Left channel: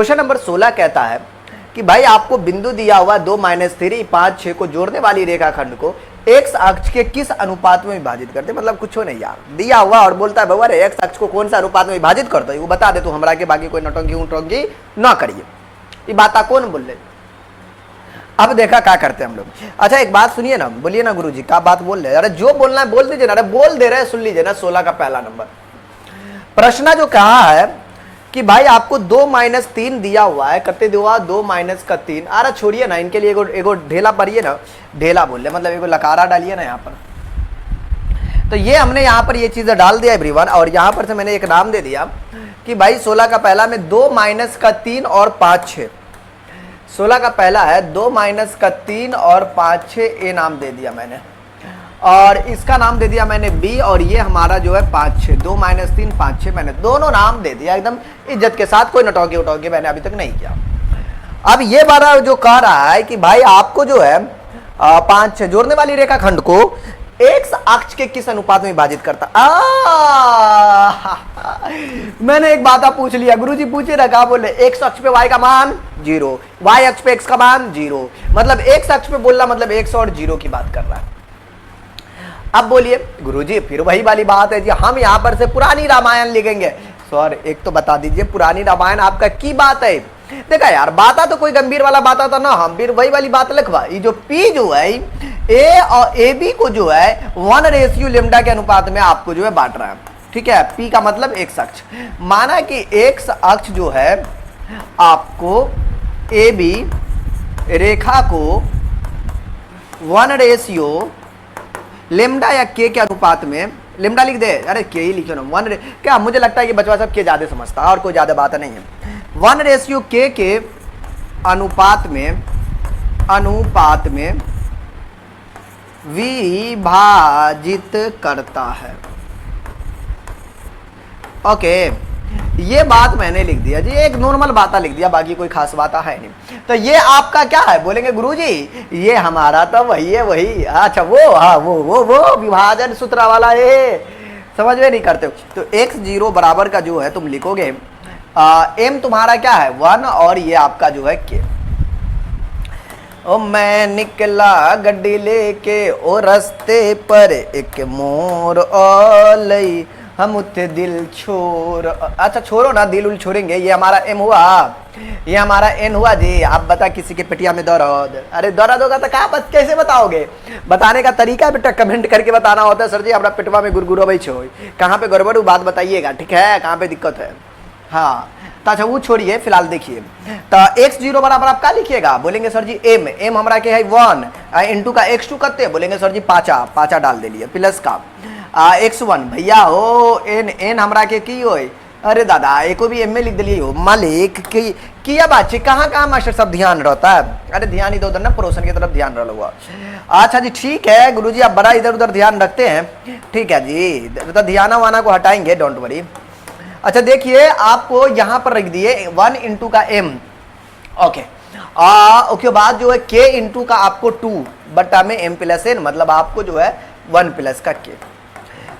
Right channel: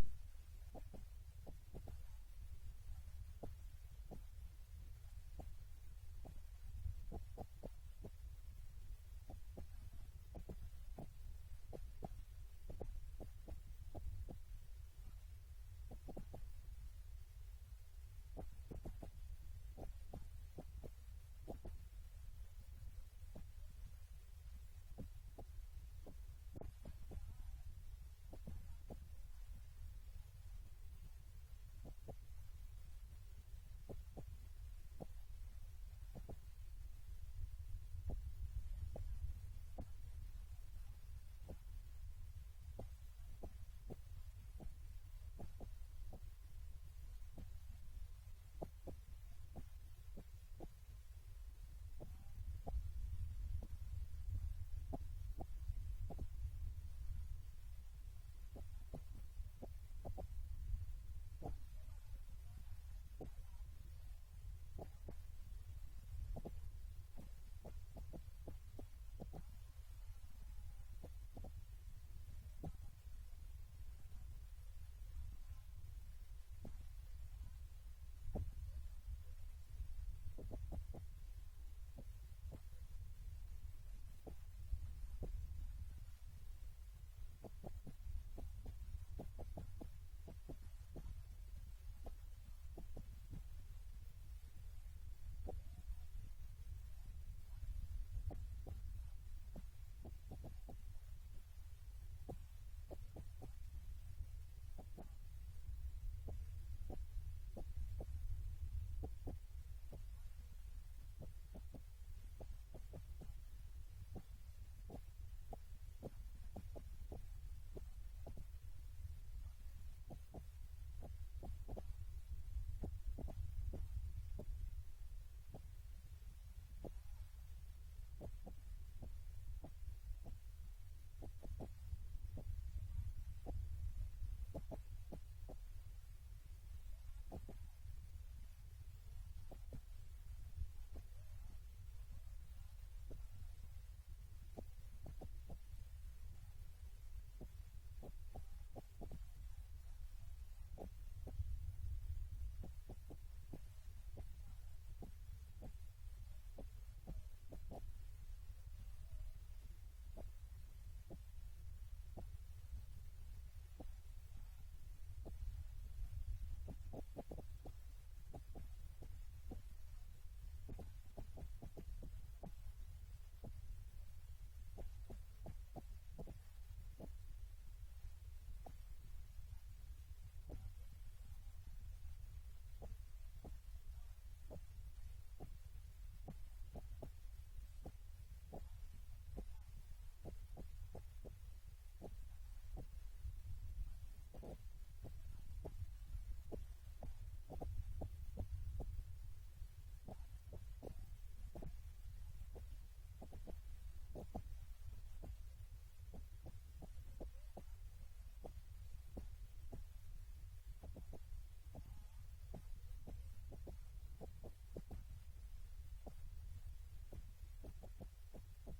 Question number 16 कहता है कि भाई आपको बिंदु दिया हुआ 2 - 3 5 6 को जोड़ने वाली रेखाखंड को एक्स अक्ष के किस अनुपात में विभाजित करते, मतलब कुछ नहीं यार, दिया हुआ और बोलता है बाबा एक्स अक्ष को कौन सा अनुपात में विभाजित करता है वो बता दे तू हमरा के, बाकी कोई नटंकी उटंकी ना करिए। ये बात कौन बोल रहे, अब देखा क्या करते हैं हम लोग। अच्छा एक बात सुनिए ना, बोलिए ना गुरुजी क्या बात बोल रहे हैं, अरे जो बोलना है बोल दीजिए ना, अरे बोल दे रहे हैं सुन लीजिए ना। 16 का पहला नंबर प्रश्न जो कहा है कि भाई आपको 2 - 3 दिया हुआ है, कते दिया 2 - 3। अरे छोड़िए ना, इनके लिए एगो ढेला पढ़िए ना, ढेला बोल रहे मतलब एगो लकारा डालिए ना यहाँ पर। तो ये हमने यहाँ पर ये चीजें डाल दिया एवरीवन, और यहाँ पर से मैंने एक नाम दे दिया कि भाई 16 का पहला में 2 - 3 और 5 6। 16 का पहला है 2 - 3 और 5 6, ये नाम दे दिया मैंने, और इसका नाम दे दिया मैंने बी, और ये हमारा जो है 5 6, 2 - 3 5 6, मैंने दोनों नाम दे दिया एकदम इज्जत के साथ, कोई नटौकी उटौकी मैंने अभी तक नहीं किया। अब ये बारा जो कह रहा है कि भाई आपको जो है 5 6 जोड़ने वाली रेखाखंड को एक्स अक्ष के किस अनुपात में विभाजित करता। मैंने एक बात पूछ लिया गुरुजी, पूछे ना क्या बोले, एक्स अक्ष पे वाई का मान 0, वाई अक्ष पे एक्स का मान 0, मतलब एक्स अक्ष पे बोलना मतलब एक्स और 0 की बात कर रहा है। अब बोलिए गुरुजी फिर वही वाली बात है जी, हम यहाँ पर से पुरानी रामायण लिखेंगे। सर एक तो बता दीजिए पुरानी रामायण आपका की बात है। देखा यार बात तो कोई गंभीर वाला बात था ना, हम फिर वही वाली बात लिखवा, ये जो पी जो है ए और ए बी को जो है 1:λ के अनुपात में आपको जो है बांट रहा है, ठीक है। पी का मतलब एक्स अक्ष, माना कि एक्स अक्ष जो है आपको ए बी रेखा को 1:λ या के अनुपात में, लेमडा लिख दे, अरे के ही लिखो ना, 1 क्या मुझे लगता है कि बचवा सब के ज्यादा समझता है और कोई ज्यादा बात नहीं है। 1:k के अनुपात में विभाजित करता है। ओके ये बात मैंने लिख दिया जी, एक नॉर्मल बात लिख दिया, बाकी कोई खास बात है नहीं। तो ये आपका क्या है बोलेंगे गुरुजी, ये हमारा तो वही है, वही अच्छा वो हाँ वो विभाजन सूत्र वाला है, समझ में नहीं करते हो। तो x0 बराबर का जो है तुम लिखोगे m तुम्हारा क्या है 1, और ये आपका जो है k। ओ मैं निकला गड्डी लेके ओ रास्ते पर एक मोर ओलई, हम उठे दिल छोड़, अच्छा छोड़ो ना, दिल उल छोड़ेंगे। ये हमारा एम हुआ, ये हमारा एन हुआ जी। आप बता किसी के पेटिया में दर्द, अरे दर्द होगा तो कहा बस कैसे बताओगे, बताने का तरीका बेटा कमेंट करके बताना होता है। सर जी हमारा पेटवा में गुरगुरबै छो, कहाँ पे गड़बड़ बात बताइएगा, ठीक है, कहाँ पे दिक्कत है। हाँ तो अच्छा वो छोड़िए, फिलहाल देखिए तो x0 बराबर आप क्या लिखिएगा, बोलेंगे सर जी m हमारा के है 1 इंटू का x2 करते हैं, बोलेंगे सर जी 5 डाल दे लिए प्लस का x1 भैया हो n हमरा के की हो, अरे दादा एको भी m में लिख दिलिए हो मालिक की किया बात, कहाँ मास्टर सब ध्यान रहता है, अरे ध्यान इधर उधर ना पड़ोसन की तरफ ध्यान रहा हुआ। अच्छा जी ठीक है गुरुजी आप बड़ा इधर उधर ध्यान रखते हैं, ठीक है जी, तो ध्यान वाना को हटाएंगे, डोंट वरी। अच्छा देखिए आपको यहाँ पर रख दिए 1 इंटू का m, ओके उसके बाद जो है k इंटू का आपको 2 बटा में m प्लस n, मतलब आपको जो है 1 प्लस का k।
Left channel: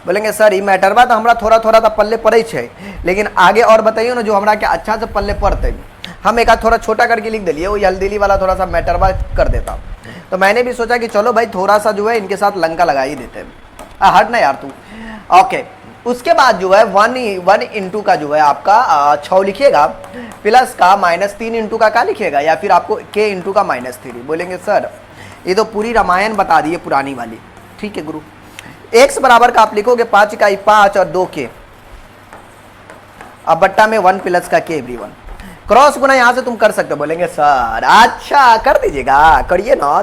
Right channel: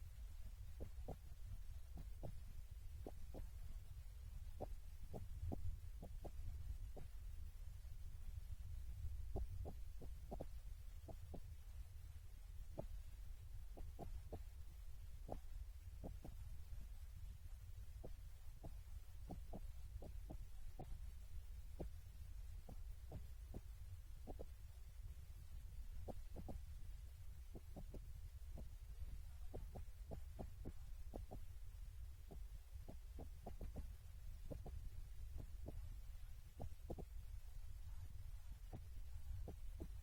बोलेंगे सर ये मैटर बा तो हमारा थोड़ा थोड़ा तो पल्ले पड़े छे, लेकिन आगे और बताइए ना जो हमारा क्या अच्छा से पल्ले पड़ते, हम एक थोड़ा छोटा करके लिख दिलिए, वो हल्दीली वाला थोड़ा सा मैटर बा कर देता। तो मैंने भी सोचा कि चलो भाई थोड़ा सा जो है इनके साथ लंका लगा ही देते हैं, हट ना यार तू। ओके उसके बाद जो है 1 इंटू का जो है आपका 6 लिखिएगा, प्लस का -3 इंटू का क्या लिखिएगा, या फिर आपको k इंटू का -3। बोलेंगे सर ये तो पूरी रामायण बता दिए पुरानी वाली, ठीक है गुरु। x बराबर का आप लिखोगे 5 का 5 और 2 k, अब बट्टा में 1 प्लस का k एवरीवन, क्रॉस गुना यहां से तुम कर सकते हो। बोलेंगे सर अच्छा कर दीजिएगा, करिए ना,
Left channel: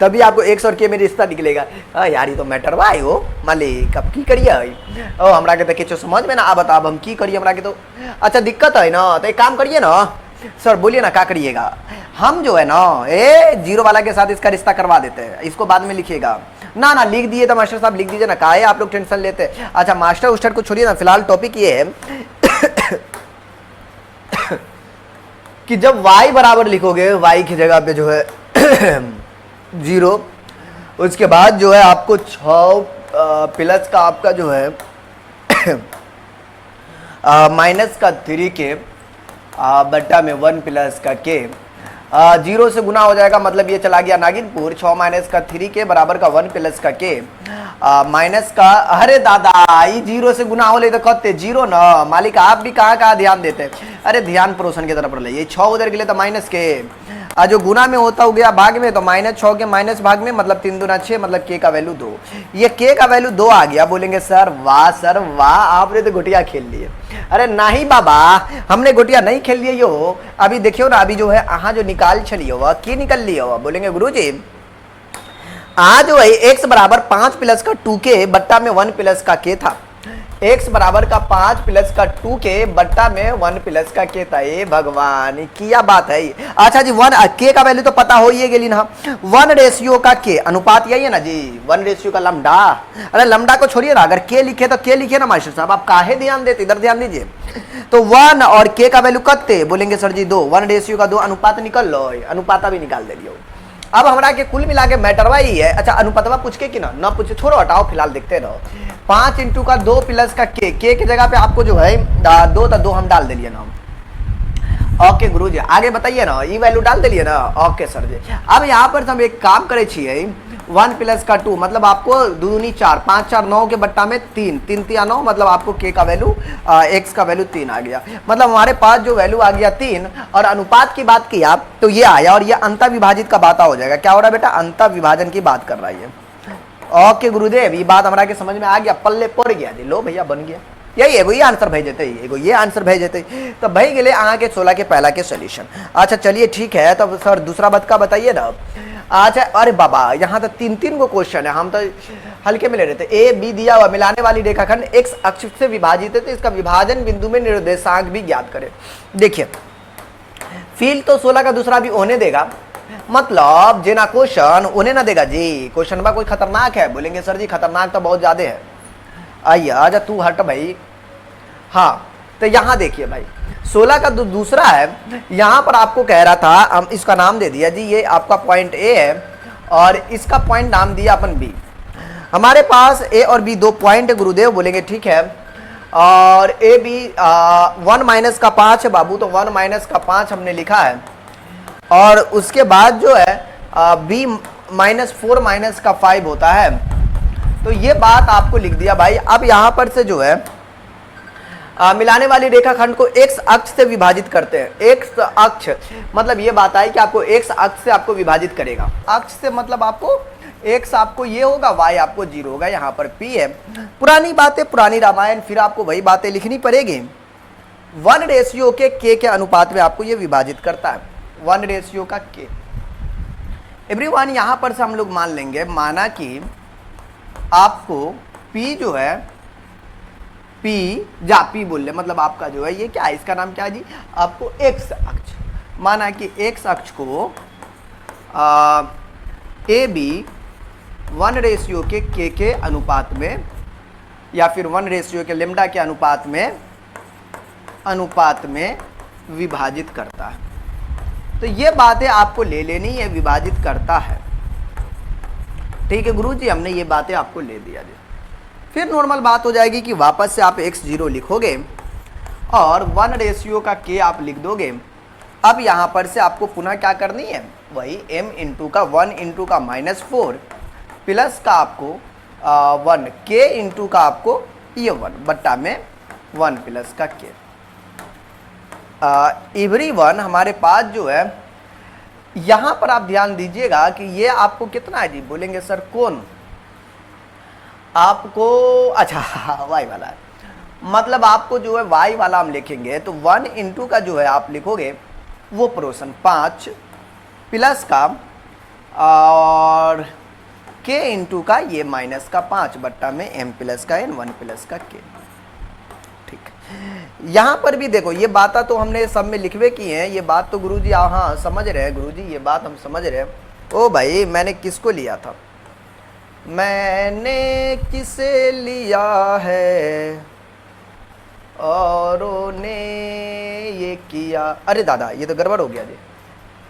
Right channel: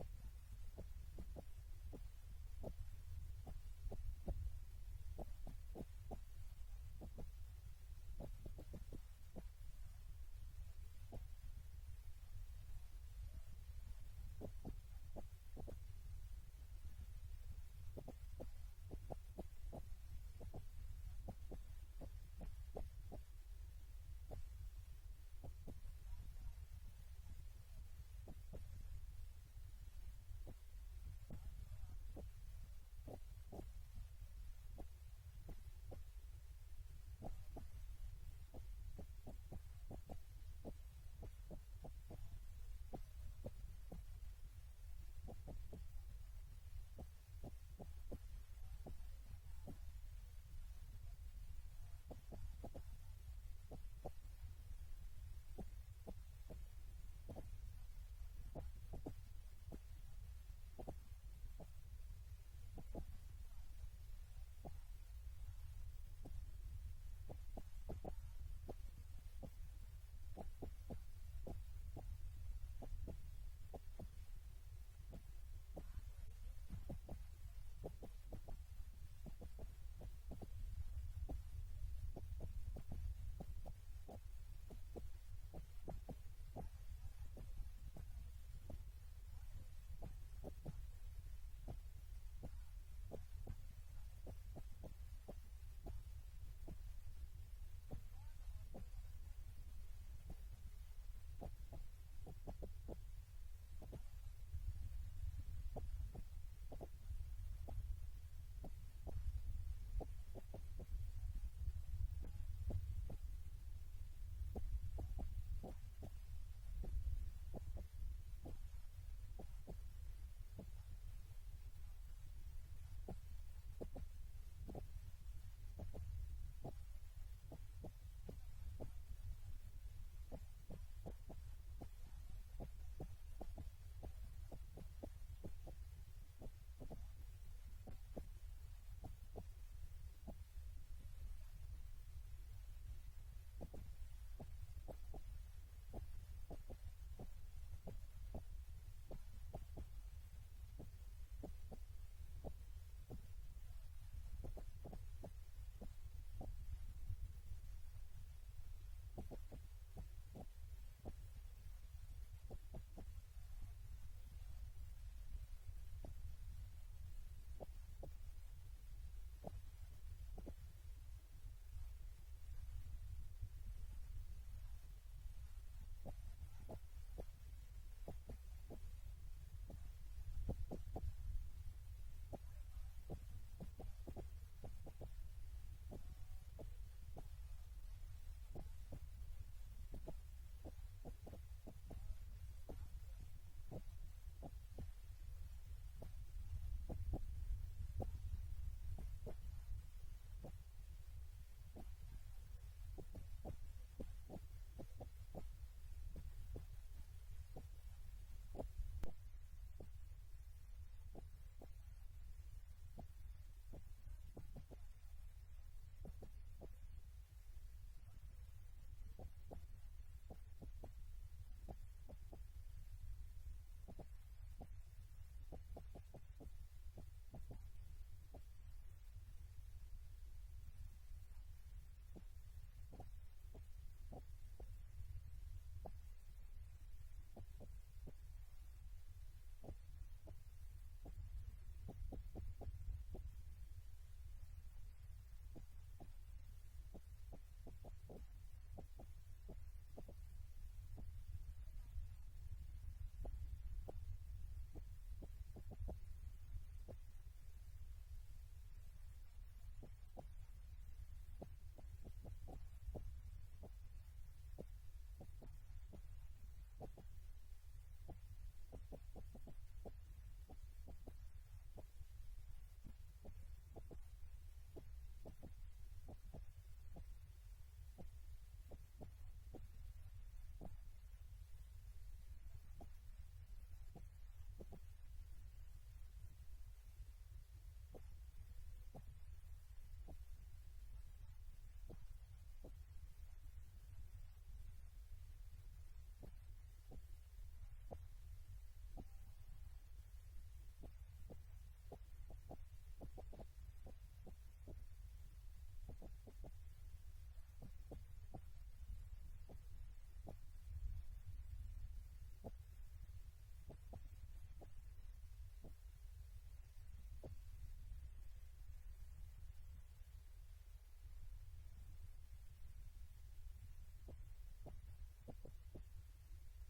तभी आपको x और k में रिश्ता निकलेगा। यार ये तो मैटर भाई हो मालिक, अब की करिए ओ हमरा के तो समझ में ना आ, बता अब हम की करिए, हमरा के तो अच्छा दिक्कत है ना, तो एक काम करिए ना सर, बोलिए ना क्या करिएगा, हम जो है ना जीरो वाला के साथ इसका रिश्ता करवा देते हैं, इसको बाद में लिखिएगा ना लिख दिए तो मास्टर साहब लिख दीजिए ना, काहे आप लोग टेंशन लेते हैं। अच्छा मास्टर उस्टर को छोड़िए ना, फिलहाल टॉपिक ये है कि जब y बराबर लिखोगे, y की जगह पे जो है 0, उसके बाद जो है आपको 6 प्लस का आपका जो है -3 के बट्टा में 1 प्लस का के, 0 से गुना हो जाएगा, मतलब ये चला गया नागिनपुर। 6 माइनस का 3 के बराबर का 1 प्लस का के माइनस का, अरे दादा ये 0 से गुना हो ले तो कहते 0 ना मालिक, आप भी कहाँ कहाँ ध्यान देते हैं। अरे ध्यान परोसन की तरफ ले, ये 6 उधर के लिए तो माइनस के, जो गुना में होता हो गया भाग में, तो -6 के माइनस भाग में, मतलब 3 दूना 6, मतलब के का वैल्यू 2। ये के का वैल्यू 2 आ गया। बोलेंगे सर वाह आपने तो गुटिया खेल लिए। अरे नहीं बाबा, हमने गुटिया नहीं खेल लिए यो, अभी देखियो ना, अभी जो है अहाँ जो निकाल चलिए हुआ की निकल लिया हुआ। बोलेंगे गुरुजी आज जो है x बराबर 5 प्लस का 2 के बट्टा में 1 प्लस का के था। x बराबर का 5 प्लस का 2 के बट्टा में 1 प्लस का के था। ए भगवान क्या बात है। अच्छा जी, 1 के का वैल्यू तो पता हो ही गेली ना, 1 रेशियो का के अनुपात यही है ना जी, 1 रेशियो का लमडा। अरे लमडा को छोड़िए ना, अगर के लिखे तो के लिखे ना मास्टर साहब, आप काहे ध्यान देते, इधर ध्यान दीजिए। तो 1 और के का वैल्यू कत्ते, बोलेंगे सर जी 2, 1 रेशियो का 2 अनुपात निकल लो, अनुपाता भी निकाल दे लियो। अब हमारा के कुल मिला के मैटरवा ही है। अच्छा अनुपातवा पूछ के कि ना पूछे, छोड़ो हटाओ, फिलहाल देखते रहो। 5 इंटू का 2 प्लस का के की जगह पे आपको जो है 2 हम डाल दिलिए ना। ओके गुरुजी आगे बताइए ना, ये वैल्यू डाल दिलिए ना। ओके सर जी, अब यहाँ पर हम एक काम करे छिए, 1 प्लस का 2 मतलब आपको 2 दूनी 4, 5 4 9 के बट्टा में 3, 3 3 9, मतलब आपको के का वैल्यू x का वैल्यू 3 आ गया। मतलब हमारे पास जो वैल्यू आ गया 3, और अनुपात की बात की आप तो ये आया, और ये अंत विभाजित का बात हो जाएगा। क्या हो रहा है बेटा, अंत विभाजन की बात कर रहा है। ओके गुरुदेव ये बात हमारा के समझ में आ गया, पल्ले पड़ गया जी, लो भैया बन गया। यही एगो ये आंसर भेज देते, एगो ये आंसर भेज देते, तो भाई गेले आगे के 16 के पहला के सोल्यूशन। अच्छा चलिए ठीक है, तो सर दूसरा बात का बताइए ना। अच्छा अरे बाबा यहाँ तो 3 गो क्वेश्चन है, हम तो हल्के में ले रहे थे। ए बी दिया हुआ मिलाने वाली रेखाखंड x अक्ष से विभाजित है, तो इसका विभाजन बिंदु में निर्देशांक भी ज्ञात करें। देखिए फील्ड तो 16 का दूसरा भी होने देगा, मतलब जेना क्वेश्चन उन्हें ना देगा जी। क्वेश्चन बा कोई खतरनाक है, बोलेंगे सर जी खतरनाक तो बहुत ज्यादा है। आइए आजा तू हट भाई। हाँ तो यहाँ देखिए भाई 16 का दूसरा है, यहाँ पर आपको कह रहा था, हम इसका नाम दे दिया जी, ये आपका पॉइंट ए है और इसका पॉइंट नाम दिया अपन बी। हमारे पास ए और बी 2 पॉइंट है गुरुदेव, बोलेंगे ठीक है। और ए बी 1 माइनस का 5 है बाबू, तो 1 माइनस का 5 हमने लिखा है। और उसके बाद जो है बी -4 माइनस का 5 होता है, तो ये बात आपको लिख दिया भाई। अब यहाँ पर से जो है मिलाने वाली रेखाखंड को x अक्ष से विभाजित करते हैं। x अक्ष मतलब ये बात है कि आपको x अक्ष से आपको विभाजित करेगा। अक्ष से मतलब आपको x आपको ये होगा, y आपको 0 होगा। यहाँ पर p है, पुरानी बातें पुरानी रामायण, फिर आपको वही बातें लिखनी पड़ेगी। 1 रेशियो के अनुपात में आपको ये विभाजित करता है, 1 रेशियो का k। एवरीवन यहाँ पर से हम लोग मान लेंगे, माना कि आपको p जो है P बोल ले, मतलब आपका जो है ये क्या है, इसका नाम क्या है जी, आपको x अक्ष, माना कि x अक्ष को ए बी 1 रेशियो के अनुपात में, या फिर 1 रेशियो के लेमडा के अनुपात में विभाजित करता है। तो ये बातें आपको ले लेनी है, विभाजित करता है। ठीक है गुरुजी, हमने ये बातें आपको ले दिया जी। फिर नॉर्मल बात हो जाएगी कि वापस से आप x0 लिखोगे और 1 रेशियो का k आप लिख दोगे। अब यहाँ पर से आपको पुनः क्या करनी है, वही m इंटू का 1 इंटू का -4 प्लस का आपको 1 k इंटू का आपको ये 1 बट्टा में 1 प्लस का k। एवरीवन हमारे पास जो है यहाँ पर आप ध्यान दीजिएगा कि ये आपको कितना है जी, बोलेंगे सर कौन आपको, अच्छा y वाला है, मतलब आपको जो है y वाला हम लिखेंगे तो 1 इंटू का जो है आप लिखोगे वो प्रोशन 5 प्लस का और k इंटू का ये माइनस का 5 बट्टा में m प्लस का n 1 प्लस का k। ठीक, यहाँ पर भी देखो ये बात तो हमने सब में लिखवे की हैं, ये बात तो गुरुजी हाँ समझ रहे हैं गुरुजी, ये बात हम समझ रहे हैं। ओ भाई मैंने किसको लिया था, मैंने किसे लिया है औरों ने ये किया। अरे दादा ये तो गड़बड़ हो गया जी,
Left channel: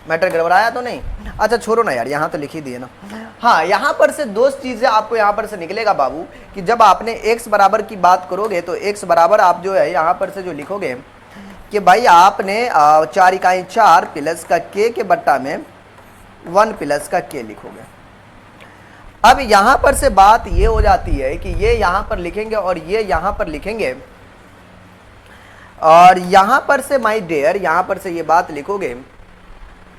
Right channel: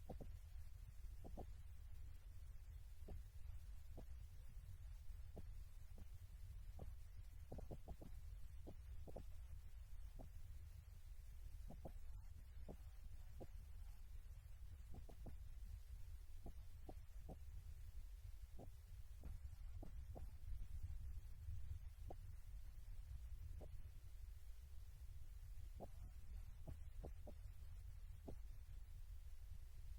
मैटर गड़बड़ाया तो नहीं। अच्छा छोड़ो ना यार, यहाँ तो लिख ही दिए ना। हाँ यहाँ पर से 2 चीज़ें आपको यहाँ पर से निकलेगा बाबू कि जब आपने x बराबर की बात करोगे तो x बराबर आप जो है यहाँ पर से जो लिखोगे कि भाई आपने 4 इकाई 4 प्लस का के बट्टा में 1 प्लस का के लिखोगे। अब यहां पर से बात ये हो जाती है कि ये यहां पर लिखेंगे और ये यहां पर लिखेंगे, और यहां पर से माय डियर यहां पर से ये बात लिखोगे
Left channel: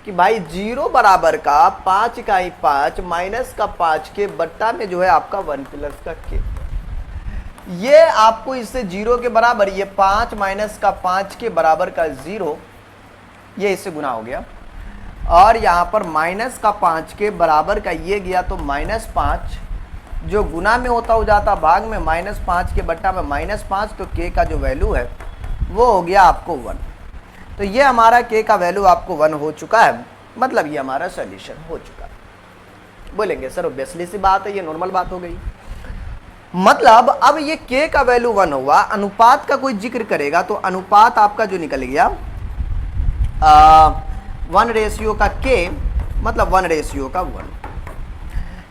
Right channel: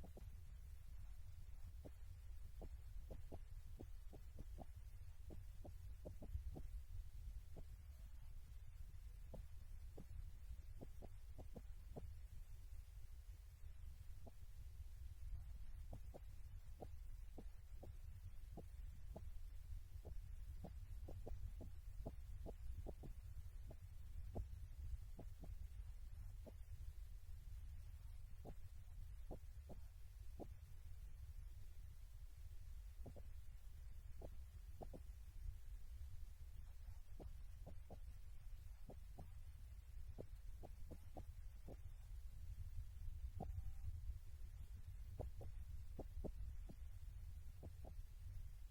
कि भाई 0 बराबर का 5 इकाई 5 माइनस का 5 के बट्टा में जो है आपका 1 प्लस का के। ये आपको इससे 0 के बराबर, ये 5 माइनस का 5 के बराबर का 0, ये इससे गुना हो गया, और यहां पर माइनस का 5 के बराबर का ये गया तो -5, जो गुना में होता हो जाता भाग में, -5 के बट्टा में -5, तो के का जो वैल्यू है वो हो गया आपको 1। तो ये हमारा के का वैल्यू आपको 1 हो चुका है, मतलब ये हमारा सॉल्यूशन हो चुका है। बोलेंगे सर ऑब्वियसली सी बात है, ये नॉर्मल बात हो गई। मतलब अब ये के का वैल्यू 1 हुआ, अनुपात का कोई जिक्र करेगा तो अनुपात आपका जो निकल गया 1 रेशियो का के, मतलब 1 रेशियो का 1।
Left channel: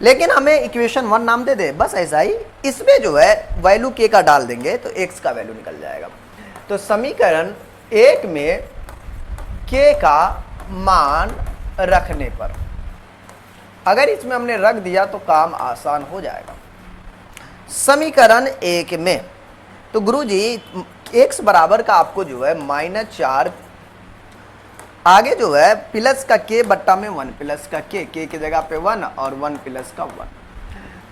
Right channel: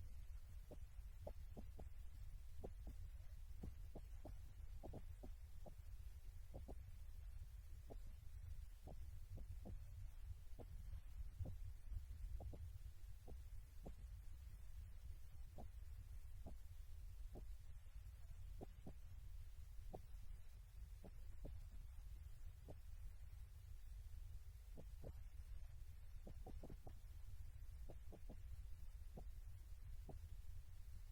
लेकिन हमें इक्वेशन 1 नाम दे दे, बस ऐसा ही। इसमें जो है वैल्यू के का डाल देंगे तो एक्स का वैल्यू निकल जाएगा। तो समीकरण 1 में के का मान रखने पर, अगर इसमें हमने रख दिया तो काम आसान हो जाएगा। समीकरण 1 में तो गुरुजी x बराबर का आपको जो है -4, आगे जो है प्लस का के बट्टा में 1 प्लस का के की जगह पे 1 और 1 प्लस का 1।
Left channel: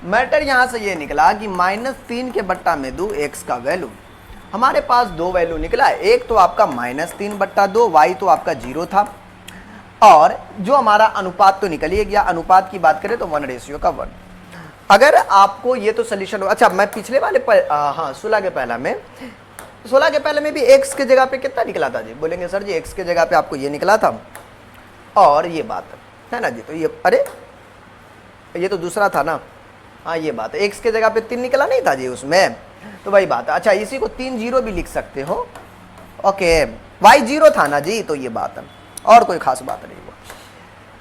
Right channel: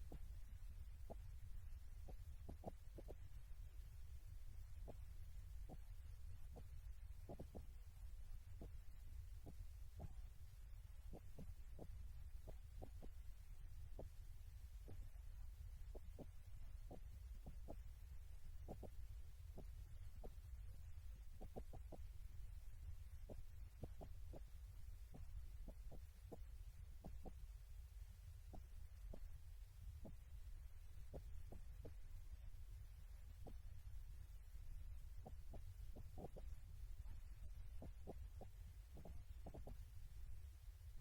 मैटर यहां से ये निकला कि -3 के बट्टा में 2 x का वैल्यू, हमारे पास दो वैल्यू निकला। एक तो आपका -3 बट्टा 2, y तो आपका 0 था, और जो हमारा अनुपात तो निकल ही गया। अनुपात की बात करें तो 1 रेशियो का 1। अगर आपको ये तो सोल्यूशन, अच्छा मैं पिछले वाले 16 के पहले में भी x के जगह पे कितना निकला था जी? बोलेंगे सर जी x के जगह पे आपको ये निकला था और ये बात है ना जी। तो ये, अरे ये तो दूसरा था ना, हाँ ये बात है, x के जगह पे 3 निकला नहीं था जी उसमें, तो वही बात है। अच्छा इसी को 3 0 भी लिख सकते हो, ओके। y 0 था ना जी, तो ये बात है, और कोई खास बात नहीं हुआ।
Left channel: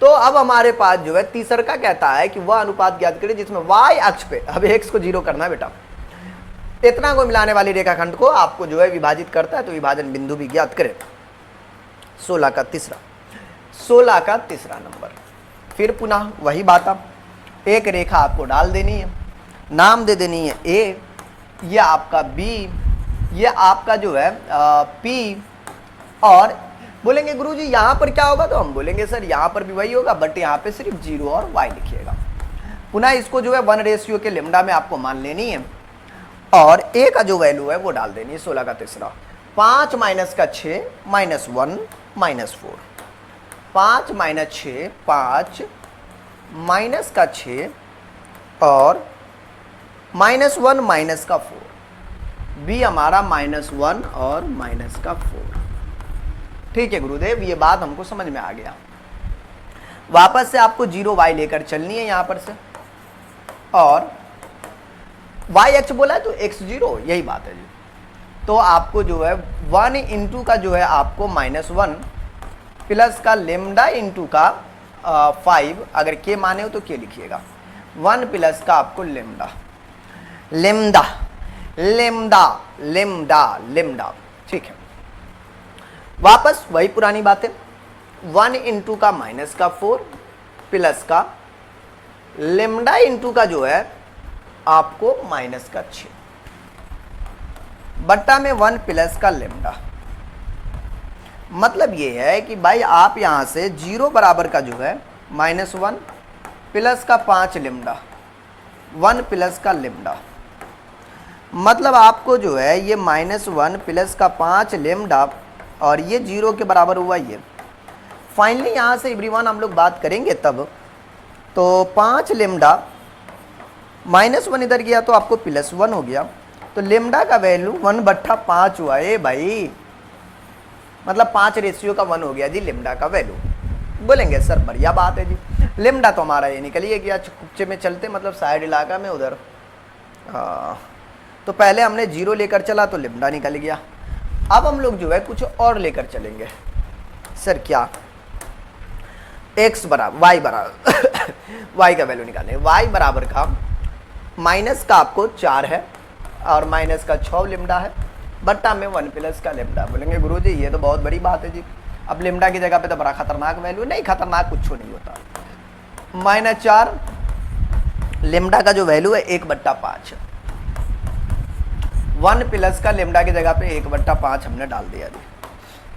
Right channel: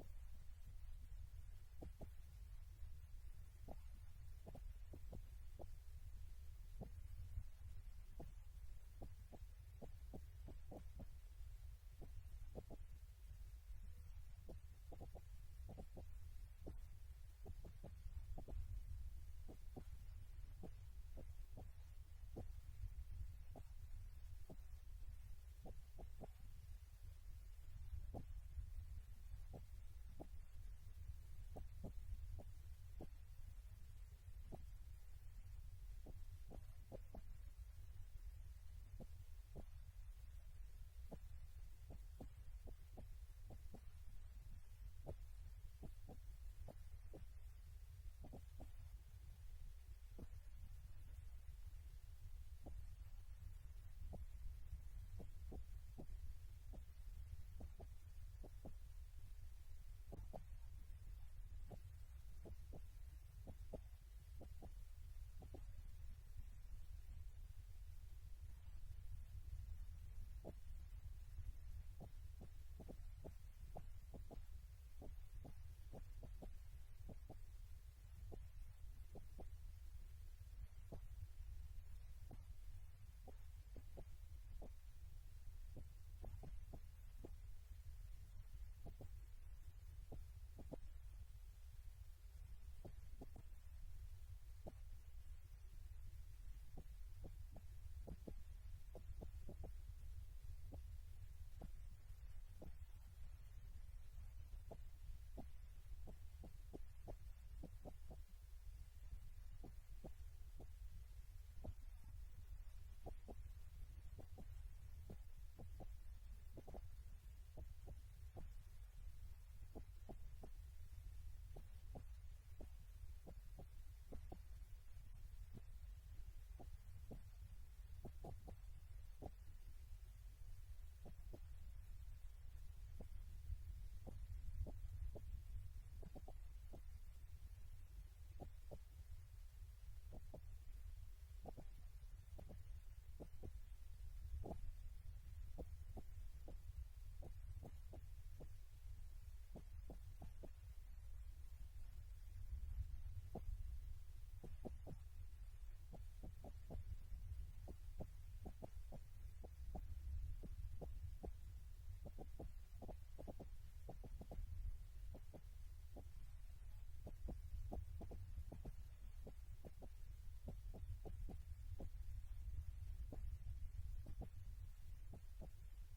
तो अब हमारे पास जो है तीसरा कहता है कि वह अनुपात ज्ञात करें जिसमें y अक्ष पे, अब x को 0 करना है बेटा, इतना को मिलाने वाली रेखाखंड को आपको जो है विभाजित करता है, तो विभाजन बिंदु भी ज्ञात करें। 16 का तीसरा नंबर। फिर पुनः वही बात, एक रेखा आपको डाल देनी है, नाम दे देनी है a, ये आपका b, ये आपका जो है p, और बोलेंगे गुरुजी यहाँ पर क्या होगा? तो हम बोलेंगे सर यहाँ पर भी वही होगा, बट यहाँ पे सिर्फ 0 और y लिखिएगा। पुनः इसको जो है 1 रेशियो के लेमडा में आपको मान लेनी है, और a का जो वैल्यू है वो डाल देनी है। 16 का तीसरा, 5 माइनस का 6 माइनस 1 माइनस 4, 5 माइनस 6 5 माइनस का 6 और -1 माइनस का 4, b हमारा -1 और माइनस का 4। ठीक है गुरुदेव, ये बात हमको समझ में आ गया। वापस से आपको 0 y लेकर चलनी है यहां पर से, और y अक्ष बोला है तो x 0, यही बात है जी। तो आपको जो है 1 इंटू का जो है आपको -1 प्लस का लेमडा इंटू का 5, अगर के माने हो तो के लिखिएगा, 1 प्लस का आपको लेमडा, ठीक है। वापस वही पुरानी बातें, 1 इंटू का माइनस का 4 प्लस का लेमडा इंटू का जो है आपको माइनस का 6 बट्टा में 1 प्लस का लेमडा। मतलब ये है कि भाई आप यहां से 0 बराबर का जो है -1 प्लस का 5 लेमडा, 1 प्लस का लेमडा, मतलब आपको जो है ये -1 प्लस का 5 लेमडा और ये 0 के बराबर हुआ ये। फाइनली यहाँ से एवरीवन हम लोग बात करेंगे तब, तो 5 लेमडा -1 इधर गया तो आपको +1 हो गया, तो लेमडा का वैल्यू 1/5 हुआ। ए भाई मतलब 5 रेशियो का 1 हो गया जी लेमडा का वैल्यू। बोलेंगे सर बढ़िया बात है जी, लेमडा तो हमारा ये निकल ही गया। कुप्चे में चलते मतलब साइड इलाका में उधर, तो पहले हमने 0 लेकर चला तो लेमडा निकल गया। अब हम लोग जो है कुछ और लेकर चलेंगे। सर क्या? x बराबर y बराबर y का वैल्यू निकालें। y बराबर का माइनस का आपको 4 है और माइनस का 6 लेमडा है, बट्टा में 1 प्लस का लेमडा। बोलेंगे गुरुजी ये तो बहुत बड़ी बात है जी, अब लेमडा की जगह पे तो बड़ा खतरनाक वैल्यू। नहीं, खतरनाक कुछ नहीं होता। -4 लेमडा का जो वैल्यू है 1/5, 1 प्लस का लेमडा की जगह पे 1/5 हमने डाल दिया जी,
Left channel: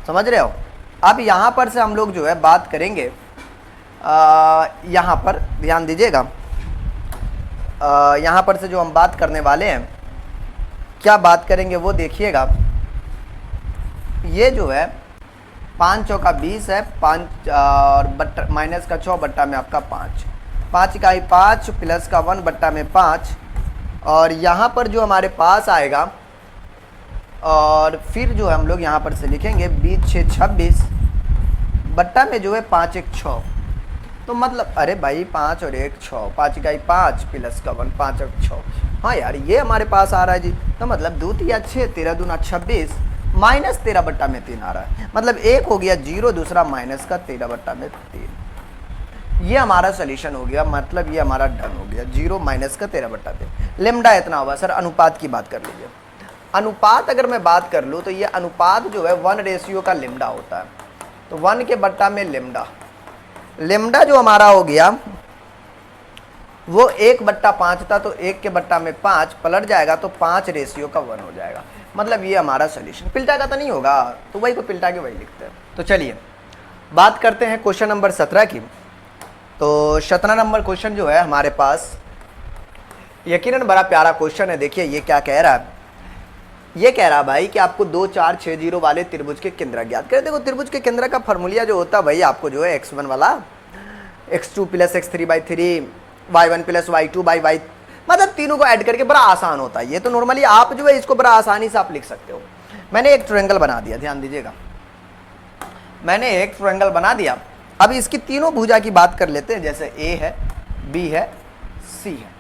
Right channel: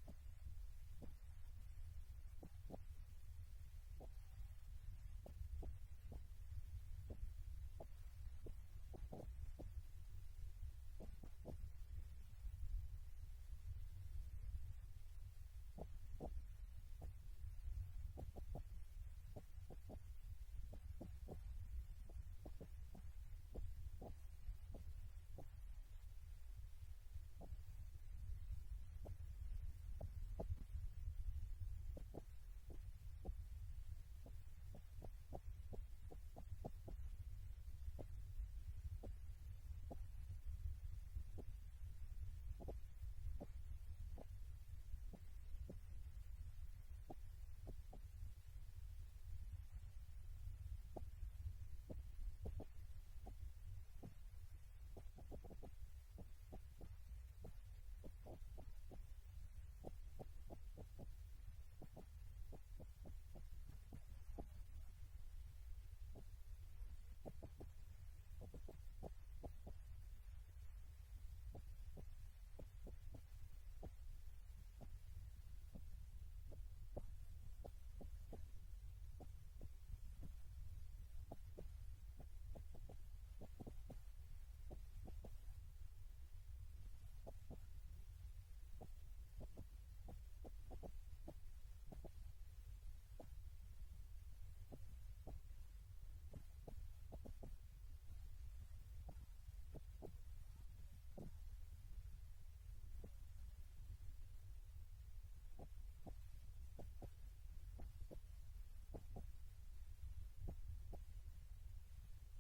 समझ रहे हो। अब यहाँ पर से हम लोग जो है बात करेंगे, यहाँ पर ध्यान दीजिएगा, यहाँ पर से जो हम बात करने वाले हैं, क्या बात करेंगे वो देखिएगा। ये जो है 5 चौका 20 है, 5 और बट्टा माइनस का 6 बट्टा में आपका 5, 5 इकाई 5 प्लस का 1 बट्टा में 5, और यहाँ पर जो हमारे पास आएगा, और फिर जो हम लोग यहाँ पर से लिखेंगे 20 6 26 बट्टा में जो है 5 1 6। तो मतलब अरे भाई 5 और 1 6, 5 इकाई 5 प्लस का 1 5 और 6। हाँ यार ये हमारे पास आ रहा है जी। तो मतलब 2 तिया 6, 13 दूना 26, माइनस 13 बट्टा में 3 आ रहा है। मतलब एक हो गया 0, दूसरा माइनस का 13 बट्टा में 3। ये हमारा सोल्यूशन हो गया, मतलब ये हमारा डन हो गया। 0 माइनस का 13 बट्टा 3। लेमडा इतना होगा। सर अनुपात की बात कर लीजिए। अनुपात अगर मैं बात कर लूँ तो ये अनुपात जो है 1 का लेमडा होता है। तो 1 के बट्टा में लेमडा, लेमडा जो हमारा हो गया वो 1/5 था, तो 1 के बट्टा में 5 पलट जाएगा तो 5:1 हो जाएगा। मतलब ये हमारा सोल्यूशन। पिल्टा का तो नहीं होगा, तो वही को पिल्टा के वही लिखते हैं। तो चलिए बात करते हैं क्वेश्चन नंबर 17 की। तो 17 नंबर क्वेश्चन जो है हमारे पास, यकीनन बड़ा प्यारा क्वेश्चन है। देखिए ये क्या कह रहा है। ये कह रहा भाई कि आपको 2 4 6 0 वाले त्रिभुज के केंद्र ज्ञात करें। देखो त्रिभुज के केंद्र का फॉर्मूला जो होता है भाई, आपको जो है x1 वाला x2 plus x3/3 y1 plus y2/y, मतलब तीनों को ऐड करके बड़ा आसान होता है। ये तो नॉर्मली आप जो है इसको बड़ा आसानी से आप लिख सकते हो। मैंने एक ट्रायंगल बना दिया, ध्यान दीजिएगा, मैंने एक ट्रायंगल बना दिया। अब इसकी तीनों भुजा की बात कर लेते हैं। जैसे a है, b है, c है।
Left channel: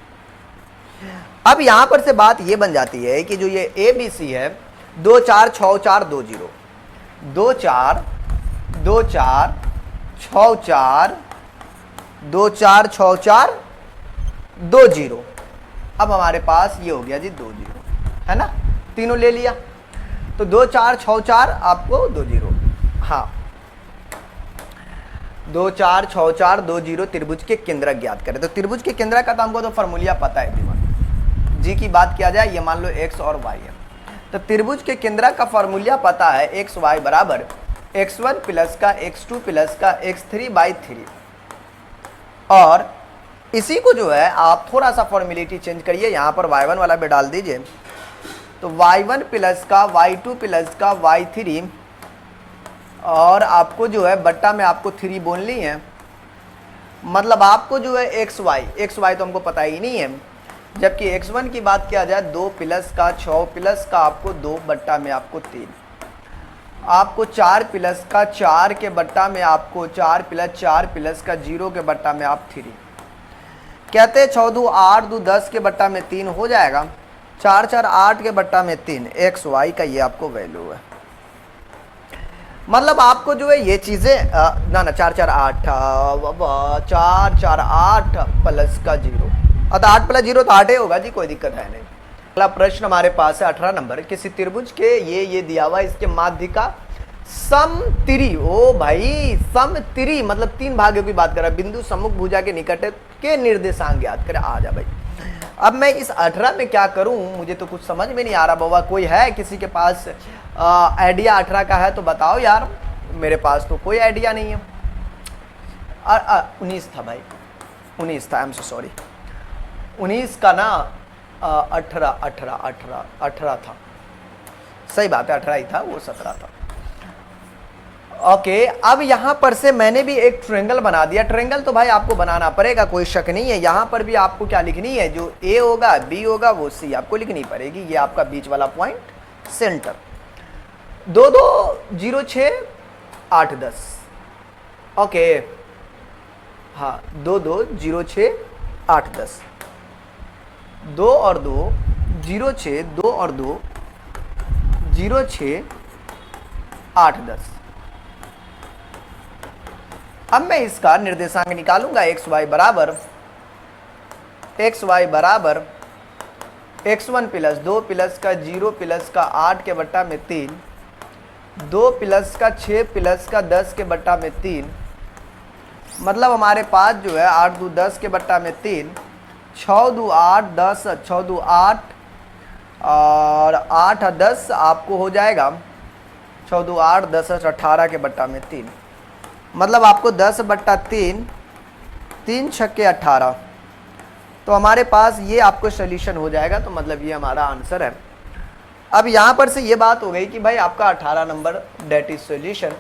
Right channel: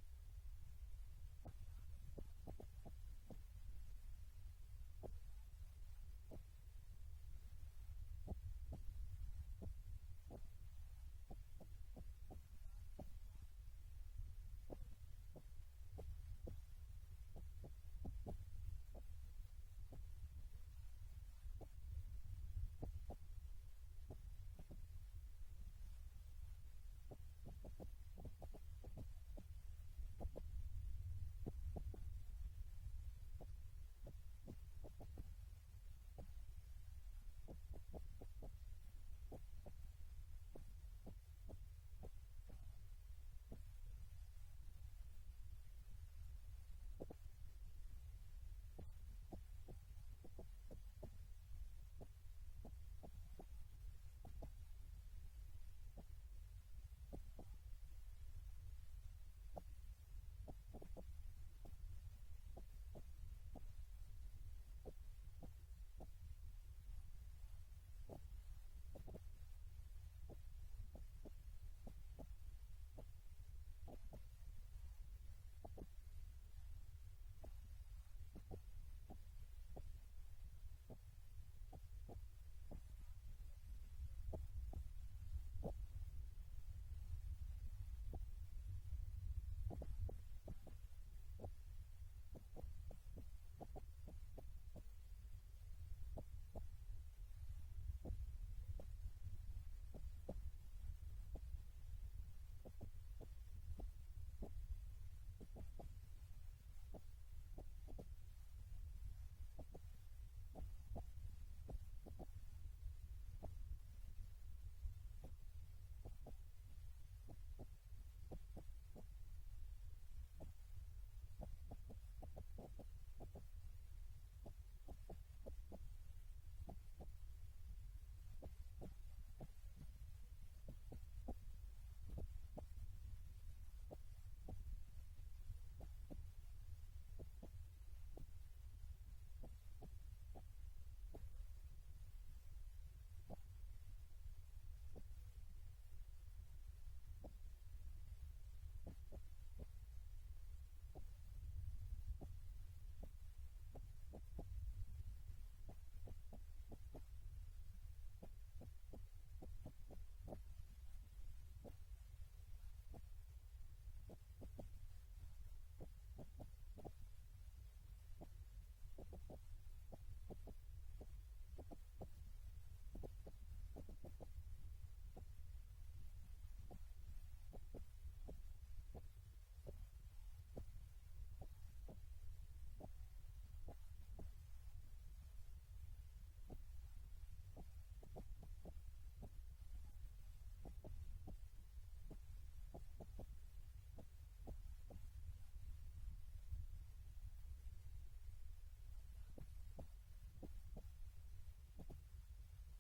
अब यहां पर से बात ये बन जाती है कि जो ये ए बी सी है, 2 4 6 4 2 0, 2 4 2 4 6 4 2 4 6 4 2 0। अब हमारे पास ये हो गया जी 2 0, है ना। तीनों ले लिया तो 2 4 6 4 आपको 2 0। हाँ 2 4 6 4 2 0 त्रिभुज के केंद्र ज्ञात करें। तो त्रिभुज के केंद्र का तो हमको तो फॉर्मूला पता है। जी की बात किया जाए, ये मान लो x और y है। तो त्रिभुज के केंद्र का फॉर्मूला पता है, एक्स वाई बराबर x1 प्लस का x2 प्लस का x3/3। और इसी को जो है आप थोड़ा सा फॉर्मेलिटी चेंज करिए, यहाँ पर y1 वाला भी डाल दीजिए। तो y1 प्लस का y2 प्लस का y3, और आपको जो है बट्टा में आपको 3 बोलनी है। मतलब आपको जो है एक्स वाई तो हमको पता ही नहीं है। जबकि x1 की बात किया जाए 2 प्लस का 6 प्लस का आपको 2 बट्टा में आपको 3, आपको 4 प्लस का 4 के बट्टा में आपको 4 प्लस का 0 के बट्टा में आप 3। कहते 6 2 8 2 10 के बट्टा में 3 हो जाएगा, 4 4 8 के बट्टा में 3। एक्स वाई का ये आपको वैल्यू है। मतलब आपको जो है ये चीज़ें ना 4 4 8 4 4 8 प्लस का 0, अतः 8 प्लस 0 तो 8 ही होगा जी, कोई दिक्कत है नहीं। अगला प्रश्न हमारे पास है 18 नंबर। किसी त्रिभुज के ये दिया हुआ, इसके माध्य का समतिरी, ओ भाई समतिरी मतलब 3 भागों की बात कर रहा है, बिंदु सम्मुख भुजा के निकट के निर्देशांक ज्ञात करें। आ जा भाई। अब मैं इस 18 में क्या करूं, मुझे तो कुछ समझ में नहीं आ रहा। बाबा कोई है किसी के पास आइडिया 18 का है तो बताओ यार। मेरे पास तो कोई आइडिया नहीं है। 19 था भाई, 19 था, आई एम सो सॉरी। 19 का ना 18 था, सही बात है, 18 ही था, वो 17 था। ओके अब यहां पर से मैंने भी एक ट्रायंगल बना दिया। ट्रायंगल तो भाई आपको बनाना पड़ेगा, कोई शक नहीं है। यहां पर भी आपको क्या लिखनी है, जो ए होगा बी होगा वो सी आपको लिखनी पड़ेगी। ये आपका बीच वाला पॉइंट सेंटर। 2 2 0 6 8 10। ओके हाँ 2 2 0 6 8 10, 2 और 2 0 6, 2 और 2 0 6 8 10। अब मैं इसका निर्देशांक निकालूंगा। एक्स वाई बराबर x1 प्लस 2 प्लस का 0 प्लस का 8 के बट्टा में 3, 2 प्लस का 6 प्लस का 10 के बट्टा में 3, मतलब हमारे पास जो है 8 2 10 के बट्टा में 3, 6 2 8 10, 6 2 8 और 8 10 आपको हो जाएगा 6 2 8 10 18 के बट्टा में 3, मतलब आपको 10 बट्टा 3, 3 छक्के 18। तो हमारे पास ये आपको सोल्यूशन हो जाएगा, तो मतलब ये हमारा आंसर है। अब यहाँ पर से ये बात हो गई कि भाई आपका 18 नंबर डेट इज सोल्यूशन।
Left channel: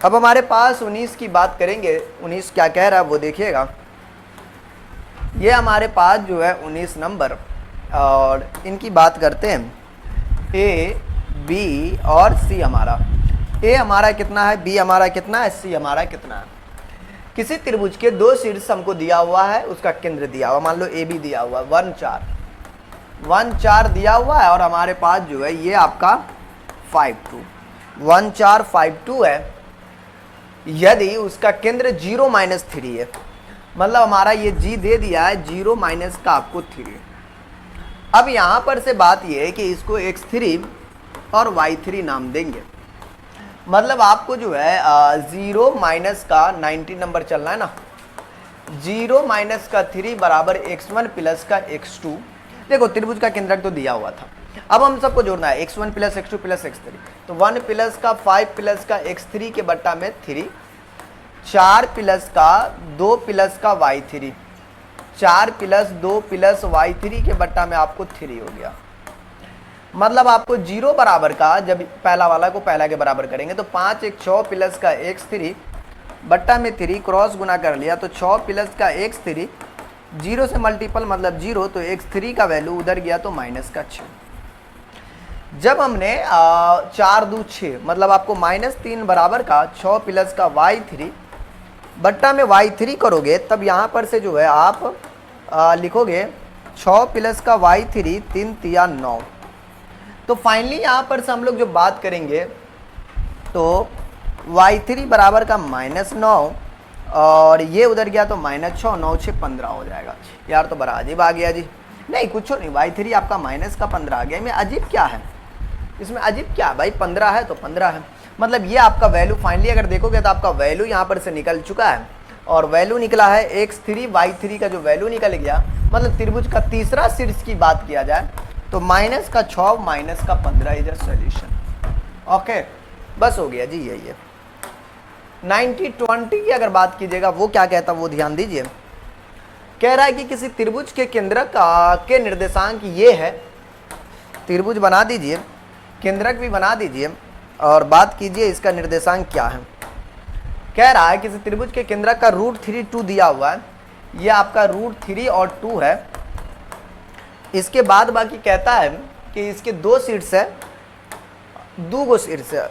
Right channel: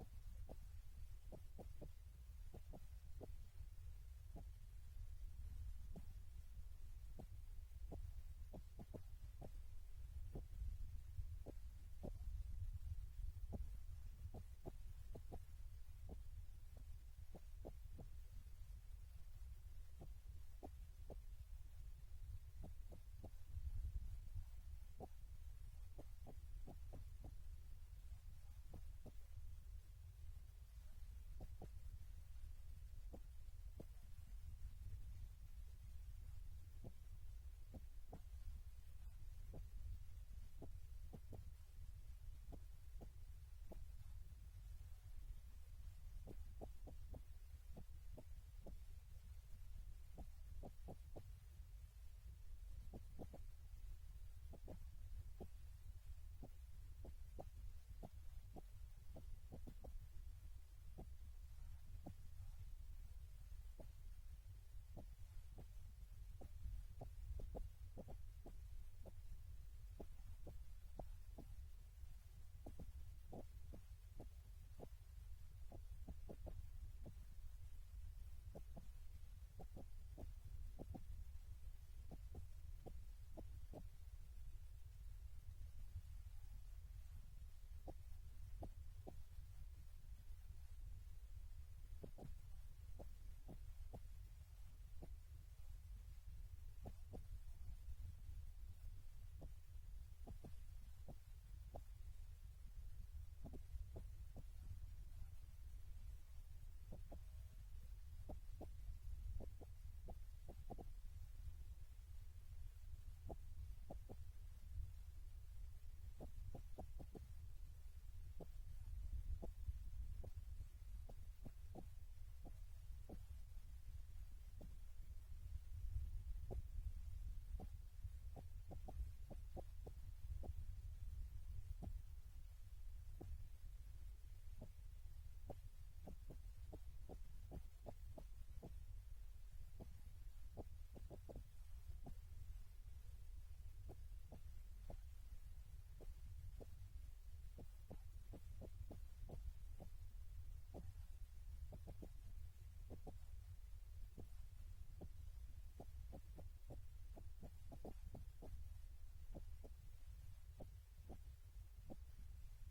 अब हमारे पास 19 की बात करेंगे, 19 क्या कह रहा है वो देखिएगा। ये हमारे पास जो है 19 नंबर, और इनकी बात करते हैं। ए बी और सी हमारा, ए हमारा कितना है, बी हमारा कितना है, सी हमारा कितना है। किसी त्रिभुज के दो शीर्ष हमको दिया हुआ है, उसका केंद्र दिया हुआ, मान लो ए बी दिया हुआ है, 1 4 1 4 दिया हुआ है, और हमारे पास जो है ये आपका 5 2 1 4 5 2 है। यदि उसका केंद्र 0 -3 है, मतलब हमारा ये जी दे दिया है 0 माइनस का आपको 3। अब यहाँ पर से बात ये है कि इसको x3 और y3 नाम देंगे, मतलब आपको जो है 0 माइनस का 90 नंबर चलना है ना, 0 माइनस का 3 बराबर x1 प्लस का x2। देखो त्रिभुज का केंद्रक तो दिया हुआ था, अब हम सबको जोड़ना है x1 plus x2 plus x3, तो 1 प्लस का 5 प्लस का x3 के बट्टा में 3, 4 प्लस का 2 प्लस का y3, 4 प्लस 2 प्लस y3 के बट्टा में आपको 3 हो गया। मतलब आपको 0 बराबर का, जब पहला वाला को पहला के बराबर करेंगे तो 5 1 6 प्लस का x3 बट्टा में 3 क्रॉस गुना कर लिया, तो 6 प्लस का x3, 0 से मल्टीपल मतलब 0, तो x3 का वैल्यू उधर गया तो माइनस का 6। जब हमने 4 2 6 मतलब आपको -3 बराबर का 6 प्लस का y3 बट्टा में y3 करोगे, तब यहाँ पर से जो है आप लिखोगे 6 प्लस का y3 3 3 9। तो फाइनली यहाँ पर से हम लोग जो बात करेंगे तो y3 बराबर का -9, और ये उधर गया तो -6, 9 6 15 हो जाएगा। यार तो बड़ा अजीब आ गया जी, नहीं कुछ नहीं, y3 आपका माइनस का 15 आ गया। इसमें अजीब क्या है, इसमें अजीब क्या है भाई, 15 है तो 15 है। मतलब ये आपका वैल्यू फाइनली अगर देखोगे तो आपका वैल्यू यहाँ पर से निकल चुका है, और वैल्यू निकला है x3 y3 का जो वैल्यू निकल गया, मतलब त्रिभुज का तीसरा शीर्ष की बात किया जाए तो माइनस का 6 माइनस का 15 इज अ सॉल्यूशन। ओके बस हो गया जी यही है। 90-20 की अगर बात कीजिएगा वो क्या कहता है वो ध्यान दीजिए। कह रहा है कि किसी त्रिभुज के केंद्रक के निर्देशांक ये है, त्रिभुज बना दीजिए, केंद्रक भी बना दीजिए, और बात कीजिए इसका निर्देशांक क्या है। कह रहा है किसी त्रिभुज के केंद्रक का √3 2 दिया हुआ है, ये आपका √3 और 2 है। इसके बाद बाकी कहता है कि इसके दो शीर्ष है, दो शीर्ष है,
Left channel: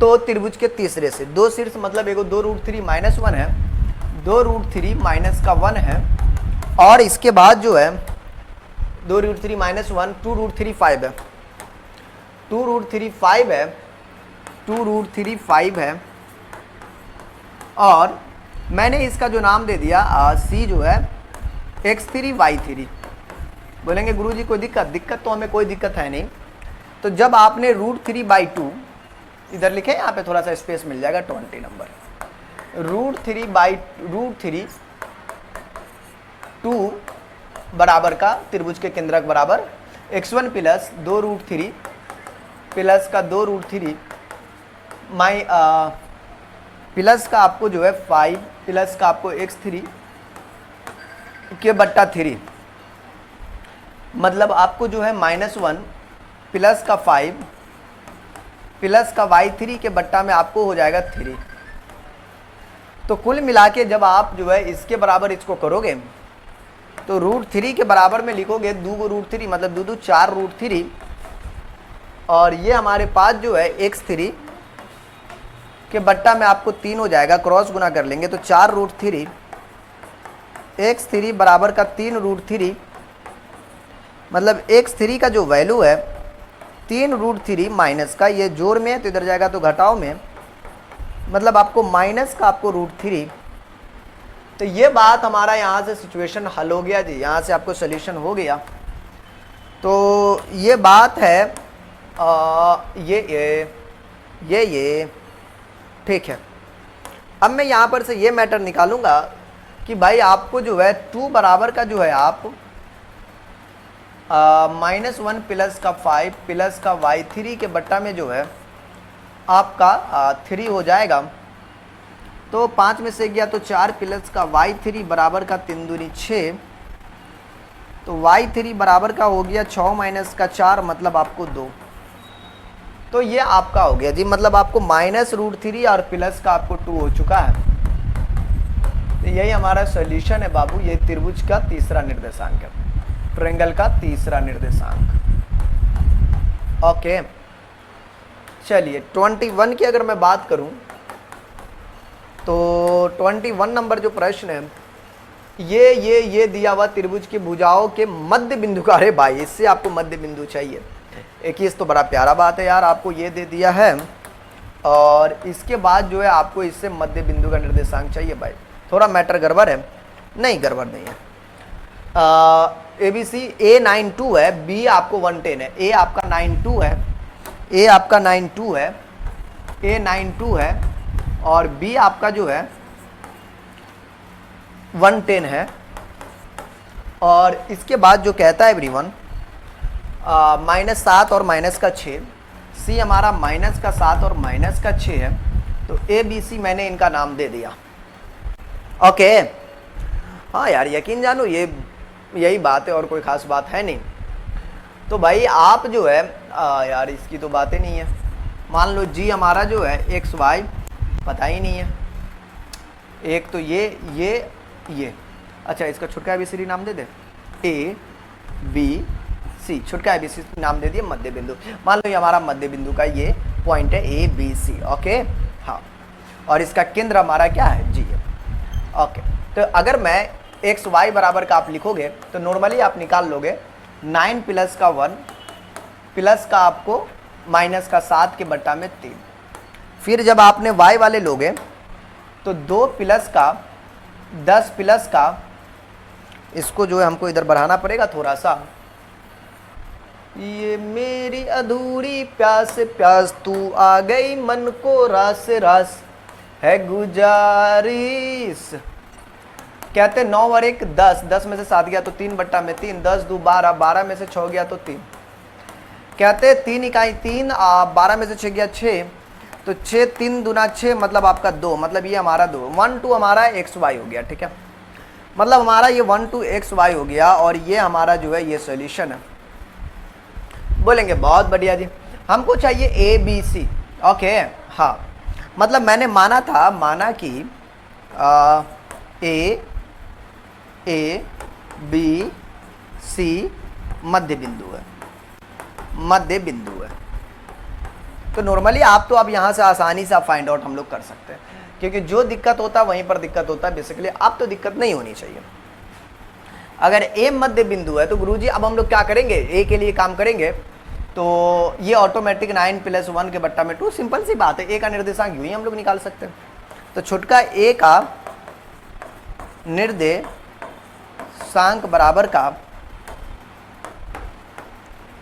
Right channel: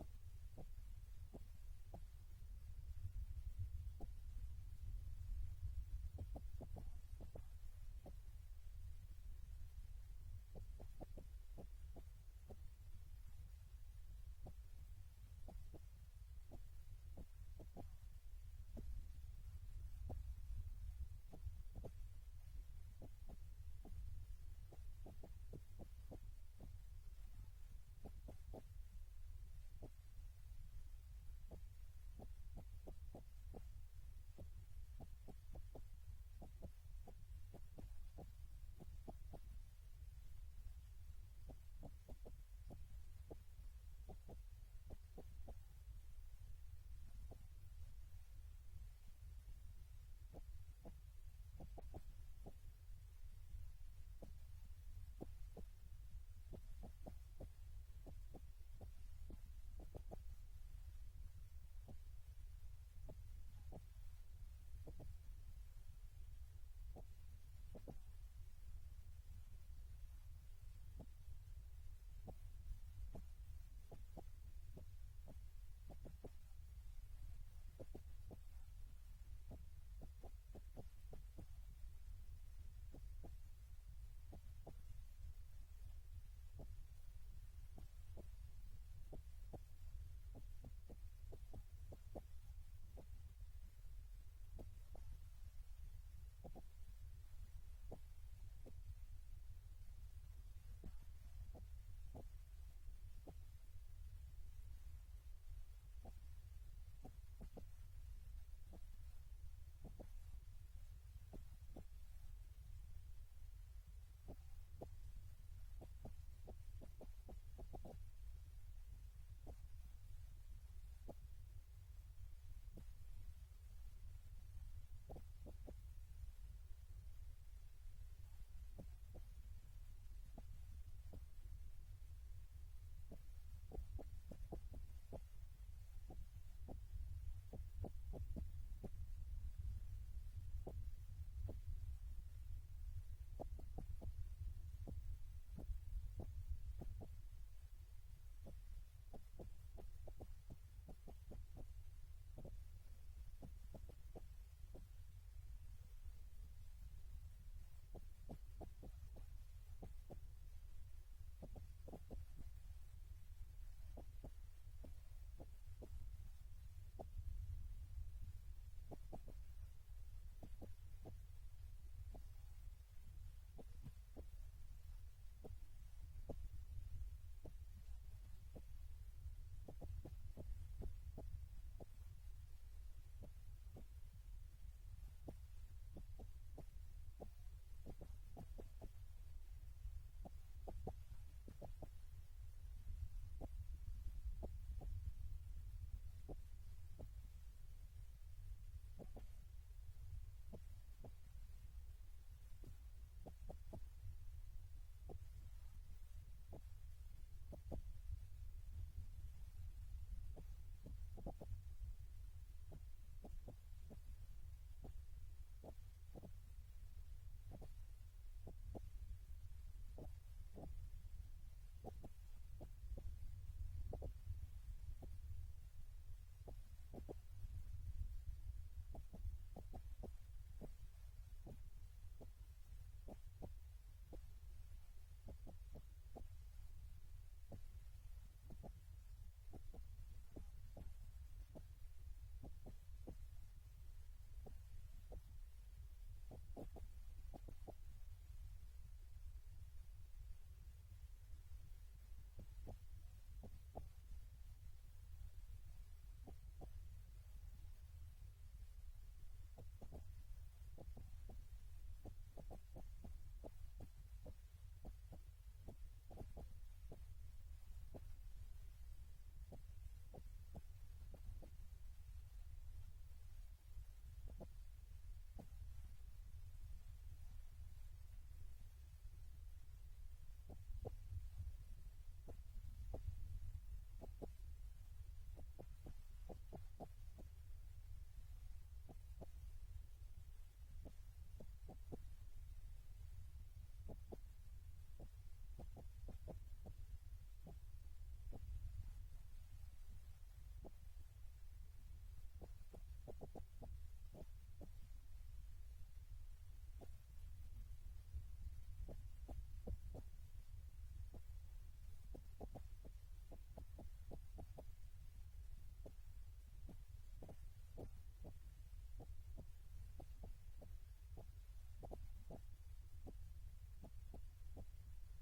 तो त्रिभुज के तीसरे से दो शीर्ष मतलब एगो 2 √3 -1 है, 2 √3 माइनस का 1 है, और इसके बाद जो है 2 √3 -1 2 √3 5 है, 2 √3 5 है, 2 √3 5 है, और मैंने इसका जो नाम दे दिया सी जो है x3 y3। बोलेंगे गुरुजी कोई दिक्कत तो हमें कोई दिक्कत है नहीं। तो जब आपने √3/2 इधर लिखे, यहाँ पे थोड़ा सा स्पेस मिल जाएगा 20 नंबर, √3 2 बराबर का त्रिभुज के केंद्रक बराबर x1 प्लस 2 √3 प्लस का 2 √3 प्लस का आपको जो है 5 प्लस का आपको x3 के बट्टा 3, मतलब आपको जो है -1 प्लस का 5 प्लस का y3 के बट्टा में आपको हो जाएगा 3। तो कुल मिला के जब आप जो है इसके बराबर इसको करोगे तो √3 के बराबर में लिखोगे 2 √3 मतलब 2 2 4 √3, और ये हमारे पास जो है x3 के बट्टा में आपको 3 हो जाएगा, क्रॉस गुना कर लेंगे तो 4 √3 x3 बराबर का 3 √3, मतलब x3 का जो वैल्यू है 3 √3 माइनस का, ये जोड़ में है तो इधर जाएगा तो घटाव में, मतलब आपको माइनस का आपको √3 तो ये बात हमारा यहाँ से सिचुएशन हल हो गया जी, यहाँ से आपको सोल्यूशन हो गया। तो ये बात है ये ठीक है। अब मैं यहाँ पर से ये मैटर निकालूंगा कि भाई आपको जो है 2 बराबर का जो है आप -1 प्लस का 5 प्लस का y3 के बट्टा में जो है आपका 3 हो जाएगा। तो 5 में से गया तो 4 प्लस का y3 बराबर का 3 दूनी 6। तो y3 बराबर का हो गया 6 माइनस का 4 मतलब आपको 2। तो ये आपका हो गया जी, मतलब आपको -√3 और प्लस का आपको 2 हो चुका है। तो यही हमारा सॉल्यूशन है बाबू, ये त्रिभुज का तीसरा निर्देशांक है, ट्रायंगल का तीसरा निर्देशांक। ओके चलिए 21 की अगर मैं बात करूं तो 21 नंबर जो प्रश्न है, ये दिया हुआ त्रिभुज की भुजाओं के मध्य बिंदु का, अरे भाई इससे आपको मध्य बिंदु चाहिए। 21 तो बड़ा प्यारा बात है यार, आपको ये दे दिया है और इसके बाद जो है आपको इससे मध्य बिंदु का निर्देशांक चाहिए। भाई थोड़ा मैटर गड़बड़ है, नहीं गड़बड़ नहीं है। ABC A92 है, B आपको 110 है, A आपका 92 है, A आपका 92 है, A 92 है और B आपका जो है 110 है। और इसके बाद जो कहता है एवरीवन -7 और -6, C हमारा -7 और -6 है। तो ABC मैंने इनका नाम दे दिया। ओके हाँ यार यकीन जानो यही बात है और कोई खास बात है नहीं। तो भाई आप जो है यार इसकी तो बातें नहीं है। मान लो G हमारा जो है XY पता ही नहीं है, एक तो ये अच्छा इसका छुटका ABCD नाम दे दे, ABC छुटका ABCD नाम दे दिए मध्य बिंदु। मान लो ये हमारा मध्य बिंदु का ये पॉइंट है ABC। ओके हाँ, और इसका केंद्र हमारा क्या है G है। ओके तो अगर मैं XY बराबर का आप लिखोगे तो नॉर्मली आप निकाल लोगे 9 प्लस का 1 प्लस का आपको माइनस का 7 के बट्टा में 3। फिर जब आपने y वाले लोगे तो 2 प्लस का 10 प्लस का, इसको जो है हमको इधर बढ़ाना पड़ेगा थोड़ा सा। ये मेरी अधूरी प्यास प्यास तू आ गई मन को रास रास है गुजारिश। कहते 9 और 1 10, 10 में से 7 गया तो 3 बट्टा में 3, 10 2 12, 12 में से 6 गया तो 3। कहते 3 इकाई 3, 12 में से 6 गया 6, तो 6 3 दूना 6 मतलब आपका 2, मतलब ये हमारा 2 1 2 हमारा XY हो गया। ठीक है, मतलब हमारा ये 1 2 XY हो गया और ये हमारा जो है ये सॉल्यूशन है। बोलेंगे बहुत बढ़िया जी, हमको चाहिए ABC। ओके हाँ, मतलब मैंने माना कि A B C मध्य बिंदु है, मध्य बिंदु है। तो नॉर्मली आप तो अब यहाँ से आसानी से आप फाइंड आउट हम लोग कर सकते हैं, क्योंकि जो दिक्कत होता है वहीं पर दिक्कत होता है। बेसिकली आप तो दिक्कत नहीं होनी चाहिए। अगर A मध्य बिंदु है तो गुरुजी अब हम लोग क्या करेंगे, A के लिए काम करेंगे। तो ये ऑटोमेटिक 9 प्लस 1 के बट्टा में 2, सिंपल सी बात है। A का निर्देशांक यूं ही हम लोग निकाल सकते हैं। तो छुटका A का निर्देशांक बराबर का,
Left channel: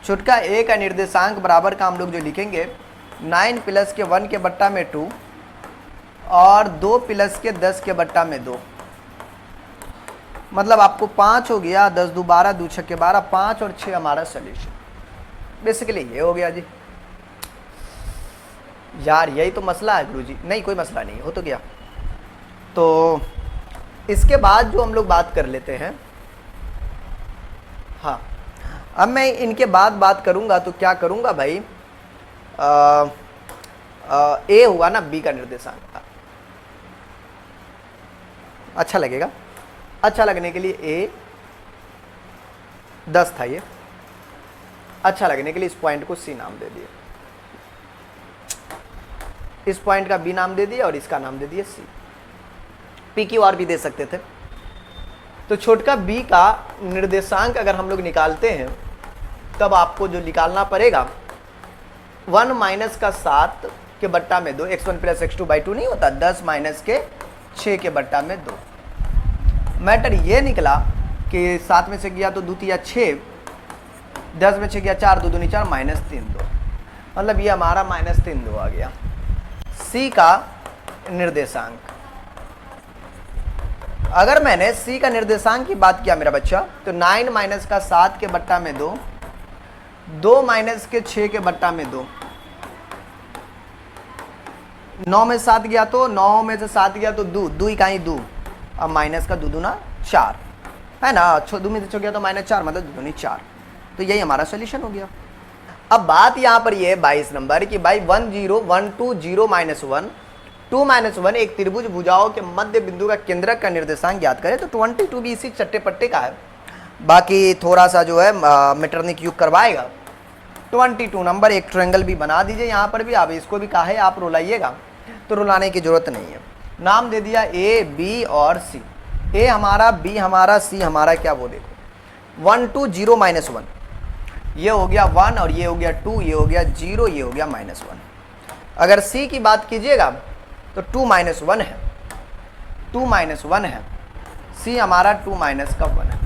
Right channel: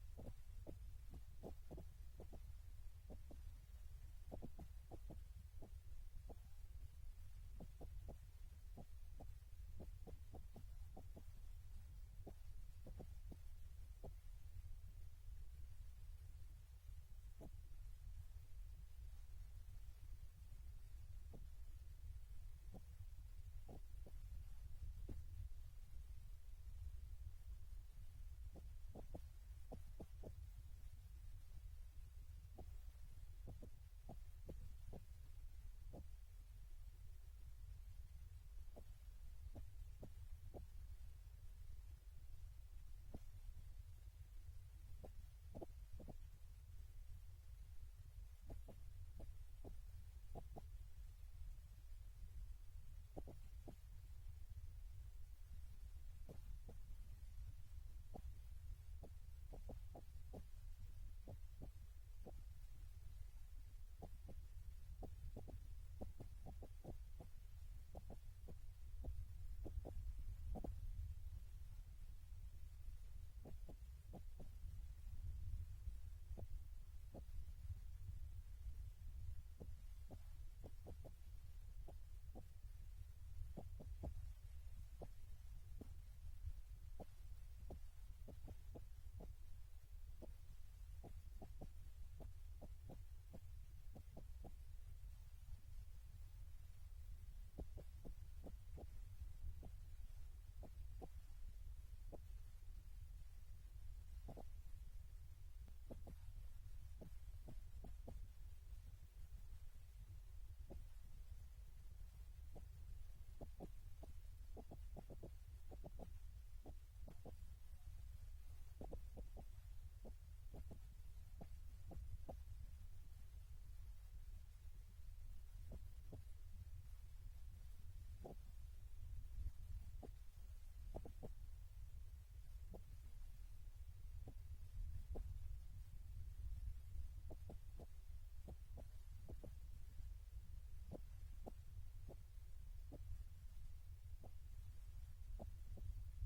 छुटका A का निर्देशांक बराबर का हम लोग जो लिखेंगे 9 प्लस के 1 के बट्टा में 2 और 2 प्लस के 10 के बट्टा में 2, मतलब आपको 5 हो गया। 10 2 12, 2 6 के 12, 5 और 6 हमारा सोल्यूशन। बेसिकली ये हो गया जी। यार यही तो मसला है गुरुजी। नहीं कोई मसला नहीं, हो तो गया। तो इसके बाद जो हम लोग बात कर लेते हैं, हाँ अब मैं इनके बाद बात करूंगा तो क्या करूंगा भाई, ए हुआ ना B का निर्देशांक, अच्छा लगेगा। अच्छा लगने के लिए A 10 था, ये अच्छा लगने के लिए इस पॉइंट को C नाम दे दिए, इस पॉइंट का B नाम दे दिया और इसका नाम दे दिया C। PQR भी दे सकते थे। तो छोटका B का निर्देशांक अगर हम लोग निकालते हैं तब आपको जो निकालना पड़ेगा 1 माइनस का 7 के बट्टा में 2, x1 प्लस x2 बाई 2 नहीं होता, 10 माइनस के 6 के बट्टा में 2। मैटर ये निकला कि 7 में से गया तो 2 तिया 6, 10 में से गया 4, 2 दूनी 4, -3 2, मतलब ये हमारा -3 2 आ गया। सी का निर्देशांक, अगर मैंने सी का निर्देशांक की बात किया मेरा बच्चा, तो 9 माइनस का 7 के बट्टा में 2, 2 माइनस के 6 के बट्टा में 2, 9 में 7 गया तो 9 में से 7 गया तो 2, 2 इकाई 2, अब माइनस का 2 दूना 4 है ना, 2 में से 6 गया तो -4, मतलब 2 दूनी 4, तो यही हमारा सोल्यूशन हो गया। अब बात यहाँ पर ये 22 नंबर की भाई 1 0 1 2 0 -1 2 -1 एक त्रिभुज भुजाओं के मध्य बिंदु का केंद्रक का निर्देशांक ज्ञात करें। तो 22 भी इसी चट्टे पट्टे का है, बाकी थोड़ा सा जो है मीटरनिक युग करवाएगा। 22 नंबर एक ट्रायंगल भी बना दीजिए यहाँ पर भी, आप इसको भी कहा है आप रुलाइएगा, तो रुलाने की जरूरत नहीं है। नाम दे दिया ए बी और सी, ए हमारा, बी हमारा, सी हमारा क्या, वो देखो 1 2 0 -1, ये हो गया 1 और ये हो गया 2, ये हो गया 0, ये हो गया -1। अगर सी की बात कीजिएगा तो 2 -1 है, 2 -1 है, सी हमारा 2 माइनस का 1 है।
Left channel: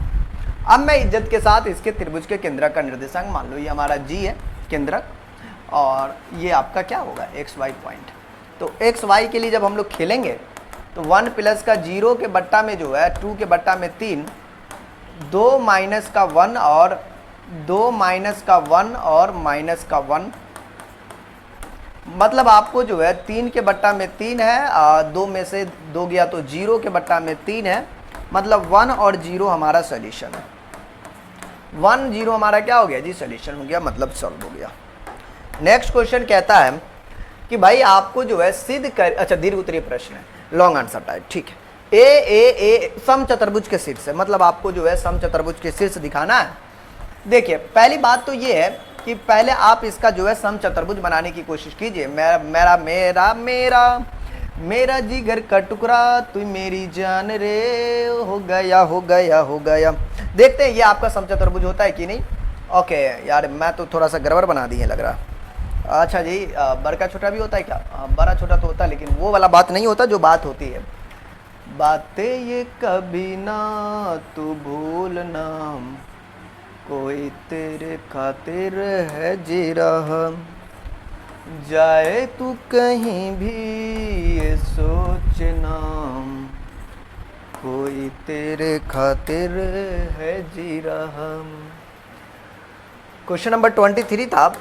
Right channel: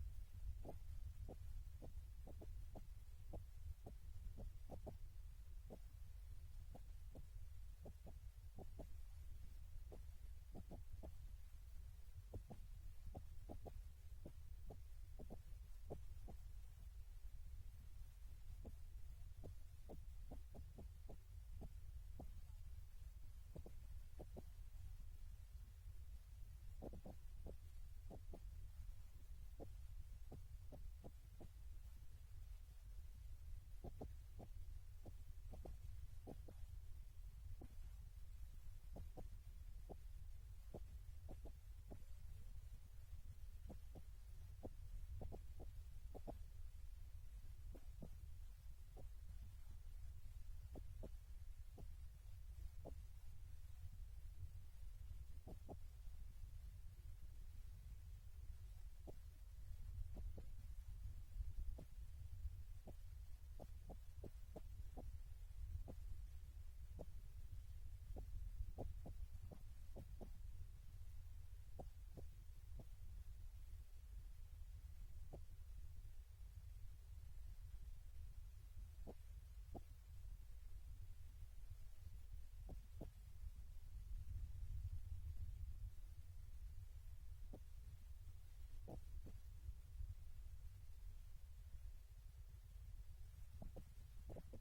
अब मैं इज्जत के साथ इसके त्रिभुज के केंद्रक का निर्देशांक मान लो, ये हमारा जी है केंद्रक, और ये आपका क्या होगा XY पॉइंट। तो XY के लिए जब हम लोग खेलेंगे तो 1 प्लस का 0 के बट्टा में जो है 2 के बट्टा में 3, 2 माइनस का 1 और 2 माइनस का 1 और माइनस का 1, मतलब आपको जो है 3 के बट्टा में 3 है, 2 में से 2 गया तो 0 के बट्टा में 3 है, मतलब 1 और 0 हमारा सॉल्यूशन है। 1 0 हमारा क्या हो गया जी, सॉल्यूशन हो गया, मतलब सॉल्व हो गया। नेक्स्ट क्वेश्चन कहता है कि भाई आपको जो है सिद्ध कर, अच्छा दीर्घ उत्तरीय प्रश्न है, लॉन्ग आंसर टाइप, ठीक है। ए सम चतुर्भुज के शीर्ष है, मतलब आपको जो है सम चतुर्भुज के शीर्ष दिखाना है। देखिए पहली बात तो ये है कि पहले आप इसका जो है सम चतुर्भुज बनाने की कोशिश कीजिए। मेरा मेरा मेरा मेरा मेरा जिगर का टुकड़ा तू मेरी जान रे, हो गया हो गया हो गया। देखते हैं ये आपका सम चतुर्भुज होता है कि नहीं। ओके यार मैं तो थोड़ा सा गड़बड़ बना दी है लग रहा। अच्छा जी, बड़ा छोटा भी होता है क्या? बड़ा छोटा तो होता है, लेकिन वो वाला बात नहीं होता जो बात होती है। बातें ये कभी ना तू भूलना, कोई तेरे खातिर है जी रहा, जाए तू कहीं भी ये सोचना, कोई तेरे खातिर है जी रहा। क्वेश्चन नंबर 23 था।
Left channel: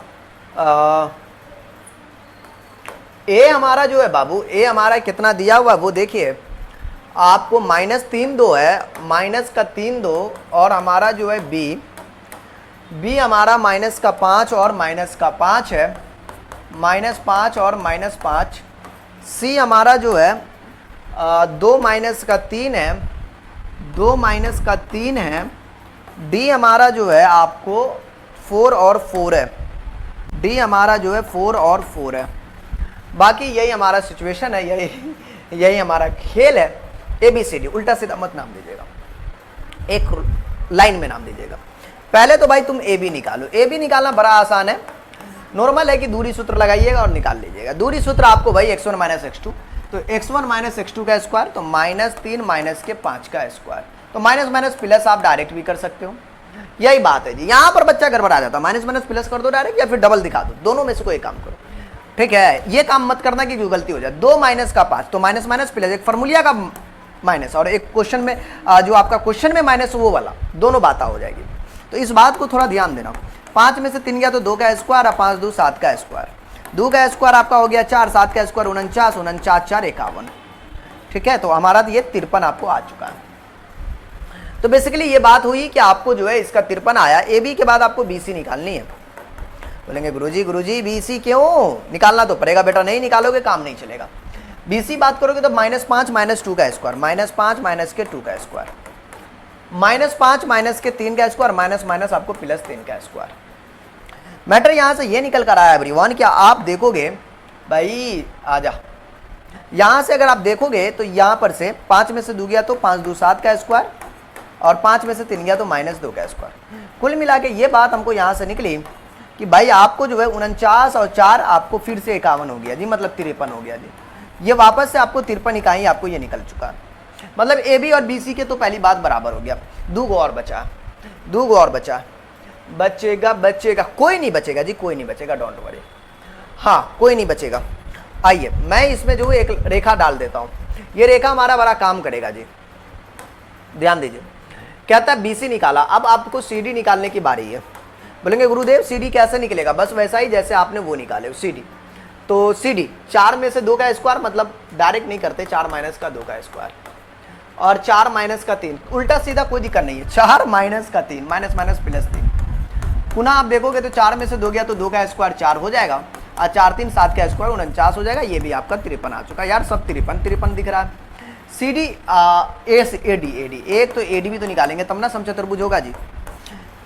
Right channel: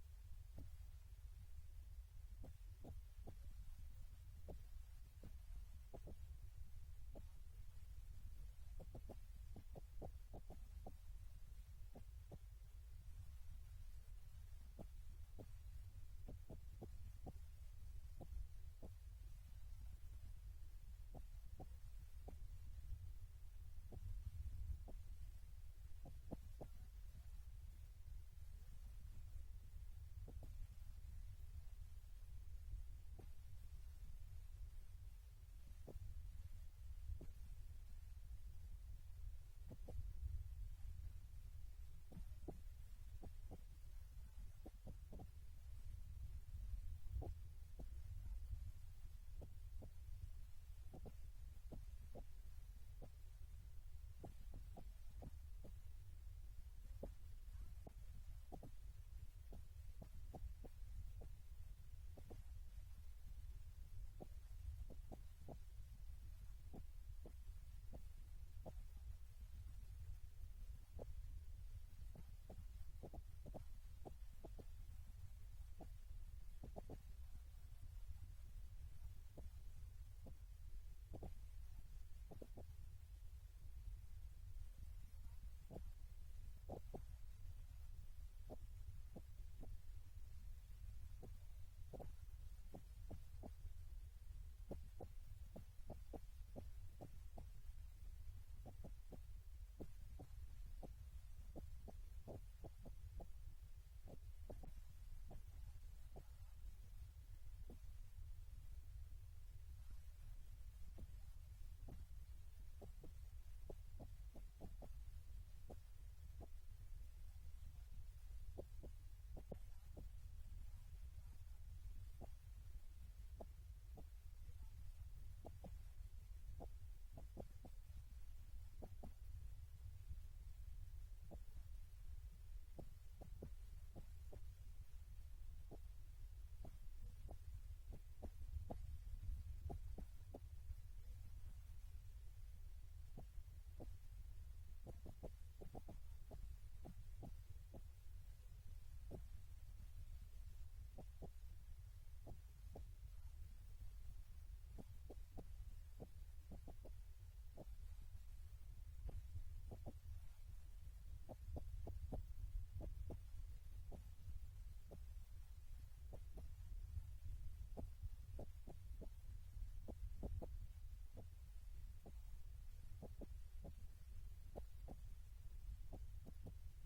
ए हमारा जो है बाबू, ए हमारा कितना दिया हुआ वो देखिए आपको -3 2 है, माइनस का 3 2, और हमारा जो है बी हमारा -5 और -5 है, -5 और -5। सी हमारा जो है 2 माइनस का 3 है, 2 माइनस का 3 है। डी हमारा जो है आपको 4 और 4 है, डी हमारा जो है 4 और 4 है। बाकी यही हमारा सिचुएशन है, यही हमारा खेल है। ABCD उल्टा सीधा मत नाम दीजिएगा, एक लाइन में नाम दीजिएगा। पहले तो भाई तुम AB निकालो। AB निकालना बड़ा आसान है, नॉर्मल है कि दूरी सूत्र लगाइएगा और निकाल लीजिएगा। दूरी सूत्र आपको भाई x1 - x2, तो x1 - x2 का स्क्वायर, तो -3 माइनस के 5 का स्क्वायर, तो माइनस माइनस प्लस आप डायरेक्ट भी कर सकते हो। यही बात है जी, यहाँ पर बच्चा गड़बड़ा आ जाता है, माइनस माइनस प्लस कर दो डायरेक्ट, या फिर डबल दिखा दो, दोनों में से कोई काम करो, ठीक है। ये काम मत करना कि गलती हो जाए। 2 माइनस का 5, तो माइनस माइनस प्लस, एक फॉर्मूलिया का माइनस और एक क्वेश्चन में जो आपका क्वेश्चन में माइनस वो वाला, दोनों बातें हो जाएगी। तो इस बात को थोड़ा ध्यान देना। 5 में से 3 गया तो 2 का स्क्वायर, और 5 2 7 का स्क्वायर, 2 का स्क्वायर आपका हो गया 4, 7 का स्क्वायर 49, 49 4 51, ठीक है। तो हमारा ये 53 आपको आ चुका है। तो बेसिकली ये बात हुई कि आपको जो है इसका 53 आया। AB के बाद आपको BC निकालनी है। बोलेंगे गुरुजी BC क्यों? निकालना तो पड़ेगा बेटा, नहीं निकालोगे काम नहीं चलेगा। BC बात करोगे तो -5 - 2 का स्क्वायर, -5 माइनस के 2 का स्क्वायर, -5 माइनस के 3 का स्क्वायर, माइनस माइनस आपको +3 का स्क्वायर। मैटर यहां से ये निकल कर आया एवरीवन, क्या आप देखोगे भाई आजा, यहां से अगर आप देखोगे तो यहां पर से 5 में से 2 गया तो 5 2 7 का स्क्वायर, और 5 में से 3 गया तो -2 का स्क्वायर। कुल मिला के ये बात हमको यहां से निकली कि भाई आपको जो है 49 और 4 आपको फिर से 51 हो गया जी, मतलब 53 हो गया जी। ये वापस से आपको 53 इकाई आपको ये निकल चुका है। मतलब ए बी और बी सी के तो पहली बात बराबर हो गया। दो गो और बचा, दो गो और बचा, बचेगा बचेगा, कोई नहीं बचेगा जी, कोई नहीं बचेगा, डोंट वरी, हाँ कोई नहीं बचेगा। आइए मैं इसमें जो एक रेखा डाल देता हूँ, ये रेखा हमारा बड़ा काम करेगा जी, ध्यान दीजिए। कहता है बीसी निकाला, अब आपको सीडी निकालने की बारी है। बोलेंगे गुरुदेव सीडी कैसे निकलेगा? बस वैसा ही जैसे आपने वो निकाले सीडी। तो सीडी 4 में से 2 का स्क्वायर, मतलब डायरेक्ट नहीं करते, 4 माइनस का 2 का स्क्वायर और 4 माइनस का 3, उल्टा सीधा कोई दिक्कत नहीं है। 4 माइनस का 3, माइनस माइनस प्लस 3, पुनः आप देखोगे तो 4 में से 2 गया तो 2 का स्क्वायर 4 हो जाएगा और 4 3 7 का स्क्वायर 49 हो जाएगा। ये भी आपका 53 आ चुका। यार सब 53 दिख रहा है। सी डी ए डी, एक तो ए डी भी तो निकालेंगे तब ना समचतुर्भुज होगा जी।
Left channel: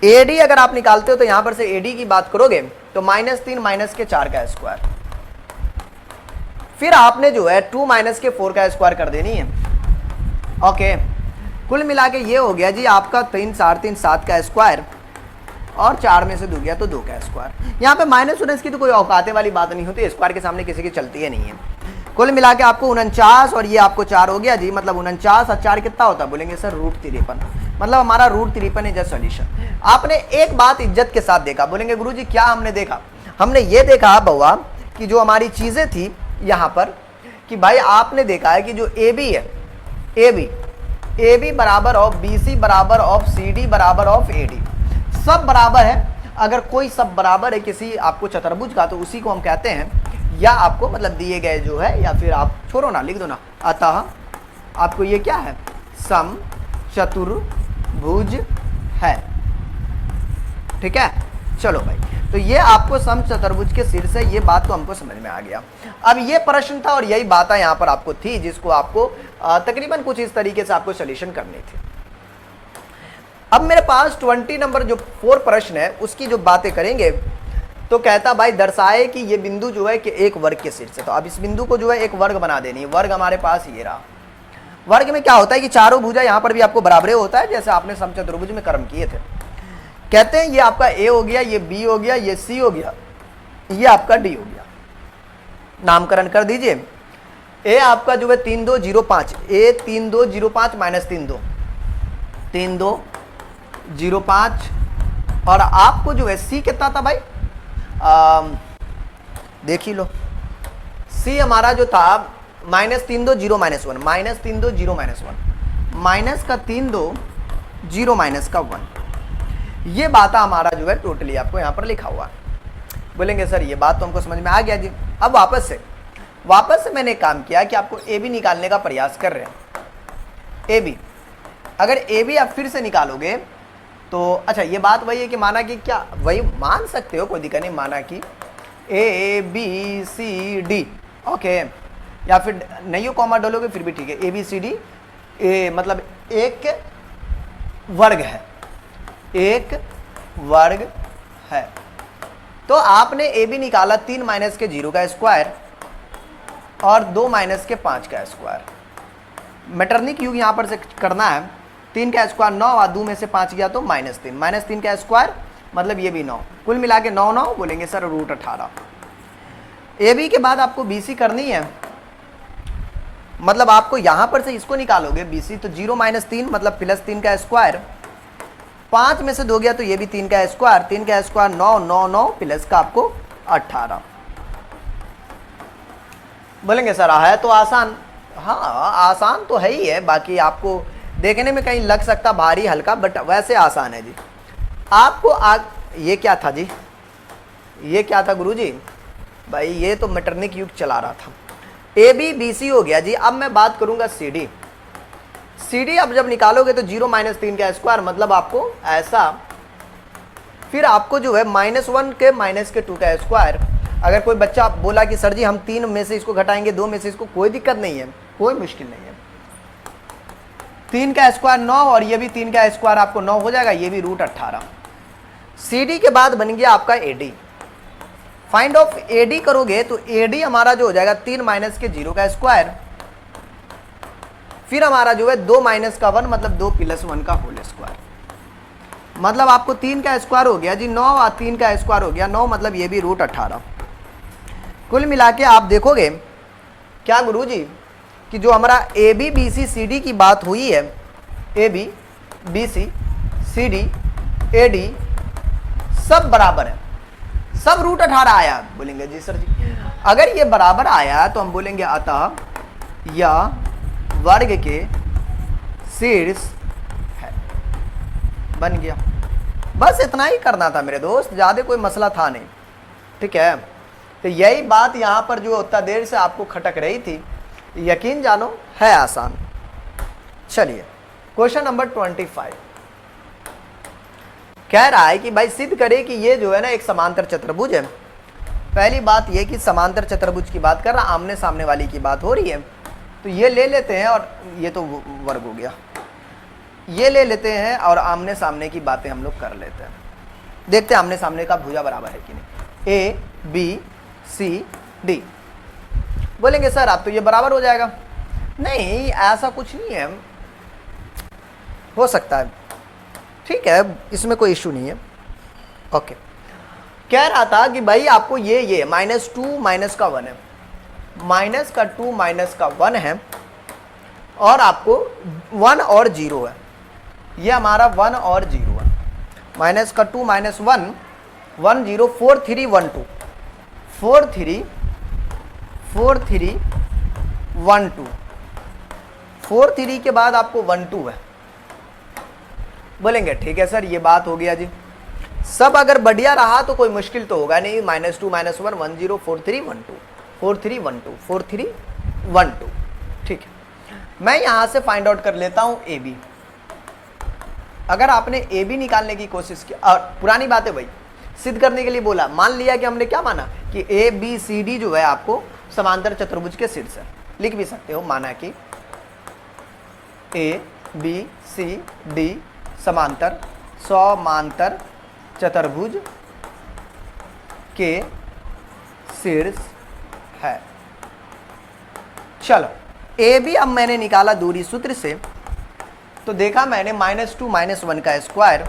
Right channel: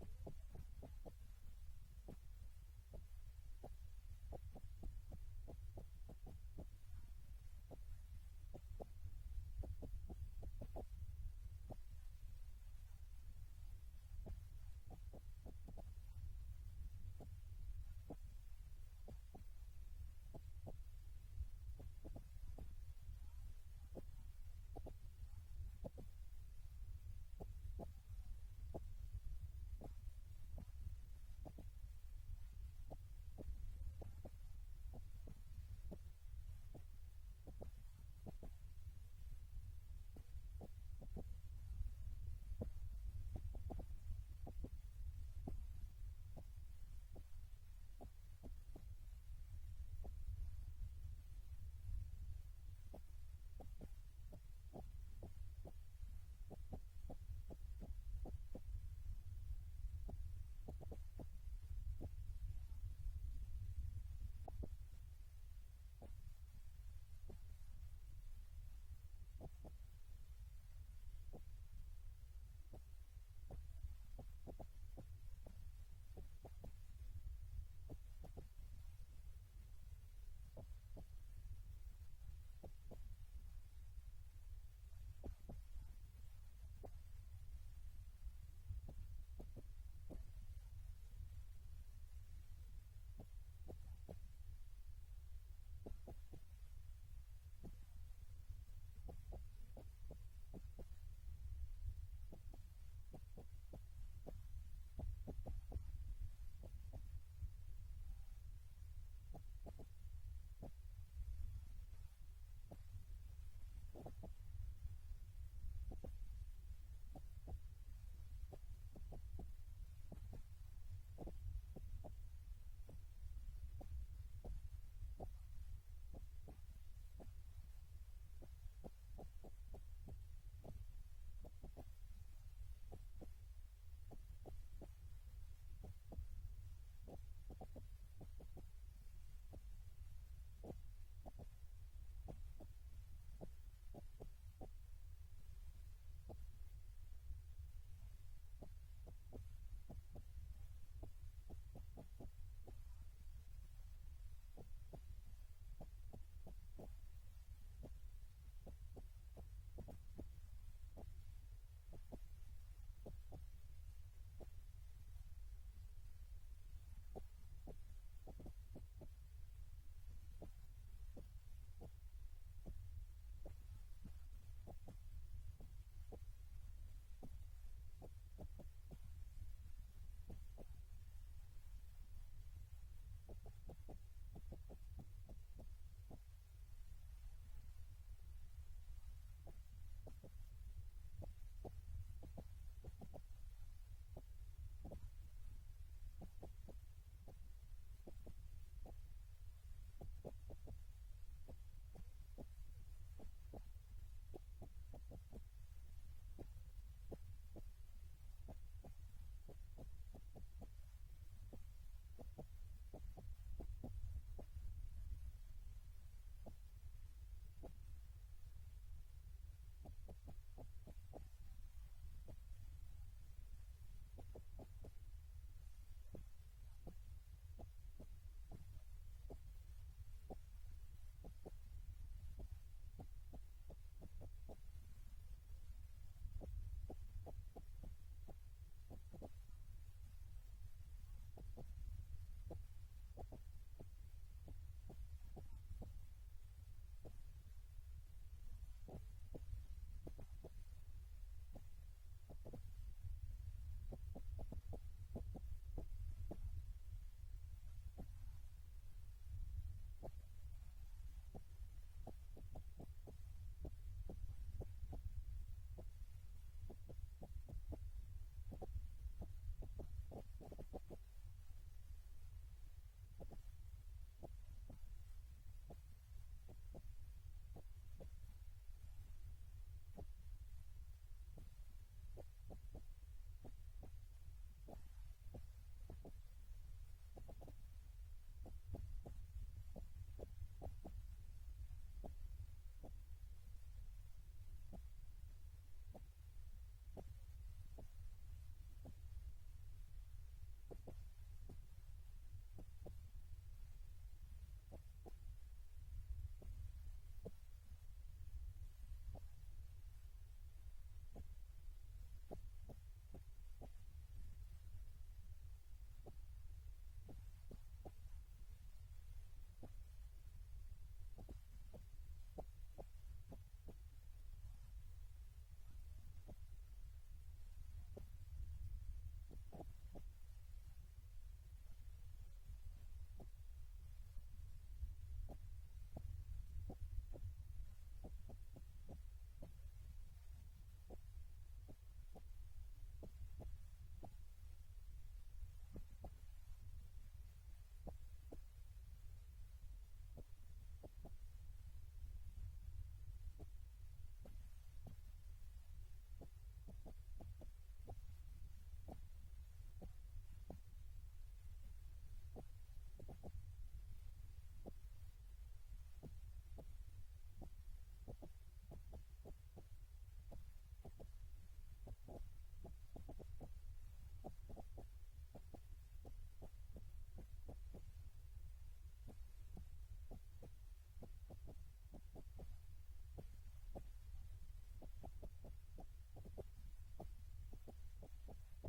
ए डी अगर आप निकालते हो तो यहां पर से ए डी की बात करोगे तो -3 माइनस के 4 का स्क्वायर, फिर आपने जो है 2 माइनस के 4 का स्क्वायर कर देनी है। ओके, कुल मिला के ये हो गया जी आपका 3 4 3 7 का स्क्वायर और 4 में से 2 गया तो 2 का स्क्वायर। यहाँ पे माइनस उनस की तो कोई औकाते वाली बात नहीं होती, स्क्वायर के सामने किसी की चलती है नहीं है। कुल मिला के आपको 49 और ये आपको 4 हो गया जी, मतलब 49 और 4 कितना होता है? बोलेंगे सर √53, मतलब हमारा √53 इज अ सॉल्यूशन। आपने एक बात इज्जत के साथ देखा, बोलेंगे गुरुजी क्या हमने देखा? हमने ये देखा बउआ कि जो हमारी चीजें थी यहाँ पर कि भाई आपने देखा है कि जो ए बी है, ए बी बराबर ऑफ बी सी बराबर ऑफ सी डी बराबर ऑफ ए डी, सब बराबर है। अगर कोई सब बराबर है किसी आपको चतुर्भुज का तो उसी को हम कहते हैं, या आपको मतलब दिए गए जो है, या फिर आप छोड़ो ना लिख दो ना, अतः आपको ये क्या है? सम चतुर्भुज है। ठीक है, चलो भाई, तो ये आपको सम चतुर्भुज के सिर से ये बात तो हमको समझ में आ गया। अब ये प्रश्न था और यही बात यहाँ पर आपको थी जिसको आपको तकरीबन कुछ इस तरीके से आपको सॉल्यूशन करनी थी। अब मेरे पास 20 नंबर जो 4 प्रश्न है उसकी जो बातें करेंगे तो कहता भाई दर्शाए कि ये बिंदु जो है कि एक वर्ग के सिर से, तो अब इस बिंदु को जो है एक वर्ग बना देनी है। वर्ग हमारे पास ये रहा। वर्ग में क्या होता है कि चारों भुजा यहाँ पर भी आपको बराबर होता है जैसे आपने समचतुर्भुज में कर्म किए थे। कहते हैं ये आपका ए हो गया, ये बी हो गया, ये सी हो गया, ये आपका डी हो गया। नामकरण कर दीजिए। ए आपका जो है 3205, ए 3205 माइनस 3205, और आपको जो है सी कितना था भाई? देख ही लो, सी हमारा जो था -320 -1, -320 -1, माइनस का 320 माइनस का 1। ये बात हमारा जो है टोटली आपको यहाँ पर लिखा हुआ है। बोलेंगे सर ये बात तो हमको समझ में आ गया जी। अब वापस से मैंने काम किया कि आपको ए बी निकालने का प्रयास कर रहे हैं। ए बी, अगर ए बी आप फिर से निकालोगे तो अच्छा ये बात वही है कि माना कि क्या, वही मान सकते हो, कोई दिक्कत नहीं, माना कि A B C D, okay, या फिर नहीं हो कॉमा डालोगे फिर भी ठीक है। ए बी सी डी ए मतलब एक वर्ग है, एक वर्ग है। तो आपने ए बी निकाला 3 माइनस के 0 का स्क्वायर और 2 माइनस के 5 का स्क्वायर। मैटरनिक युग यहाँ पर से करना है। 3 का स्क्वायर 9 और 2 में से 5 गया तो -3, -3 का स्क्वायर मतलब ये भी 9, कुल मिला के 9 9, बोलेंगे सर √18। ए बी के बाद आपको बी सी करनी है, मतलब आपको यहाँ पर से इसको निकालोगे बी सी तो 0 - 3 मतलब +3 का स्क्वायर, 5 में से 2 गया तो ये भी 3 का स्क्वायर, 3 का स्क्वायर 9 9 9 प्लस का आपको 18। बोलेंगे सर है तो आसान, हाँ आसान तो है ही है, बाकी आपको देखने में कहीं लग सकता भारी हल्का, बट वैसे आसान है जी। आपको ये क्या था जी, ये क्या था गुरुजी? भाई ये तो मैटरनिक युग चला रहा था। ए बी बी सी हो गया जी। अब मैं बात करूंगा सी डी। सी डी अब जब निकालोगे तो 0 - 3 का स्क्वायर मतलब आपको ऐसा, फिर आपको जो है -1 के -2 का स्क्वायर। अगर कोई बच्चा बोला कि सर जी हम 3 में से इसको घटाएंगे 2 में से इसको, कोई दिक्कत नहीं है, कोई मुश्किल नहीं है। 3 का स्क्वायर 9 और ये भी 3 का स्क्वायर आपको 9 हो जाएगा, ये भी √18। सी डी के बाद बन गया आपका A D. Find of A D करोगे तो ए डी हमारा जो हो जाएगा 3 माइनस के 0 का स्क्वायर, फिर हमारा जो है 2 माइनस का 1 मतलब 2 + 1 का होल स्क्वायर, मतलब आपको 3 का स्क्वायर हो गया जी 9 और 3 का स्क्वायर हो गया 9 मतलब ये भी √18। कुल मिला के आप देखोगे क्या गुरुजी कि जो हमारा A B B C C D की बात हुई है, A B B C C D A D सब बराबर है, सब रूट 18 आया। बोलेंगे जी सर जी अगर ये बराबर आया तो हम बोलेंगे अतः यह वर्ग के शीर्ष है। बन गया। बस इतना ही करना था मेरे दोस्त, ज्यादा कोई मसला था नहीं। ठीक है, तो यही बात यहां पर जो उतना देर से आपको खटक रही थी, यकीन जानो है आसान। चलिए क्वेश्चन नंबर 25 कह रहा है कि भाई सिद्ध करे कि ये जो है ना एक समांतर चतुर्भुज है। पहली बात ये कि समांतर चतुर्भुज की बात कर रहा, आमने सामने वाली की बात हो रही है, तो ये ले लेते हैं और ये तो वर्ग हो गया, ये ले लेते हैं और आमने सामने की बातें हम लोग कर लेते हैं। देखते हैं आमने सामने का भुजा बराबर है कि नहीं। ए बी सी डी, बोलेंगे सर आप तो ये बराबर हो जाएगा। नहीं ऐसा कुछ नहीं है, हो सकता है, ठीक है, इसमें कोई इशू नहीं है। ओके, कह रहा था कि भाई आपको ये -2 माइनस का 1 है, माइनस का 2 माइनस का 1 है, और आपको 1 और 0 है, ये हमारा 1 और 0 है। माइनस का 2 माइनस 1 1 0 4 3 1 2 4 3 4 3 1 2 4 3 के बाद आपको 1 2 है। बोलेंगे ठीक है सर ये बात हो गया जी, सब अगर बढ़िया रहा तो कोई मुश्किल तो होगा नहीं। -2 -1 1 0 4 3 1 2 4 3 1 2 4 3 1 2। ठीक है, मैं यहां से फाइंड आउट कर लेता हूं ए बी। अगर आपने ए बी निकालने की कोशिश की, और पुरानी बात है भाई, सिद्ध करने के लिए बोला, मान लिया कि हमने क्या माना कि ए बी सी डी जो है आपको समांतर चतुर्भुज के शीर्ष है। लिख भी सकते हो, माना कि ए बी सी डी समांतर चतुर्भुज के शीर्ष है। चलो ए बी अब मैंने निकाला दूरी सूत्र से, तो देखा मैंने -2 माइनस 1 का स्क्वायर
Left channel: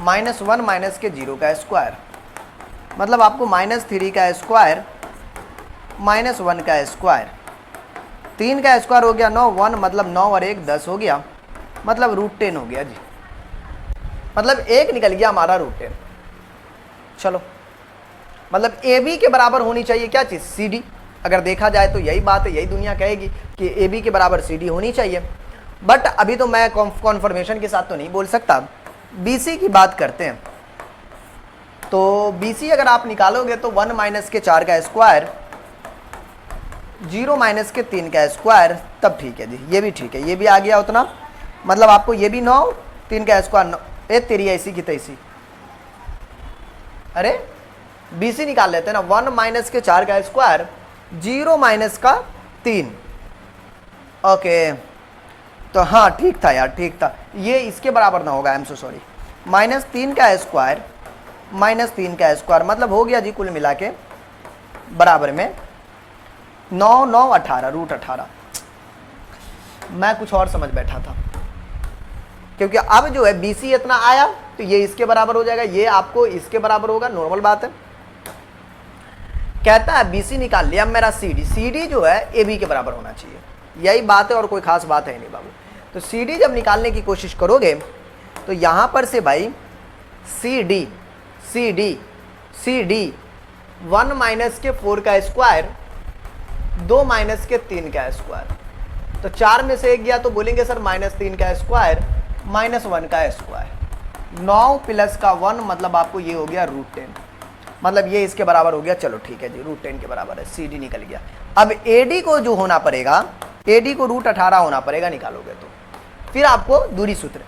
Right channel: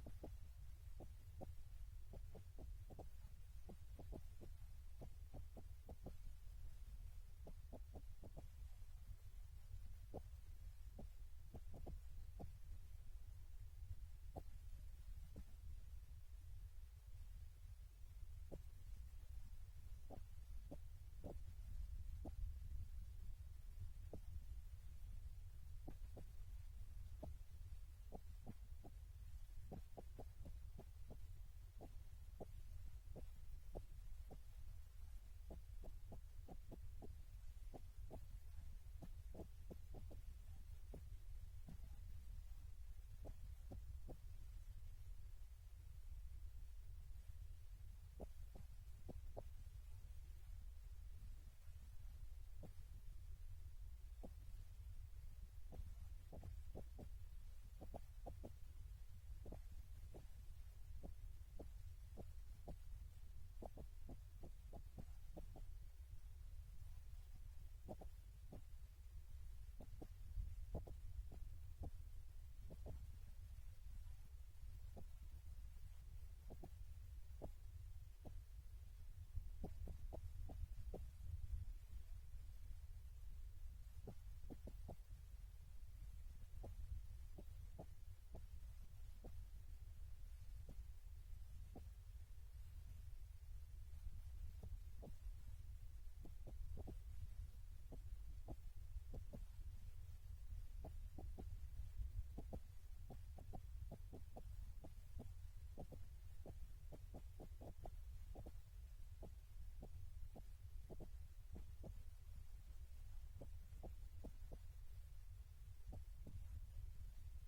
-1 माइनस के 0 का स्क्वायर, मतलब आपको -3 का स्क्वायर -1 का स्क्वायर, 3 का स्क्वायर हो गया 9, 1 मतलब 9 और 1 10 हो गया, मतलब √10 हो गया जी, मतलब 1 निकल गया हमारा √10। चलो मतलब ए बी के बराबर होनी चाहिए क्या चीज़, सी डी। अगर देखा जाए तो यही बात है, यही दुनिया कहेगी कि ए बी के बराबर सी डी होनी चाहिए। बट अभी तो मैं कॉन्फर्मेशन के साथ तो नहीं बोल सकता, बी सी की बात करते हैं। तो बी सी अगर आप निकालोगे तो 1 माइनस के 4 का स्क्वायर, 0 माइनस के 3 का स्क्वायर, तब ठीक है जी, ये भी ठीक है, ये भी आ गया उतना, मतलब आपको ये भी 9, 3 का स्क्वायर 9, ए तेरी ऐसी की तैसी। अरे बी सी निकाल लेते हैं ना, 1 माइनस के 4 का स्क्वायर, 0 माइनस का 3। ओके, तो हाँ ठीक था यार, ठीक था, ये इसके बराबर ना होगा, आई एम सो सॉरी। -3 का स्क्वायर -3 का स्क्वायर, मतलब हो गया जी कुल मिला के बराबर में 9 9 18 √18। मैं कुछ और समझ बैठा था, क्योंकि अब जो है बी सी इतना आया तो ये इसके बराबर हो जाएगा, ये आपको इसके बराबर होगा, नॉर्मल बात है। कहता है बी सी निकाल लिया, अब मेरा सी डी, सी डी जो है ए बी के बराबर होना चाहिए, यही बात है और कोई खास बात है नहीं बाबू। तो सी डी जब निकालने की कोशिश करोगे तो यहां पर से भाई C D C D C D 1 minus के 4 का स्क्वायर, 2 माइनस के 3 का स्क्वायर, तो 4 में से 1 गया तो बोलेंगे सर -3 का स्क्वायर -1 का स्क्वायर, 9 प्लस का 1 मतलब आपको ये हो गया √10, मतलब ये इसके बराबर हो गया। चलो ठीक है जी, √10 के बराबर है, सी डी निकल गया। अब ए डी को जो होना पड़ेगा, ए डी को √18 होना पड़ेगा निकालोगे तो, फिर आपको दूरी सूत्र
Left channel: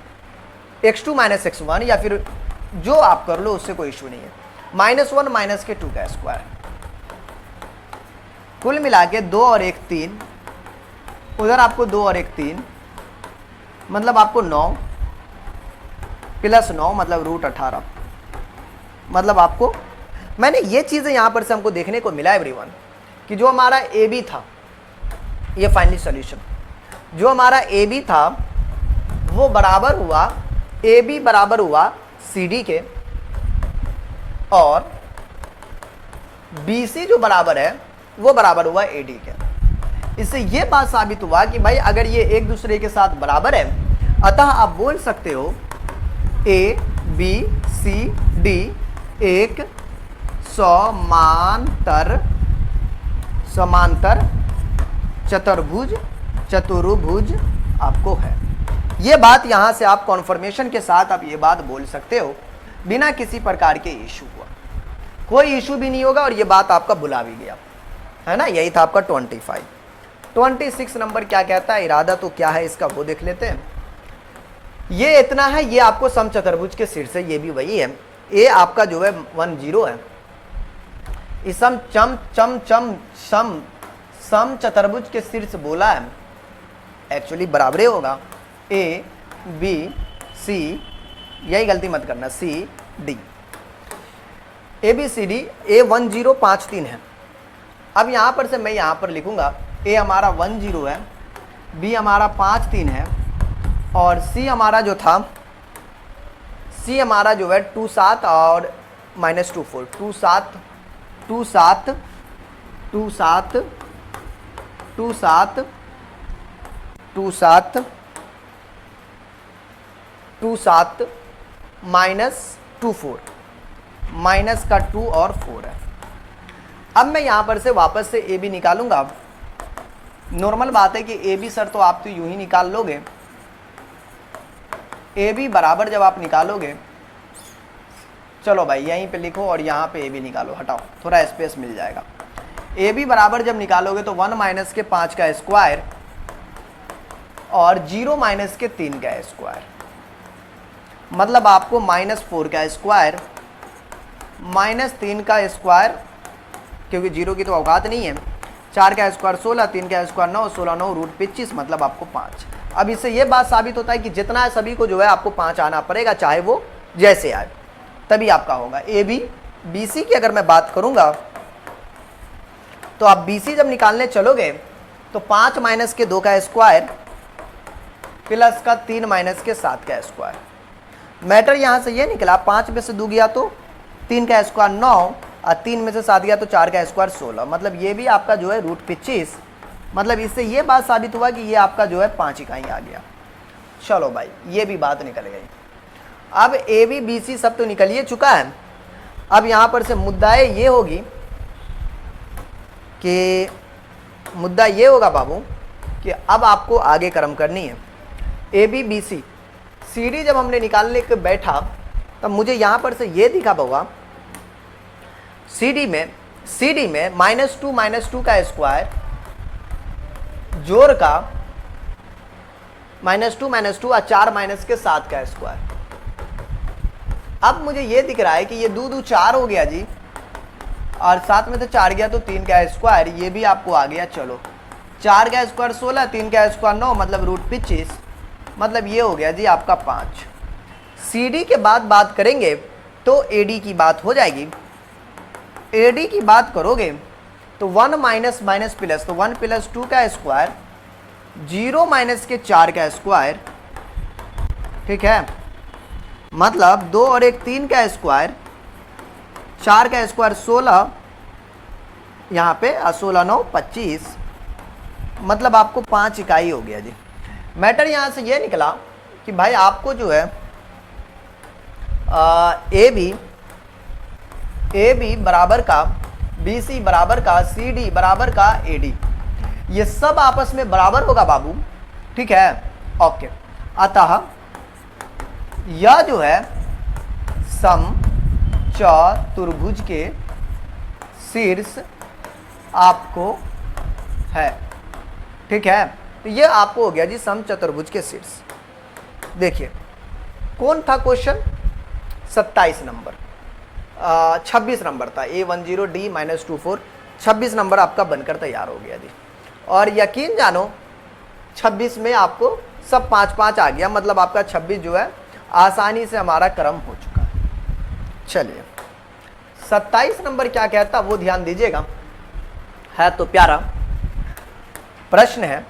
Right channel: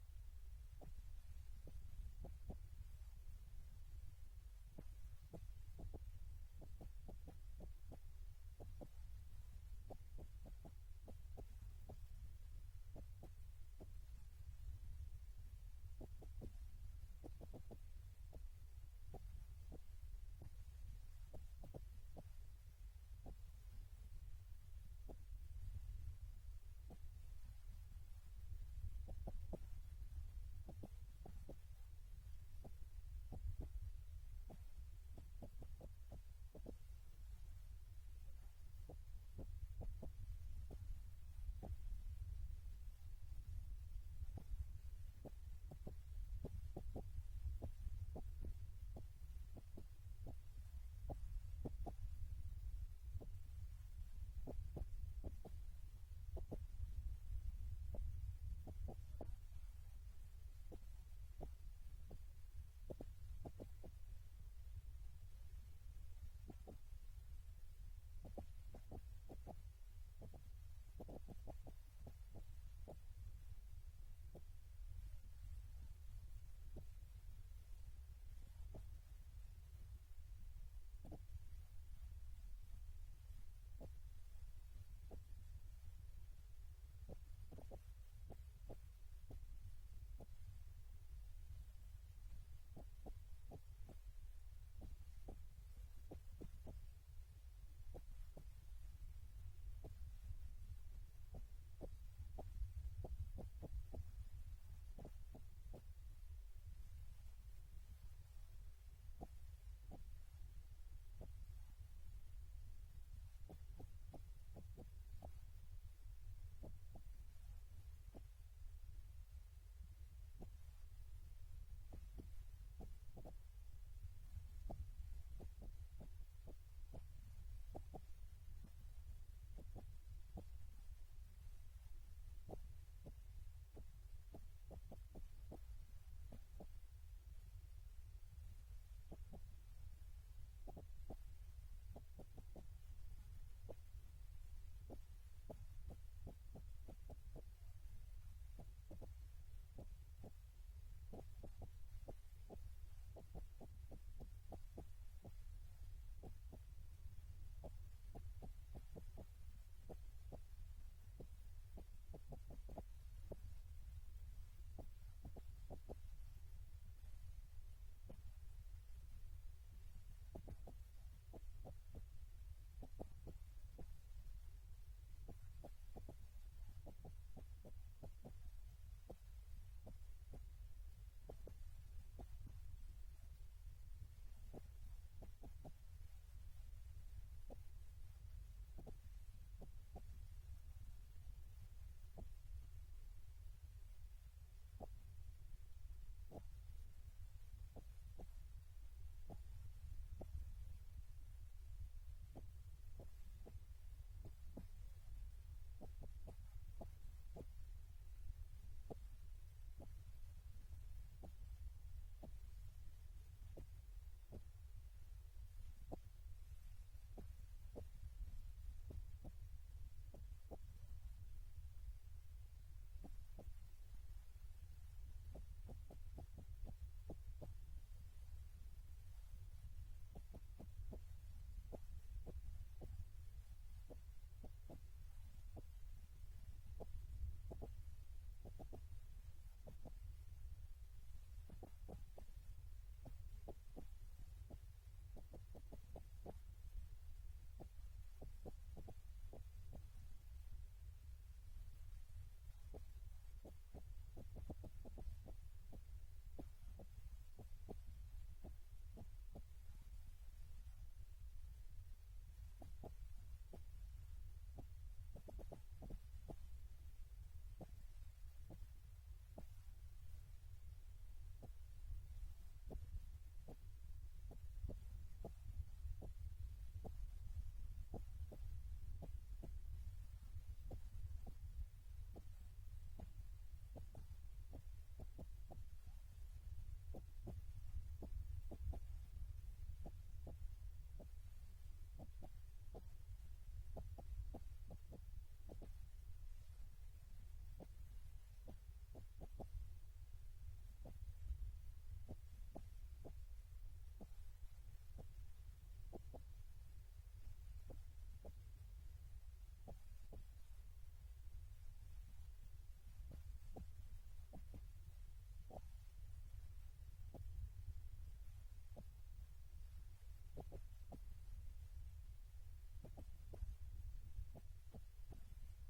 x2 माइनस x1 या फिर जो आप कर लो उससे कोई इशू नहीं है, -1 माइनस के 2 का स्क्वायर, कुल मिला के 2 और 1 3, उधर आपको 2 और 1 3, मतलब आपको 9 प्लस 9 मतलब √18, मतलब आपको, मैंने ये चीजें यहां पर से हमको देखने को मिला एवरीवन कि जो हमारा ए बी था, ये फाइनली सॉल्यूशन, जो हमारा ए बी था वो बराबर हुआ, ए बी बराबर हुआ सी डी के, और बी सी जो बराबर है वो बराबर हुआ ए डी के। इससे ये बात साबित हुआ कि भाई अगर ये एक दूसरे के साथ बराबर है, अतः आप बोल सकते हो ए बी सी डी एक समांतर चतुर्भुज आपको है। ये बात यहां से आप कॉन्फर्मेशन के साथ आप ये बात बोल सकते हो बिना किसी प्रकार के इशू हुआ, कोई इशू भी नहीं होगा और ये बात आपका भुला भी गया, है ना। यही था आपका 25। 26 नंबर क्या कहता है, इरादा तो क्या है इसका वो देख लेते हैं। ये इतना है, ये आपको समचतुर्भुज के शीर्ष है, ये भी वही है। ए आपका जो है 10 है, इस समचतुर्भुज के शीर्ष बोला है, एक्चुअली बराबर होगा ए बी सी, यही गलती मत करना, C D, A B C D. A 1053 है। अब यहां पर से मैं यहां पर लिखूंगा ए हमारा 10 है, बी हमारा 53 है और सी हमारा जो था, सी हमारा जो है 27 और -24, 27 27 27 27 27 27 -24, माइनस का 2 और 4 है। अब मैं यहां पर से वापस से ए बी निकालूंगा। नॉर्मल बात है कि ए बी सर तो आप तो यूं ही निकाल लोगे, ए बी बराबर जब आप निकालोगे, चलो भाई यहीं पे लिखो और यहाँ पे ए बी निकालो, हटाओ थोड़ा स्पेस मिल जाएगा। ए बी बराबर जब निकालोगे तो 1 माइनस के 5 का स्क्वायर और 0 माइनस के 3 का स्क्वायर, मतलब आपको -4 का स्क्वायर -3 का स्क्वायर, क्योंकि 0 की तो औकात नहीं है, 4 का स्क्वायर 16, 3 का स्क्वायर 9, 16 9 रूट 25, मतलब आपको 5। अब इससे ये बात साबित होता है कि जितना है सभी को जो है आपको 5 आना पड़ेगा, चाहे वो जैसे आए, तभी आपका होगा। ए बी बी सी की अगर मैं बात करूंगा तो आप बी सी जब निकालने चलोगे तो 5 माइनस के 2 का स्क्वायर प्लस का 3 माइनस के 7 का स्क्वायर। मैटर यहां से ये निकला, 5 में से 2 गया तो 3 का स्क्वायर 9 और 3 में से 7 गया तो 4 का स्क्वायर 16, मतलब ये भी आपका जो है रूट 25। मतलब इससे ये बात साबित हुआ कि ये आपका जो है 5 इकाई आ गया। चलो भाई ये भी बात निकल गई। अब ए बी बी सी सब तो निकल ही चुका है। अब यहां पर से मुद्दा ये होगी कि मुद्दा ये होगा बाबू कि अब आपको आगे कर्म करनी है। A B B C C D जब हमने निकालने के बैठा तब मुझे यहां पर से ये दिखा होगा सी डी में -2 का स्क्वायर जोड़ का -2 और 4 माइनस के 7 का स्क्वायर। अब मुझे ये दिख रहा है कि ये 2 2 4 हो गया जी, और 7 में से 4 गया तो 3 का स्क्वायर, ये भी आपको आ गया। चलो 4 का स्क्वायर 16, 3 का स्क्वायर 9, मतलब रूट 25, मतलब ये हो गया जी आपका 5। सी डी के बाद बात करेंगे तो ए डी की बात हो जाएगी। ए डी की बात करोगे तो 1 माइनस माइनस प्लस, तो 1 प्लस 2 का स्क्वायर, 0 माइनस के 4 का स्क्वायर, ठीक है, मतलब 2 और 1 3 का स्क्वायर, 4 का स्क्वायर 16, यहाँ पे 16 9 25, मतलब आपको 5 इकाई हो गया जी। मैटर यहाँ से ये निकला कि भाई आपको जो है ए बी बराबर का बी सी बराबर का सी डी बराबर का ए डी, ये सब आपस में बराबर होगा बाबू, ठीक है, ओके। अतः यह जो है समचतुर्भुज के शीर्ष आपको है, ठीक है। तो ये आपको हो गया जी समचतुर्भुज के शीर्ष। देखिए कौन था क्वेश्चन, 27 नंबर, 26 नंबर था, A10 D -24, 26 नंबर आपका बनकर तैयार हो गया जी। और यकीन जानो 26 में आपको सब 5-5 आ गया, मतलब आपका 26 जो है आसानी से हमारा क्रम हो चुका है। चलिए 27 नंबर क्या कहता वो ध्यान दीजिएगा, है तो प्यारा प्रश्न है।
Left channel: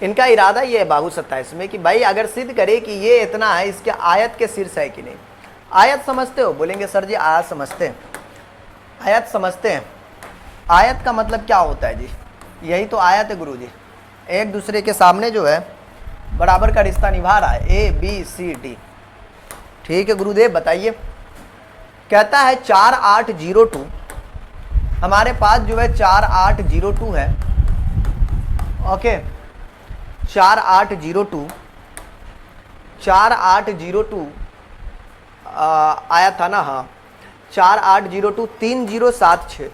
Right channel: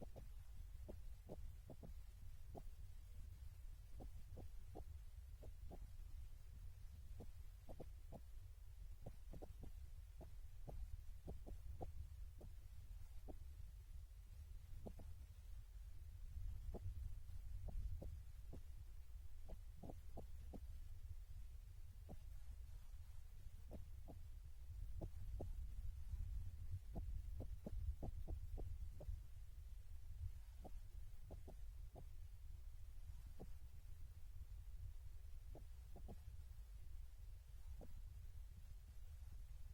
इनका इरादा ये है बाबू 27 में कि भाई अगर सिद्ध करे कि ये इतना है, इसके आयत के शीर्ष है कि नहीं। आयत समझते हो, बोलेंगे सर जी आयत समझते हैं। आयत समझते हैं, आयत का मतलब क्या होता है जी, यही तो आयत है गुरुजी, एक दूसरे के सामने जो है बराबर का रिश्ता निभा रहा है, ए बी सी डी। ठीक है गुरुदेव बताइए। कहता है 4802, हमारे पास जो है 4802 है। ओके 4802 आया था ना, हाँ 4802 3076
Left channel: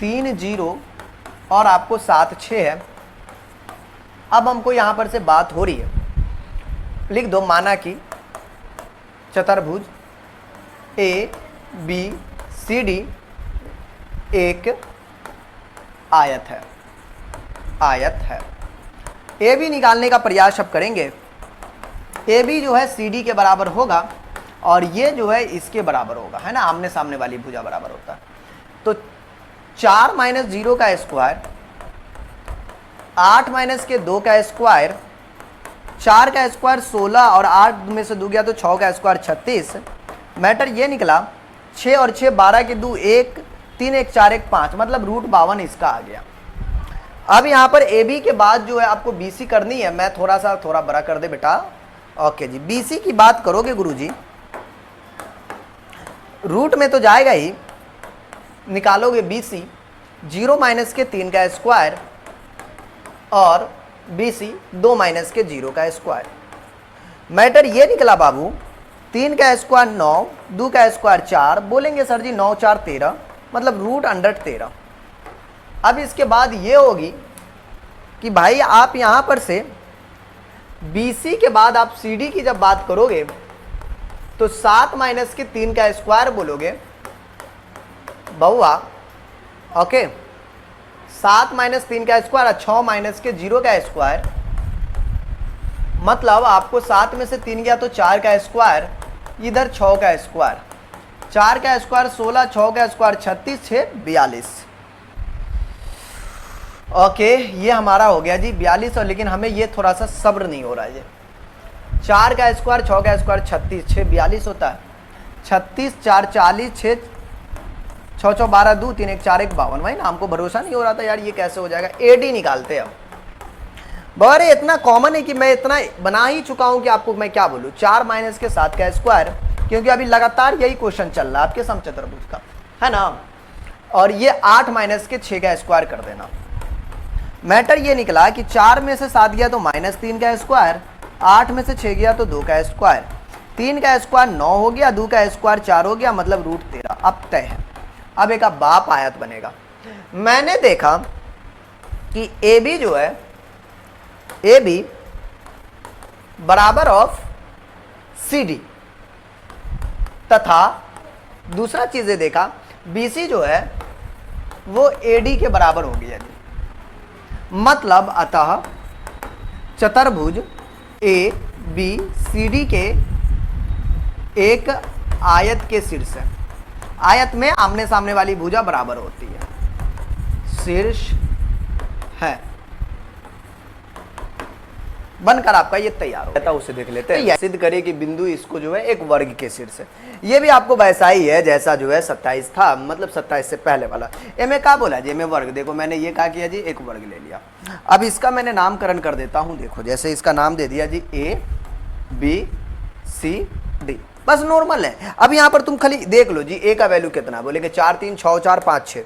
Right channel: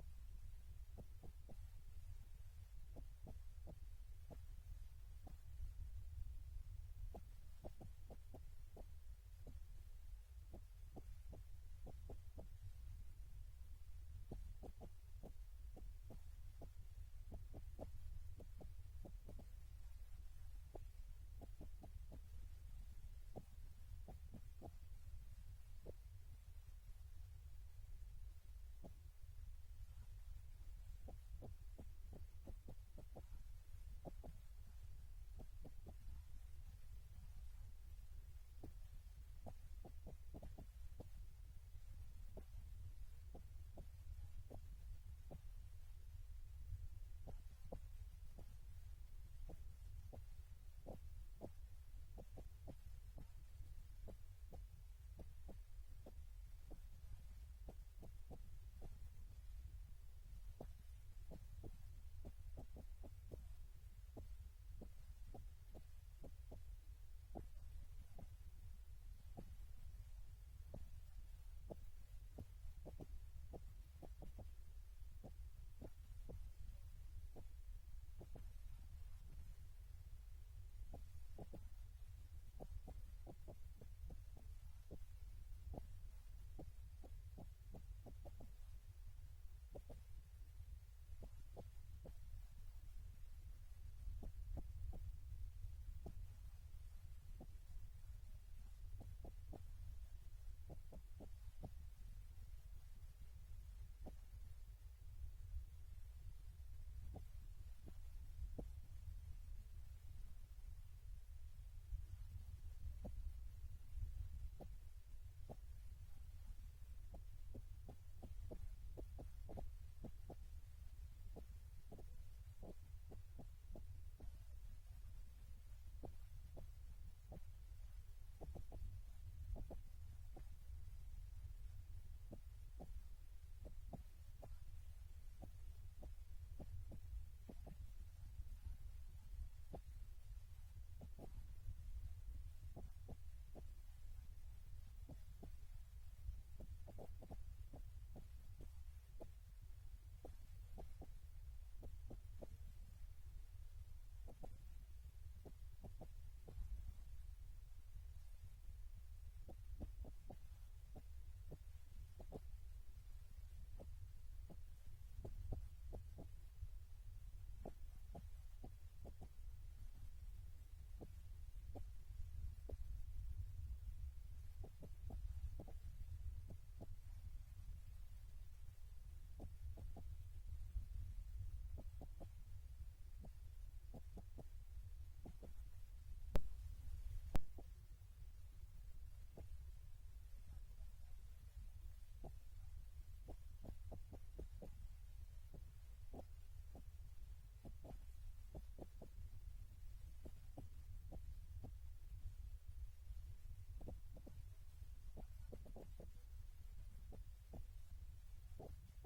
30 और आपको 76 है। अब हमको यहाँ पर से बात हो रही है, लिख दो माना कि चतुर्भुज ए बी सी डी एक आयत है, ए बी निकालने का प्रयास अब करेंगे। ए बी जो है सी डी के बराबर होगा और ये जो है इसके बराबर होगा, है ना, आमने सामने वाली भुजा बराबर होता है। तो 4 माइनस 0 का स्क्वायर, 8 माइनस के 2 का स्क्वायर, 4 का स्क्वायर 16 और 8 में से 2 गया तो 6 का स्क्वायर 36। मैटर ये निकला 6 और 6 12 के 2 1, 3 1 4 1 5, मतलब √52 इसका आ गया। अब यहाँ पर ए बी के बाद जो है आपको बी सी करनी है। मैं थोड़ा बड़ा कर दे बेटा। ओके जी, बी सी की बात करोगे गुरुजी, रूट में तो जाएगा ही, निकालोगे बी सी 0 माइनस के 3 का स्क्वायर और बी सी 2 माइनस के 0 का स्क्वायर। मैटर ये निकला बाबू 3 का स्क्वायर 9, 2 का स्क्वायर 4, बोलेंगे सर जी 9 4 13, मतलब √13। अब इसके बाद ये होगी कि भाई आप यहाँ पर से BC के बाद आप CD की जब बात करोगे तो 7 माइनस के 3 का स्क्वायर बोलोगे बहुआ। ओके 7 माइनस 3 का स्क्वायर और 6 माइनस के 0 का स्क्वायर, मतलब आपको 7 में से 3 गया तो 4 का स्क्वायर, इधर 6 का स्क्वायर, 4 का स्क्वायर 16, 6 का स्क्वायर 36, 6 42। ओके ये हमारा हो गया जी 42। और लेकिन हमें ये थोड़ा सा सब्र नहीं हो रहा है। 4 का स्क्वायर 6 का स्क्वायर 36, 6 42 होता है, 36 4 40, 6 6 6 12 2 3 1 4 1 52। भाई ना हमको भरोसा नहीं हो रहा था यार ये कैसे हो जाएगा। AD निकालते हैं अब। बड़े इतना कॉमन है कि मैं इतना बना ही चुका हूं कि आपको मैं क्या बोलूं। 4 माइनस के 7 का स्क्वायर, क्योंकि अभी लगातार यही क्वेश्चन चल रहा है आपके समचतुर्भुज का, है ना। और ये 8 माइनस के 6 का स्क्वायर कर देना। मैटर ये निकला कि 4 में से 7 गया तो -3 का स्क्वायर, 8 में से 6 गया तो 2 का स्क्वायर, 3 का स्क्वायर 9 हो गया, 2 का स्क्वायर 4 हो गया, मतलब √13। अब तय है। अब एक बाप आयत बनेगा। मैंने देखा कि AB जो है AB बराबर ऑफ CD तथा दूसरा चीजें देखा BC जो है वो AD के बराबर हो गया जी। मतलब अतः चतुर्भुज ABCD के एक आयत के शीर्ष है। आयत में आमने सामने वाली भुजा बराबर होती है, शीर्ष है। बनकर आपका ये तैयार हो गया। उसे देख लेते हैं। सिद्ध करे कि बिंदु इसको जो है एक वर्ग के शीर्ष है। ये भी आपको वैसा ही है जैसा जो है 27 था, मतलब 27 से पहले वाला। में क्या बोला जी, में वर्ग। देखो मैंने ये कहा किया जी, एक वर्ग ले लिया। अब इसका मैंने नामकरण कर देता हूं। देखो जैसे इसका नाम दे दिया जी ABCD, बस नॉर्मल है। अब यहां पर तुम खाली देख लो जी ए का वैल्यू कितना, बोलेंगे 4 3 6 4 5 6।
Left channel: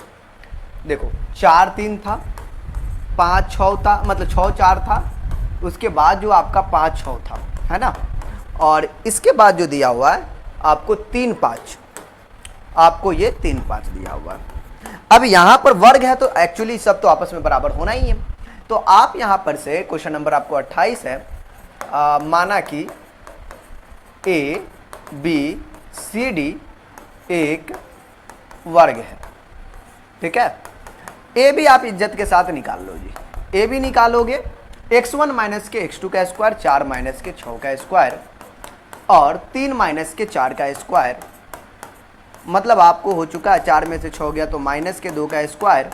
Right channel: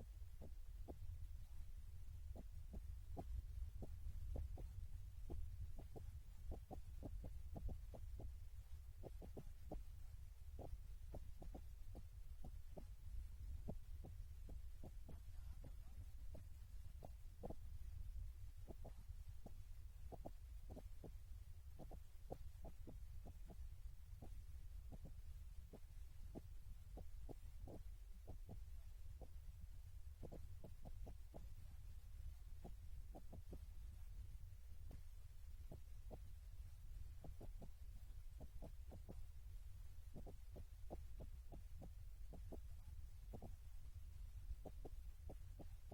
देखो 4 3 था, 5 6 था, मतलब 6 4 था, उसके बाद जो आपका 5 6 था, है ना। और इसके बाद जो दिया हुआ है आपको 3 5, आपको ये 3 5 दिया हुआ है। अब यहां पर वर्ग है तो एक्चुअली सब तो आपस में बराबर होना ही है। तो आप यहां पर से क्वेश्चन नंबर आपको 28 है, माना कि ABCD एक वर्ग है। ठीक है, ए भी आप इज्जत के साथ निकाल लो जी। ए भी निकालोगे x1 माइनस के x2 का स्क्वायर, 4 माइनस के 6 का स्क्वायर और 3 माइनस के 4 का स्क्वायर, मतलब आपको हो चुका है 4 में से 6 गया तो माइनस के 2 का स्क्वायर,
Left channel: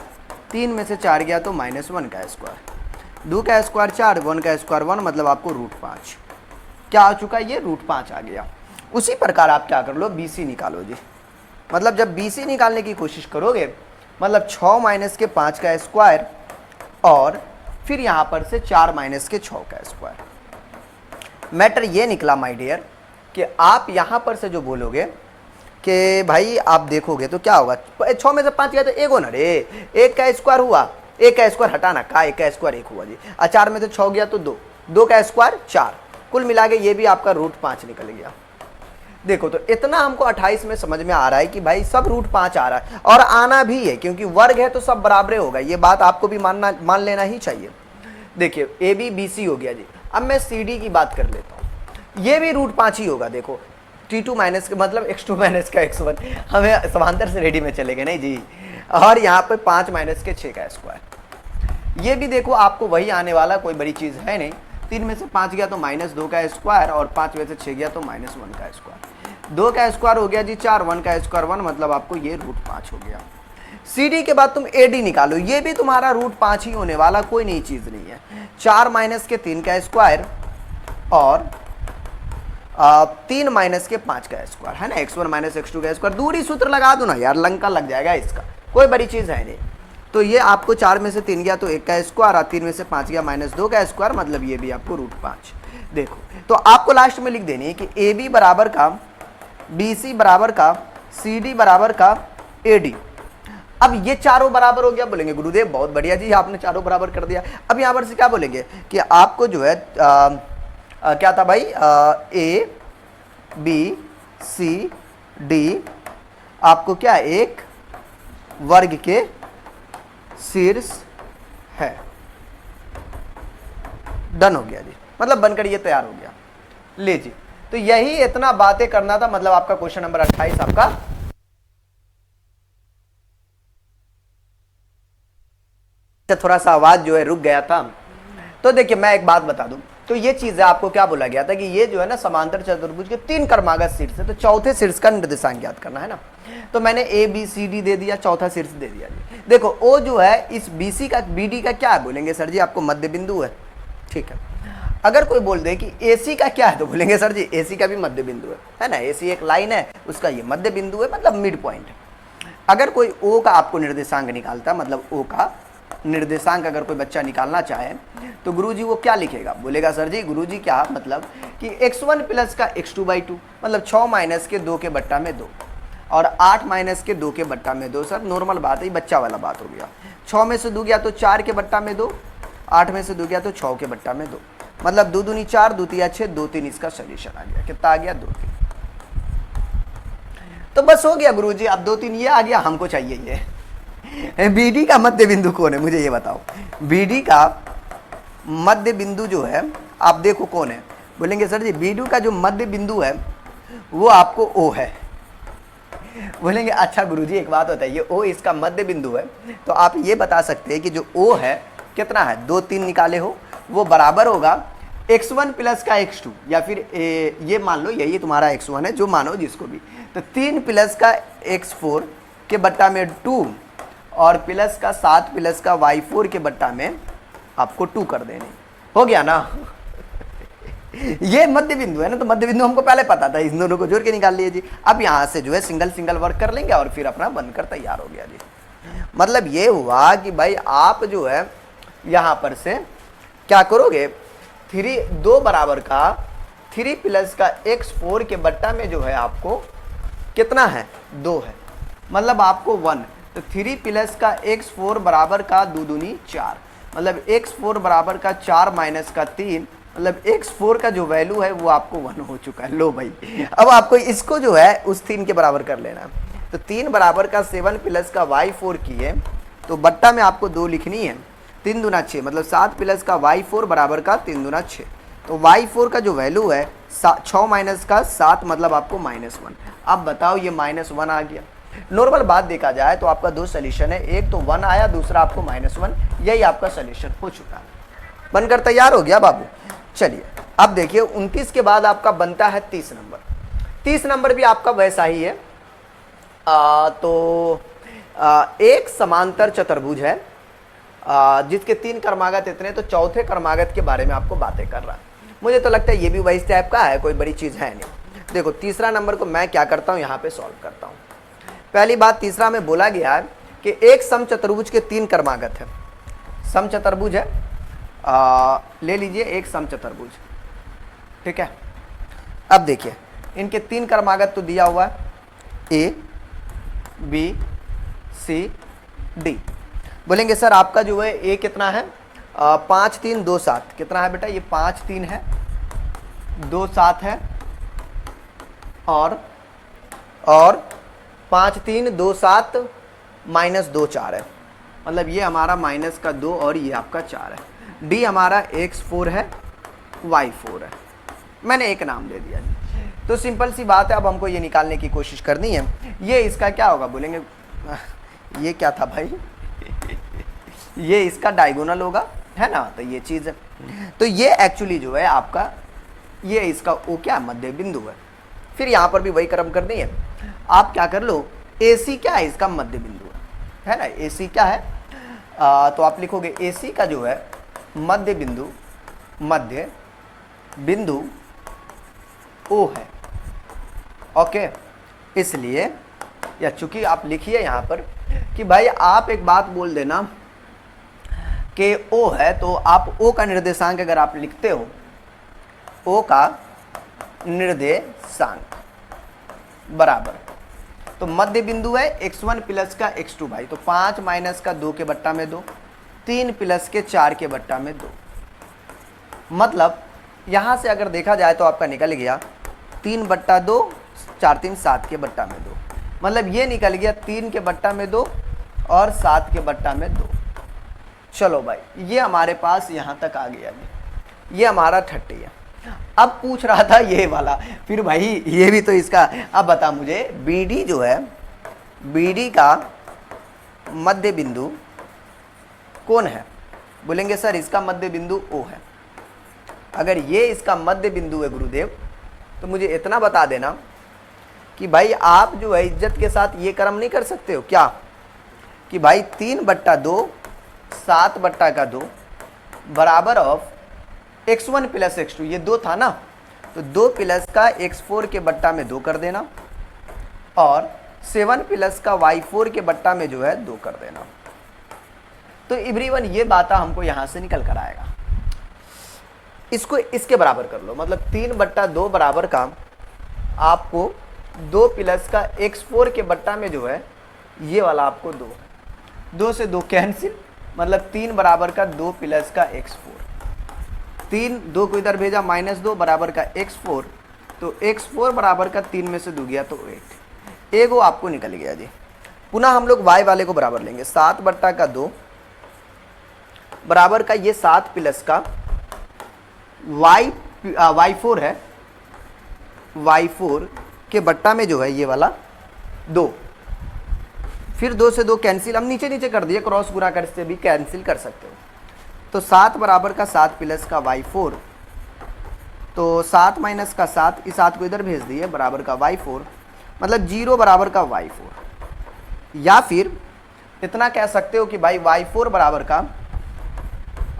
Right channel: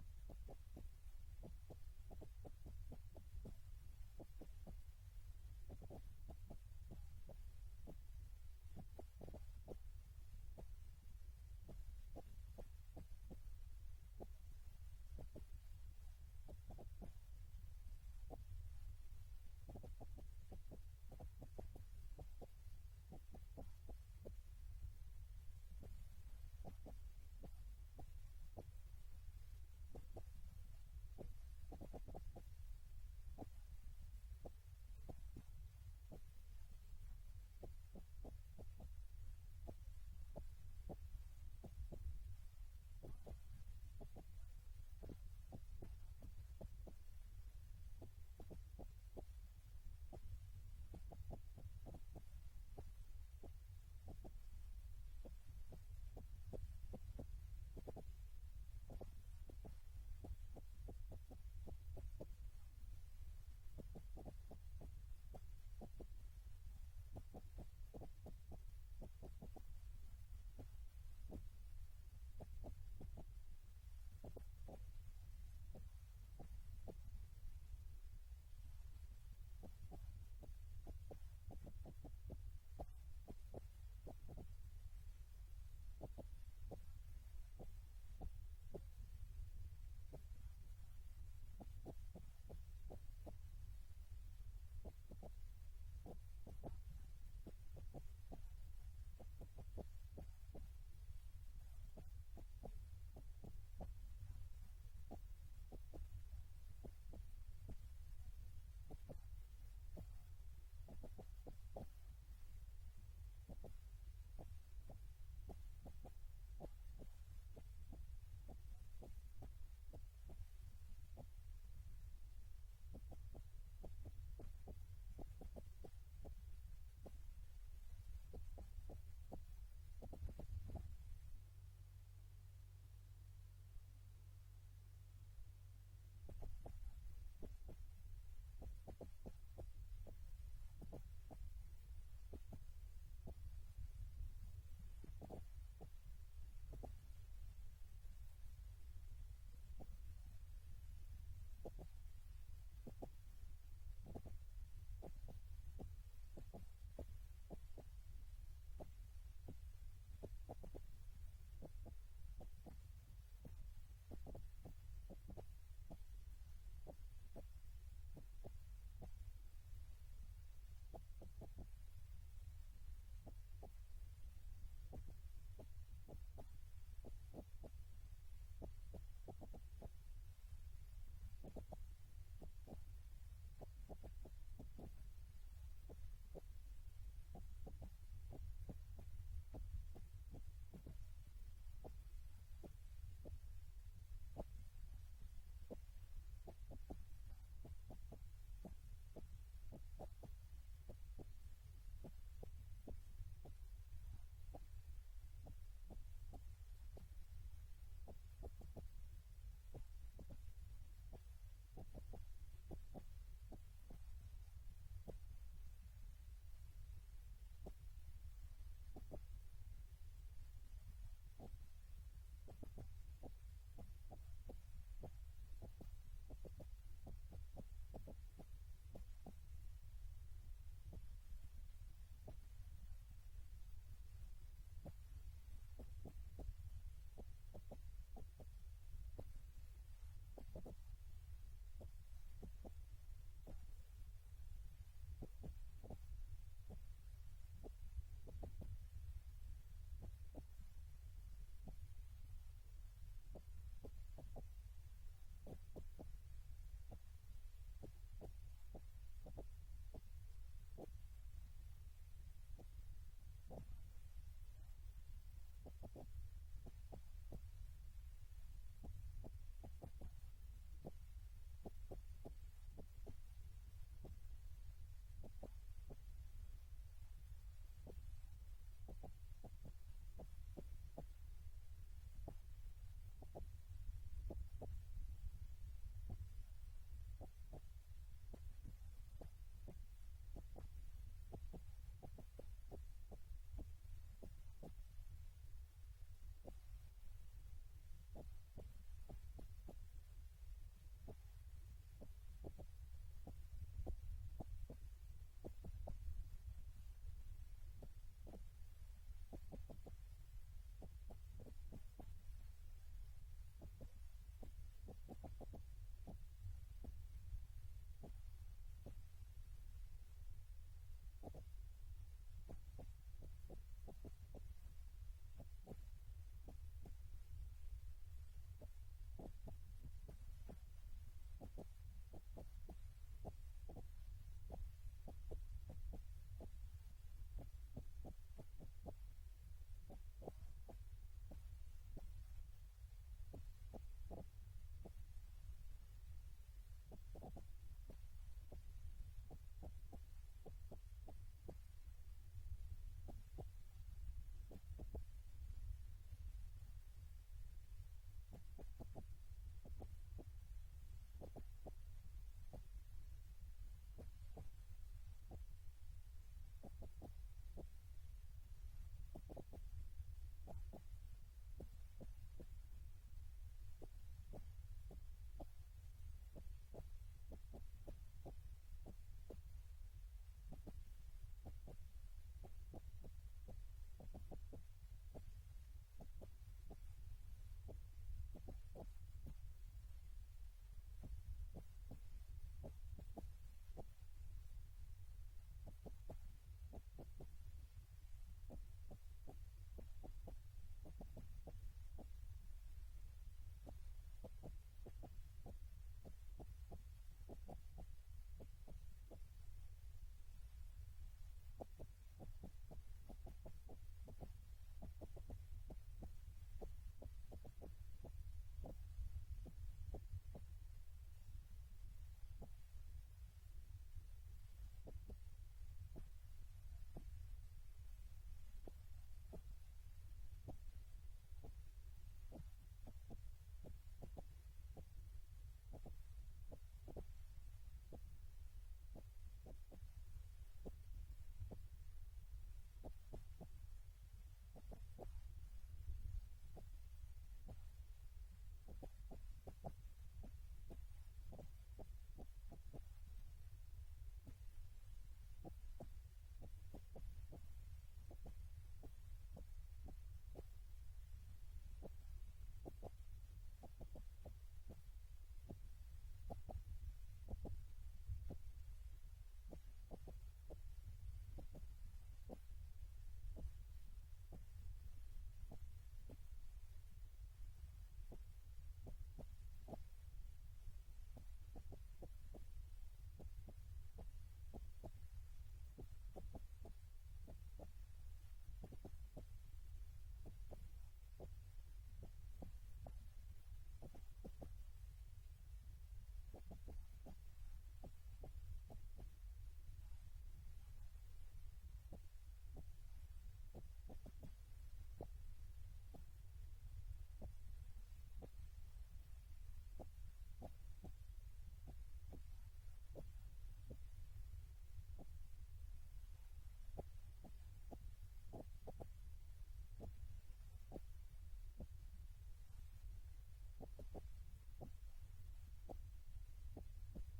3 में से 4 गया तो -1 का स्क्वायर, 2 का स्क्वायर 4, 1 का स्क्वायर 1, मतलब आपको √5 क्या आ चुका है, ये √5 आ गया। उसी प्रकार आप क्या कर लो, BC निकालो जी। मतलब जब BC निकालने की कोशिश करोगे, मतलब 6 माइनस के 5 का स्क्वायर और फिर यहां पर से 4 माइनस के 6 का स्क्वायर। मैटर ये निकला माय डियर कि आप यहां पर से जो बोलोगे कि भाई आप देखोगे तो क्या होगा, 6 में से 5 गया तो 1 होना रे, 1 का स्क्वायर हुआ, 1 का स्क्वायर हटाना का, 1 का स्क्वायर 1 हुआ जी। 4 में से 6 गया तो 2, 2 का स्क्वायर 4, कुल मिला के ये भी आपका √5 निकल गया। देखो तो इतना हमको 28 में समझ में आ रहा है कि भाई सब √5 आ रहा है, और आना भी है क्योंकि वर्ग है तो सब बराबर होगा, ये बात आपको भी मान लेना ही चाहिए। देखिए ए बी बी सी हो गया जी। अब मैं सी डी की बात कर लेता हूँ, ये भी √5 ही होगा। देखो T2 माइनस का मतलब x2 माइनस का x1, हमें समांतर से रेडी में चलेंगे नहीं जी। और यहाँ पे 5 माइनस के 6 का स्क्वायर, ये भी देखो आपको वही आने वाला, कोई बड़ी चीज है नहीं। 3 में से 5 गया तो -2 का स्क्वायर, और 5 में से 6 गया तो -1 का स्क्वायर। 2 का स्क्वायर हो गया जी 4, 1 का स्क्वायर 1, मतलब आपको ये √5 हो गया। सी डी के बाद तुम ए डी निकालो, ये भी तुम्हारा √5 ही होने वाला, कोई नई चीज नहीं है। 4 माइनस के 3 का स्क्वायर और 3 माइनस के 5 का स्क्वायर, है ना, x1 माइनस x2 का स्क्वायर। दूरी सूत्र लगा दो ना यार, लंका लग जाएगा इसका, कोई बड़ी चीज है नहीं। तो ये आपको 4 में से 3 गया तो 1 का स्क्वायर, और 3 में से 5 गया -2 का स्क्वायर, मतलब ये भी आपको √5। देखो तो आपको लास्ट में लिख देनी है कि ए बी बराबर का बी सी बराबर का सी डी बराबर का ए डी। अब ये चारों बराबर हो गया, बोलेंगे गुरुदेव बहुत बढ़िया जी आपने चारों बराबर कर दिया। अब यहाँ पर से क्या बोलेंगे कि आपको जो है क्या था भाई, ए बी सी डी आपको क्या एक वर्ग के शीर्ष है। डन हो गया जी, मतलब बनकर ये तैयार हो गया। ले जी, तो यही इतना बातें करना था, मतलब आपका क्वेश्चन नंबर 28 आपका। थोड़ा सा आवाज जो है रुक गया था। तो देखिए मैं एक बात बता दूं, तो ये चीज आपको क्या बोला गया था कि ये जो है ना समांतर चतुर्भुज के 3 कर्मागत शीर्ष है, तो चौथे शीर्ष का निर्देशांक ज्ञात करना है ना। तो मैंने ए बी सी डी दे दिया, चौथा शीर्ष दे दिया जी। देखो ओ जो है इस बी सी का बी डी का क्या है, बोलेंगे सर जी आपको मध्य बिंदु है, ठीक है। अगर कोई बोल दे कि ए सी का क्या है, तो बोलेंगे सर जी ए सी का भी मध्य बिंदु है ना, ए सी एक लाइन है, उसका ये मध्य बिंदु है, मतलब मिड पॉइंट। अगर कोई ओ का आपको निर्देशांक निकालता, मतलब ओ का निर्देशांक अगर कोई बच्चा निकालना चाहे तो गुरुजी वो क्या लिखेगा, बोलेगा सर जी गुरुजी क्या मतलब कि x1 प्लस का x2/2, मतलब 6 माइनस के 2 के बट्टा में 2 और 8 माइनस के 2 के बट्टा में 2। सर नॉर्मल बात है, बच्चा वाला बात हो गया। 6 में से 2 गया तो 4 के बट्टा में 2, 8 में से 2 गया तो 6 के बट्टा में 2, मतलब 2 दूनी 4, 2 तिया 6, 2 3 इसका सोल्यूशन आ गया। कितना आ गया, 2 3। तो बस हो गया गुरुजी, अब 2 3 ये आ गया, हमको चाहिए ये बीडी का मध्य बिंदु कौन है, मुझे ये बताओ। बीडी का मध्य बिंदु जो है आप देखो कौन है, बोलेंगे सर जी बीडी का जो मध्य बिंदु है वो आपको ओ है। बोलेंगे अच्छा गुरुजी एक बात बताइए, ओ इसका मध्य बिंदु है, तो आप ये बता सकते हैं कि जो ओ है कितना है, 2 3 निकाले हो, वो बराबर होगा x1 प्लस का x2, या फिर ये मान लो यही तुम्हारा x1 है, जो मानो जिसको भी, तो 3 प्लस का x4 के बट्टा में 2 और प्लस का 7 प्लस का y4 के बट्टा में आपको 2 कर देने। हो गया ना ये मध्य बिंदु है ना, तो मध्य बिंदु हमको पहले पता था, इन दोनों को जोड़ के निकाल लिए जी। अब यहां से जो है सिंगल सिंगल वर्क कर लेंगे और फिर अपना बनकर तैयार हो गया जी। मतलब ये हुआ कि भाई आप जो है यहां पर से क्या करोगे, 2 बराबर का 3 प्लस का x4 के बट्टा में जो है आपको कितना है, 2 है, मतलब आपको 1, तो 3 प्लस का x4 बराबर का 2 दूनी 4, मतलब x4 बराबर का 4 माइनस का 3, मतलब x4 का जो वैल्यू है वो आपको 1 हो चुका है। लो भाई अब आपको इसको जो है उस 3 के बराबर कर लेना, तो 3 बराबर का 7 प्लस का y4 की है, तो बट्टा में आपको 2 लिखनी है, 3 दूना 6, मतलब 7 प्लस का y4 बराबर का 3 दूना 6, तो y4 का जो वैल्यू है 6 माइनस का 7, मतलब आपको -1। अब बताओ ये -1 आ गया। नॉर्मल बात देखा जाए तो आपका 2 सोल्यूशन है, एक तो 1 आया, दूसरा आपको -1, यही आपका सोल्यूशन हो चुका है, बनकर तैयार हो गया बाबू। चलिए अब देखिए 29 के बाद आपका बनता है 30 नंबर। 30 नंबर भी आपका वैसा ही है। एक समांतर चतुर्भुज है जिसके 3 कर्मागत इतने, तो चौथे कर्मागत के बारे में आपको बातें कर रहा है। मुझे तो लगता है ये भी वही टाइप का है, कोई बड़ी चीज है नहीं। देखो तीसरा नंबर को मैं क्या करता हूँ, यहाँ पे सॉल्व करता हूँ। पहली बात तीसरा में बोला गया है कि एक समचतुर्भुज के 3 कर्मागत है। समचतुर्भुज है, ले लीजिए एक समचतुर्भुज, ठीक है। अब देखिए इनके 3 क्रमागत तो दिया हुआ है, ए बी सी डी। बोलेंगे सर आपका जो है ए कितना है, 5 3 2 7 कितना है बेटा, ये 5 3 है, 2 7 है, और 5 3 2 7 माइनस 2 4 है, मतलब ये हमारा माइनस का 2 और ये आपका 4 है। डी हमारा x4 है, y4 है, मैंने एक नाम दे दिया जी। तो सिंपल सी बात है, अब हमको ये निकालने की कोशिश करनी है, ये इसका क्या होगा, बोलेंगे ये क्या था भाई ये इसका डायगोनल होगा, है ना, तो ये चीज़ है। तो ये एक्चुअली जो है आपका, ये इसका वो क्या मध्य बिंदु है। फिर यहाँ पर भी वही क्रम करनी है, आप क्या कर लो, AC क्या है, इसका मध्य बिंदु है ना, AC क्या है, तो आप लिखोगे AC का जो है मध्य बिंदु O है, ओके। इसलिए या चूंकि आप लिखिए यहाँ पर कि भाई आप एक बात बोल देना कि O है, तो आप O का निर्देशांक अगर आप लिखते हो, O का निर्देशांक बराबर, तो मध्य बिंदु है x1 प्लस का x2 भाई, तो 5 माइनस का 2 के बट्टा में 2, 3 प्लस के 4 के बट्टा में 2, मतलब यहाँ से अगर देखा जाए तो आपका निकल गया 3 बट्टा 2, 4 3 7 के बट्टा में 2, मतलब ये निकल गया 3 के बट्टा में 2 और 7 के बट्टा में 2। चलो भाई ये हमारे पास यहाँ तक आ गया, ये हमारा 30 है। अब पूछ रहा था ये वाला, फिर भाई ये भी तो इसका, अब बता मुझे BD जो है, BD का मध्य बिंदु कौन है, बोलेंगे सर इसका मध्य बिंदु O है। अगर ये इसका मध्य बिंदु है गुरुदेव, तो मुझे इतना बता देना कि भाई आप जो है इज्जत के साथ ये कर्म नहीं कर सकते हो क्या, कि भाई 3 बट्टा 2 7 बट्टा का 2 बराबर ऑफ x1 प्लस x2, ये 2 था ना, तो 2 प्लस का x4 के बट्टा में 2 कर देना, और 7 प्लस का y4 के बट्टा में जो है 2 कर देना। तो एवरीवन ये बात हमको यहाँ से निकल कर आएगा, इसको इसके बराबर कर लो, मतलब 3 बट्टा 2 बराबर का आपको 2 प्लस का x4 के बट्टा में जो है ये वाला आपको 2 से 2 कैंसिल, मतलब 3 बराबर का 2 प्लस का x4, 3 2 को इधर भेजा -2 बराबर का x4, तो x4 बराबर का 3 में से 2 गया तो 8, एक वो आपको निकल गया जी। पुनः हम लोग y वाले को बराबर लेंगे, 7 बट्टा का 2 बराबर का ये 7 प्लस का y4 है, y4 के बट्टा में जो है ये वाला 2, फिर 2 से 2 कैंसिल, हम नीचे नीचे कर दिए, क्रॉस गुणा कर से भी कैंसिल कर सकते हो, तो 7 बराबर का 7 प्लस का y4, तो 7 माइनस का 7, इस 7 को इधर भेज दिए बराबर का y4, मतलब 0 बराबर का y4, या फिर इतना कह सकते हो कि भाई y4 बराबर का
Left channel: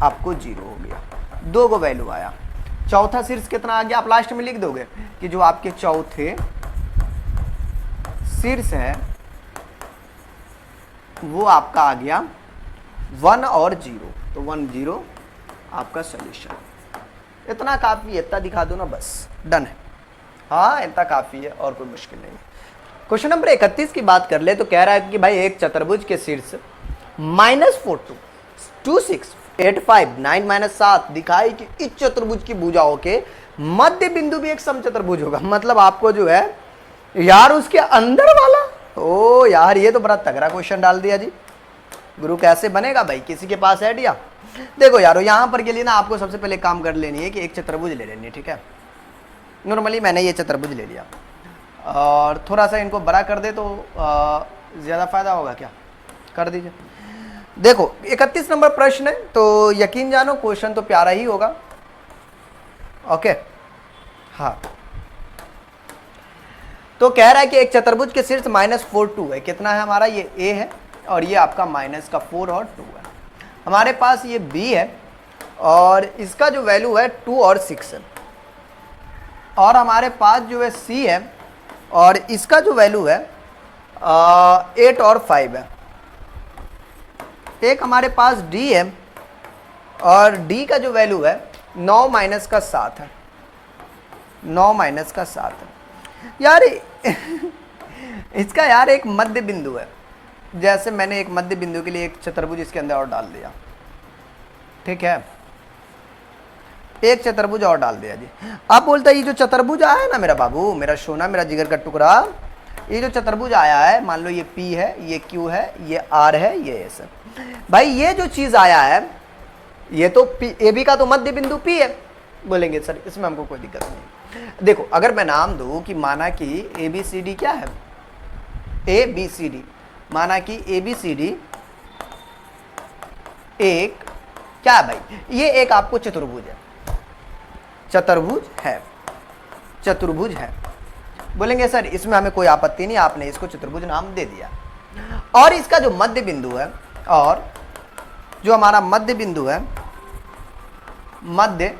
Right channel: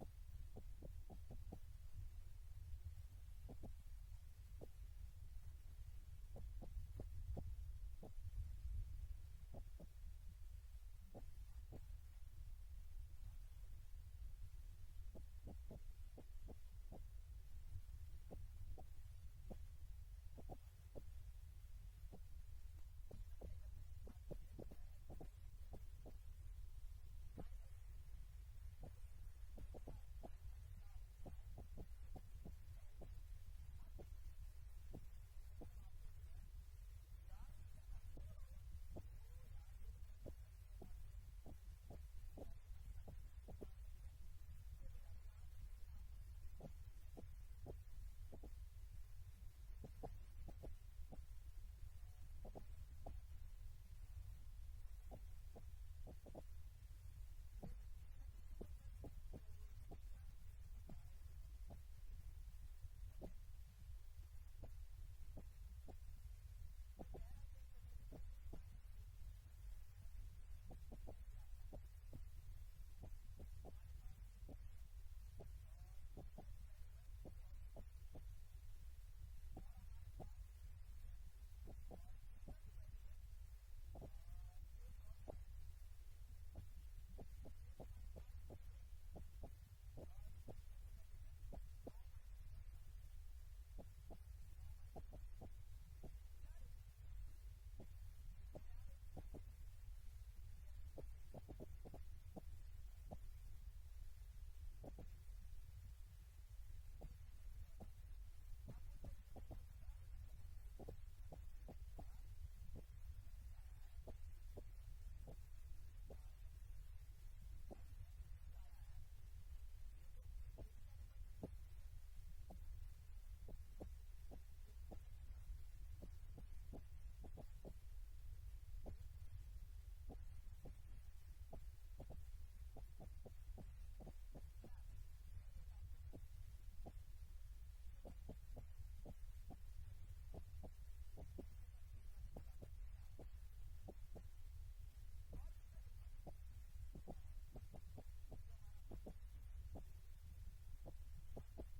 आपको 0 हो गया, 2 को वैल्यू आया। चौथा शीर्ष कितना आ गया, आप लास्ट में लिख दोगे कि जो आपके चौथे शीर्ष है वो आपका आ गया 1 और 0, तो 1 0 आपका सोल्यूशन। इतना काफ़ी है, इतना दिखा दो ना बस, डन है। हाँ इतना काफ़ी है और कोई मुश्किल नहीं है। क्वेश्चन नंबर 31 की बात कर ले तो कह रहा है कि भाई एक चतुर्भुज के शीर्ष -4 2 6 8 5 9 -7 दिखाई कि इस चतुर्भुज की भुजाओं के मध्य बिंदु भी एक समचतुर्भुज होगा। मतलब आपको जो है यार उसके अंदर वाला, ओ यार ये तो बड़ा तगड़ा क्वेश्चन डाल दिया जी। गुरु कैसे बनेगा भाई, किसी के पास आइडिया? देखो यारो यहाँ पर के लिए ना आपको सबसे पहले काम कर लेनी है कि एक चतुर्भुज ले लेनी है, ठीक है। नॉर्मली मैंने ये चतुर्भुज ले लिया और थोड़ा सा इनको बड़ा कर दे तो ज़्यादा फायदा होगा क्या, कर दीजिए। देखो 31 नंबर प्रश्न है तो यकीन जानो क्वेश्चन तो प्यारा ही होगा, ओके। हाँ तो कह रहा है कि एक चतुर्भुज के शीर्ष -4 2 है, कितना है हमारा, ये A है और ये आपका -4 और 2 है। हमारे पास ये B है और इसका जो वैल्यू है 2 और 6 है, और हमारे पास जो है C है और इसका जो वैल्यू है 8 और 5 है। एक हमारे पास D है और डी का जो वैल्यू है 9 माइनस का 7 है, 9 माइनस का 7 है यार। इसका यार एक मध्य बिंदु है, जैसे मैंने एक मध्य बिंदु के लिए एक चतुर्भुज इसके अंदर और डाल दिया, ठीक है, एक चतुर्भुज और डाल दिया जी। अब बोलता है ये जो चतुर्भुज आया है ना मेरा बाबू, मेरा सोना, मेरा जिगर का टुकड़ा, ये जो चतुर्भुज आया है, मान लो ये P है, ये Q है, ये R है, ये S है। भाई ये जो चीज आया है ये तो AB का तो मध्य बिंदु P है। बोलेंगे सर इसमें हमको कोई दिक्कत नहीं। देखो अगर मैं नाम दूं कि माना कि ABCD क्या है, ABCD, माना कि ABCD एक क्या है भाई, ये एक आपको चतुर्भुज है, चतुर्भुज है, चतुर्भुज है। बोलेंगे सर इसमें हमें कोई आपत्ति नहीं, आपने इसको चतुर्भुज नाम दे दिया। और इसका जो मध्य बिंदु है, और जो हमारा मध्य बिंदु है, मध्य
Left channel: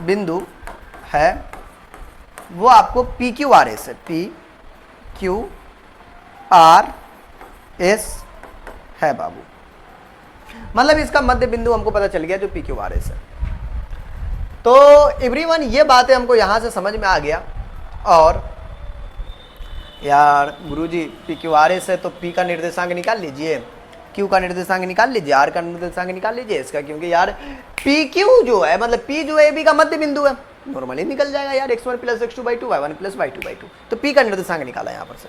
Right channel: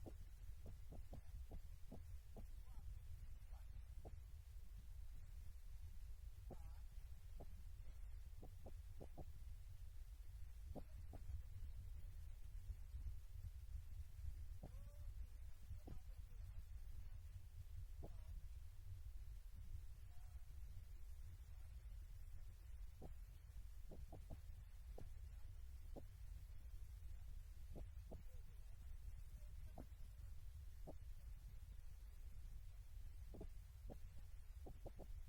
बिंदु है वो आपको PQRS है, PQRS है बाबू। मतलब इसका मध्य बिंदु हमको पता चल गया जो PQRS है। तो एवरीवन ये बातें हमको यहां से समझ में आ गया। और यार गुरुजी PQRS है तो P का निर्देशांक निकाल लीजिए, Q का निर्देशांक निकाल लीजिए, R का निर्देशांक निकाल लीजिए इसका, क्योंकि यार PQ जो है मतलब P जो है AB का मध्य बिंदु है, नॉर्मली निकल जाएगा यार, x1 + x2/2 y1 + y2/2। तो P का निर्देशांक निकाला यहाँ पर से।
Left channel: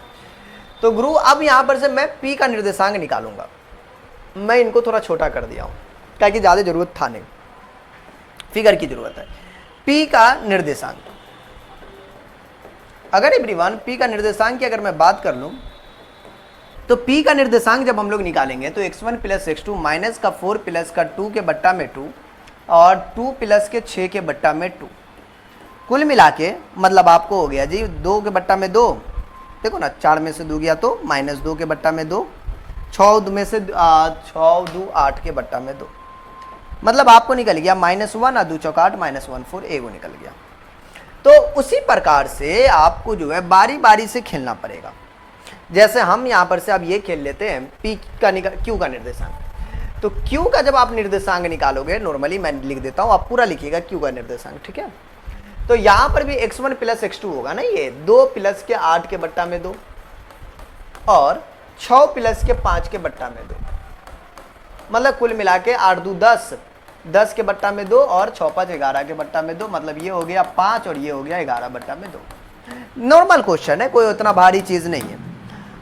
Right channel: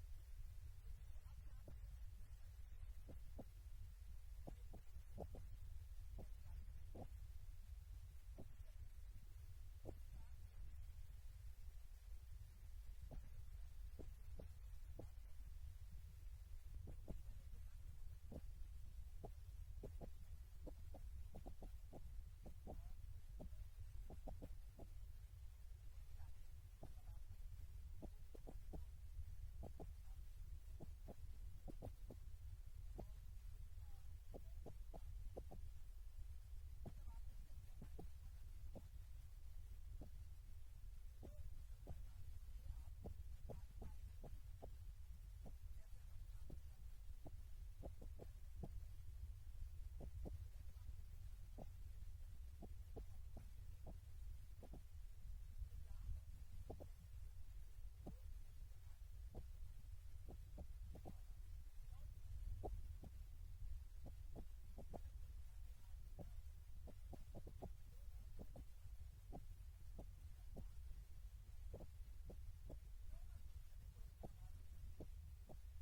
तो गुरु अब यहाँ पर से मैं P का निर्देशांक निकालूंगा। मैं इनको थोड़ा छोटा कर दिया हूँ क्या कि ज़्यादा जरूरत था नहीं, फिगर की जरूरत है। P का निर्देशांक, अगर एवरीवन P का निर्देशांक की अगर मैं बात कर लूँ तो P का निर्देशांक जब हम लोग निकालेंगे तो x1 + x2 माइनस का 4 प्लस का 2 के बट्टा में 2 और 2 प्लस के 6 के बट्टा में 2, कुल मिला के मतलब आपको हो गया जी 2 के बट्टा में 2, देखो ना 4 में से 2 गया तो -2 के बट्टा में 2, 6 में से 6 2 8 के बट्टा में 2, मतलब आपको निकल गया -1 2 चौक 8 -1 4 एगो निकल गया। तो उसी प्रकार से आपको जो है बारी बारी से खेलना पड़ेगा। जैसे हम यहाँ पर से अब ये खेल लेते हैं P का Q का निर्देशांक। तो Q का जब आप निर्देशांक निकालोगे, नॉर्मली मैं लिख देता हूँ, आप पूरा लिखिएगा Q का निर्देशांक, ठीक है। तो यहाँ पर भी x1 + x2 होगा ना, ये 2 प्लस के 8 के बट्टा में 2 और 6 प्लस के 5 के बट्टा में 2, मतलब कुल मिला के 8 2 10, 10 के बट्टा में 2 और 6 5 11 के बट्टा में 2, मतलब ये हो गया 5 और ये हो गया 11 बट्टा में 2। नॉर्मल क्वेश्चन है, कोई उतना भारी चीज नहीं है।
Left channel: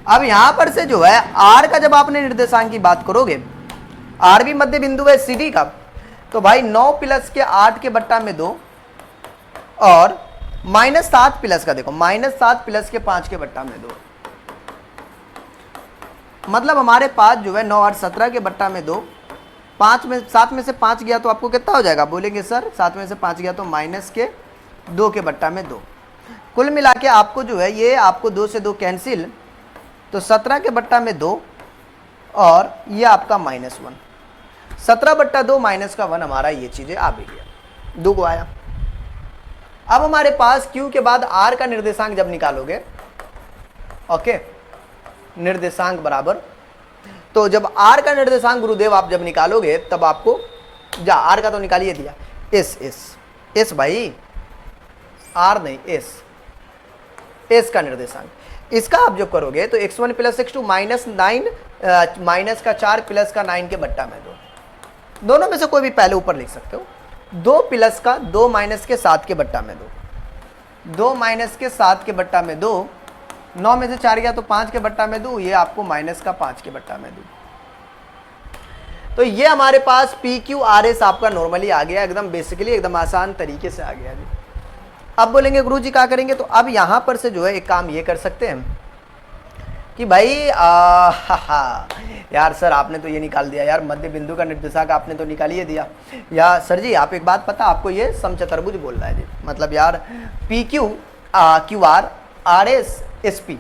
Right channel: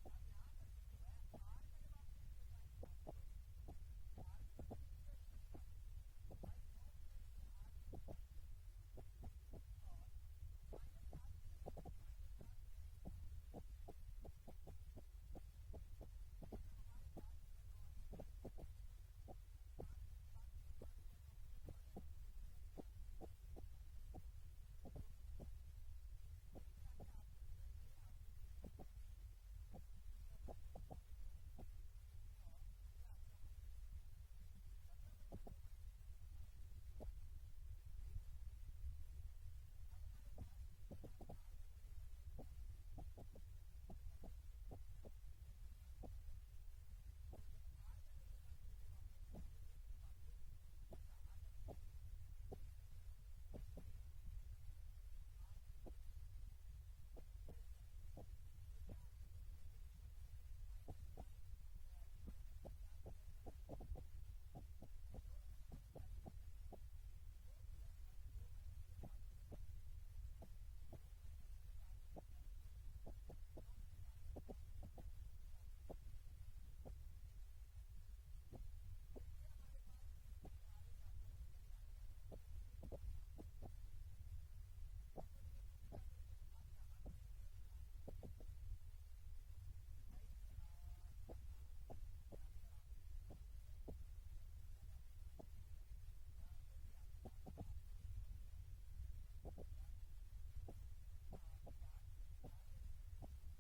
अब यहां पर से जो है R का जब आपने निर्देशांक की बात करोगे, R भी मध्य बिंदु है CD का, तो भाई 9 प्लस के 8 के बट्टा में 2 और -7 प्लस का, देखो -7 प्लस के 5 के बट्टा में 2, मतलब हमारे पास जो है 9 8 17 के बट्टा में 2, 7 में से 5 गया तो आपको कितना हो जाएगा, बोलेंगे सर 7 में से 5 गया तो -2 के बट्टा में 2, कुल मिला के आपको जो है ये आपको 2 से 2 कैंसिल, तो 17 के बट्टा में 2 और ये आपका -1, 17/2 -1 हमारा ये चीजें आ भी गया, 2 को आया। अब हमारे पास Q के बाद R का निर्देशांक जब निकालोगे, ओके, निर्देशांक बराबर, तो जब R का निर्देशांक गुरुदेव आप जब निकालोगे तब आपको R का तो निकालिए दिया, S भाई, R नहीं S का निर्देशांक, इसका आप जब करोगे तो x1 + x2 -9 माइनस का 4 प्लस का 9 के बट्टा में 2, दोनों में से कोई भी पहले ऊपर लिख सकते हो, 2 प्लस का 2 माइनस के 7 के बट्टा में 2 माइनस के 7 के बट्टा में 2, 9 में से 4 गया तो 5 के बट्टा में 2, ये आपको -5 के बट्टा में 2। तो ये हमारे पास PQRS आपका नॉर्मली आ गया, एकदम बेसिकली एकदम आसान तरीके से आ गया जी। अब बोलेंगे गुरुजी क्या करेंगे, तो अब यहां पर से जो है एक काम ये कर सकते हैं कि भाई यार सर आपने तो ये निकाल दिया यार, मध्य बिंदु का निर्देशांक आपने तो निकाल ही दिया। या सर जी आप एक बात पता, आपको ये समचतुर्भुज बोल रहा है जी, मतलब यार PQ QR RS SP,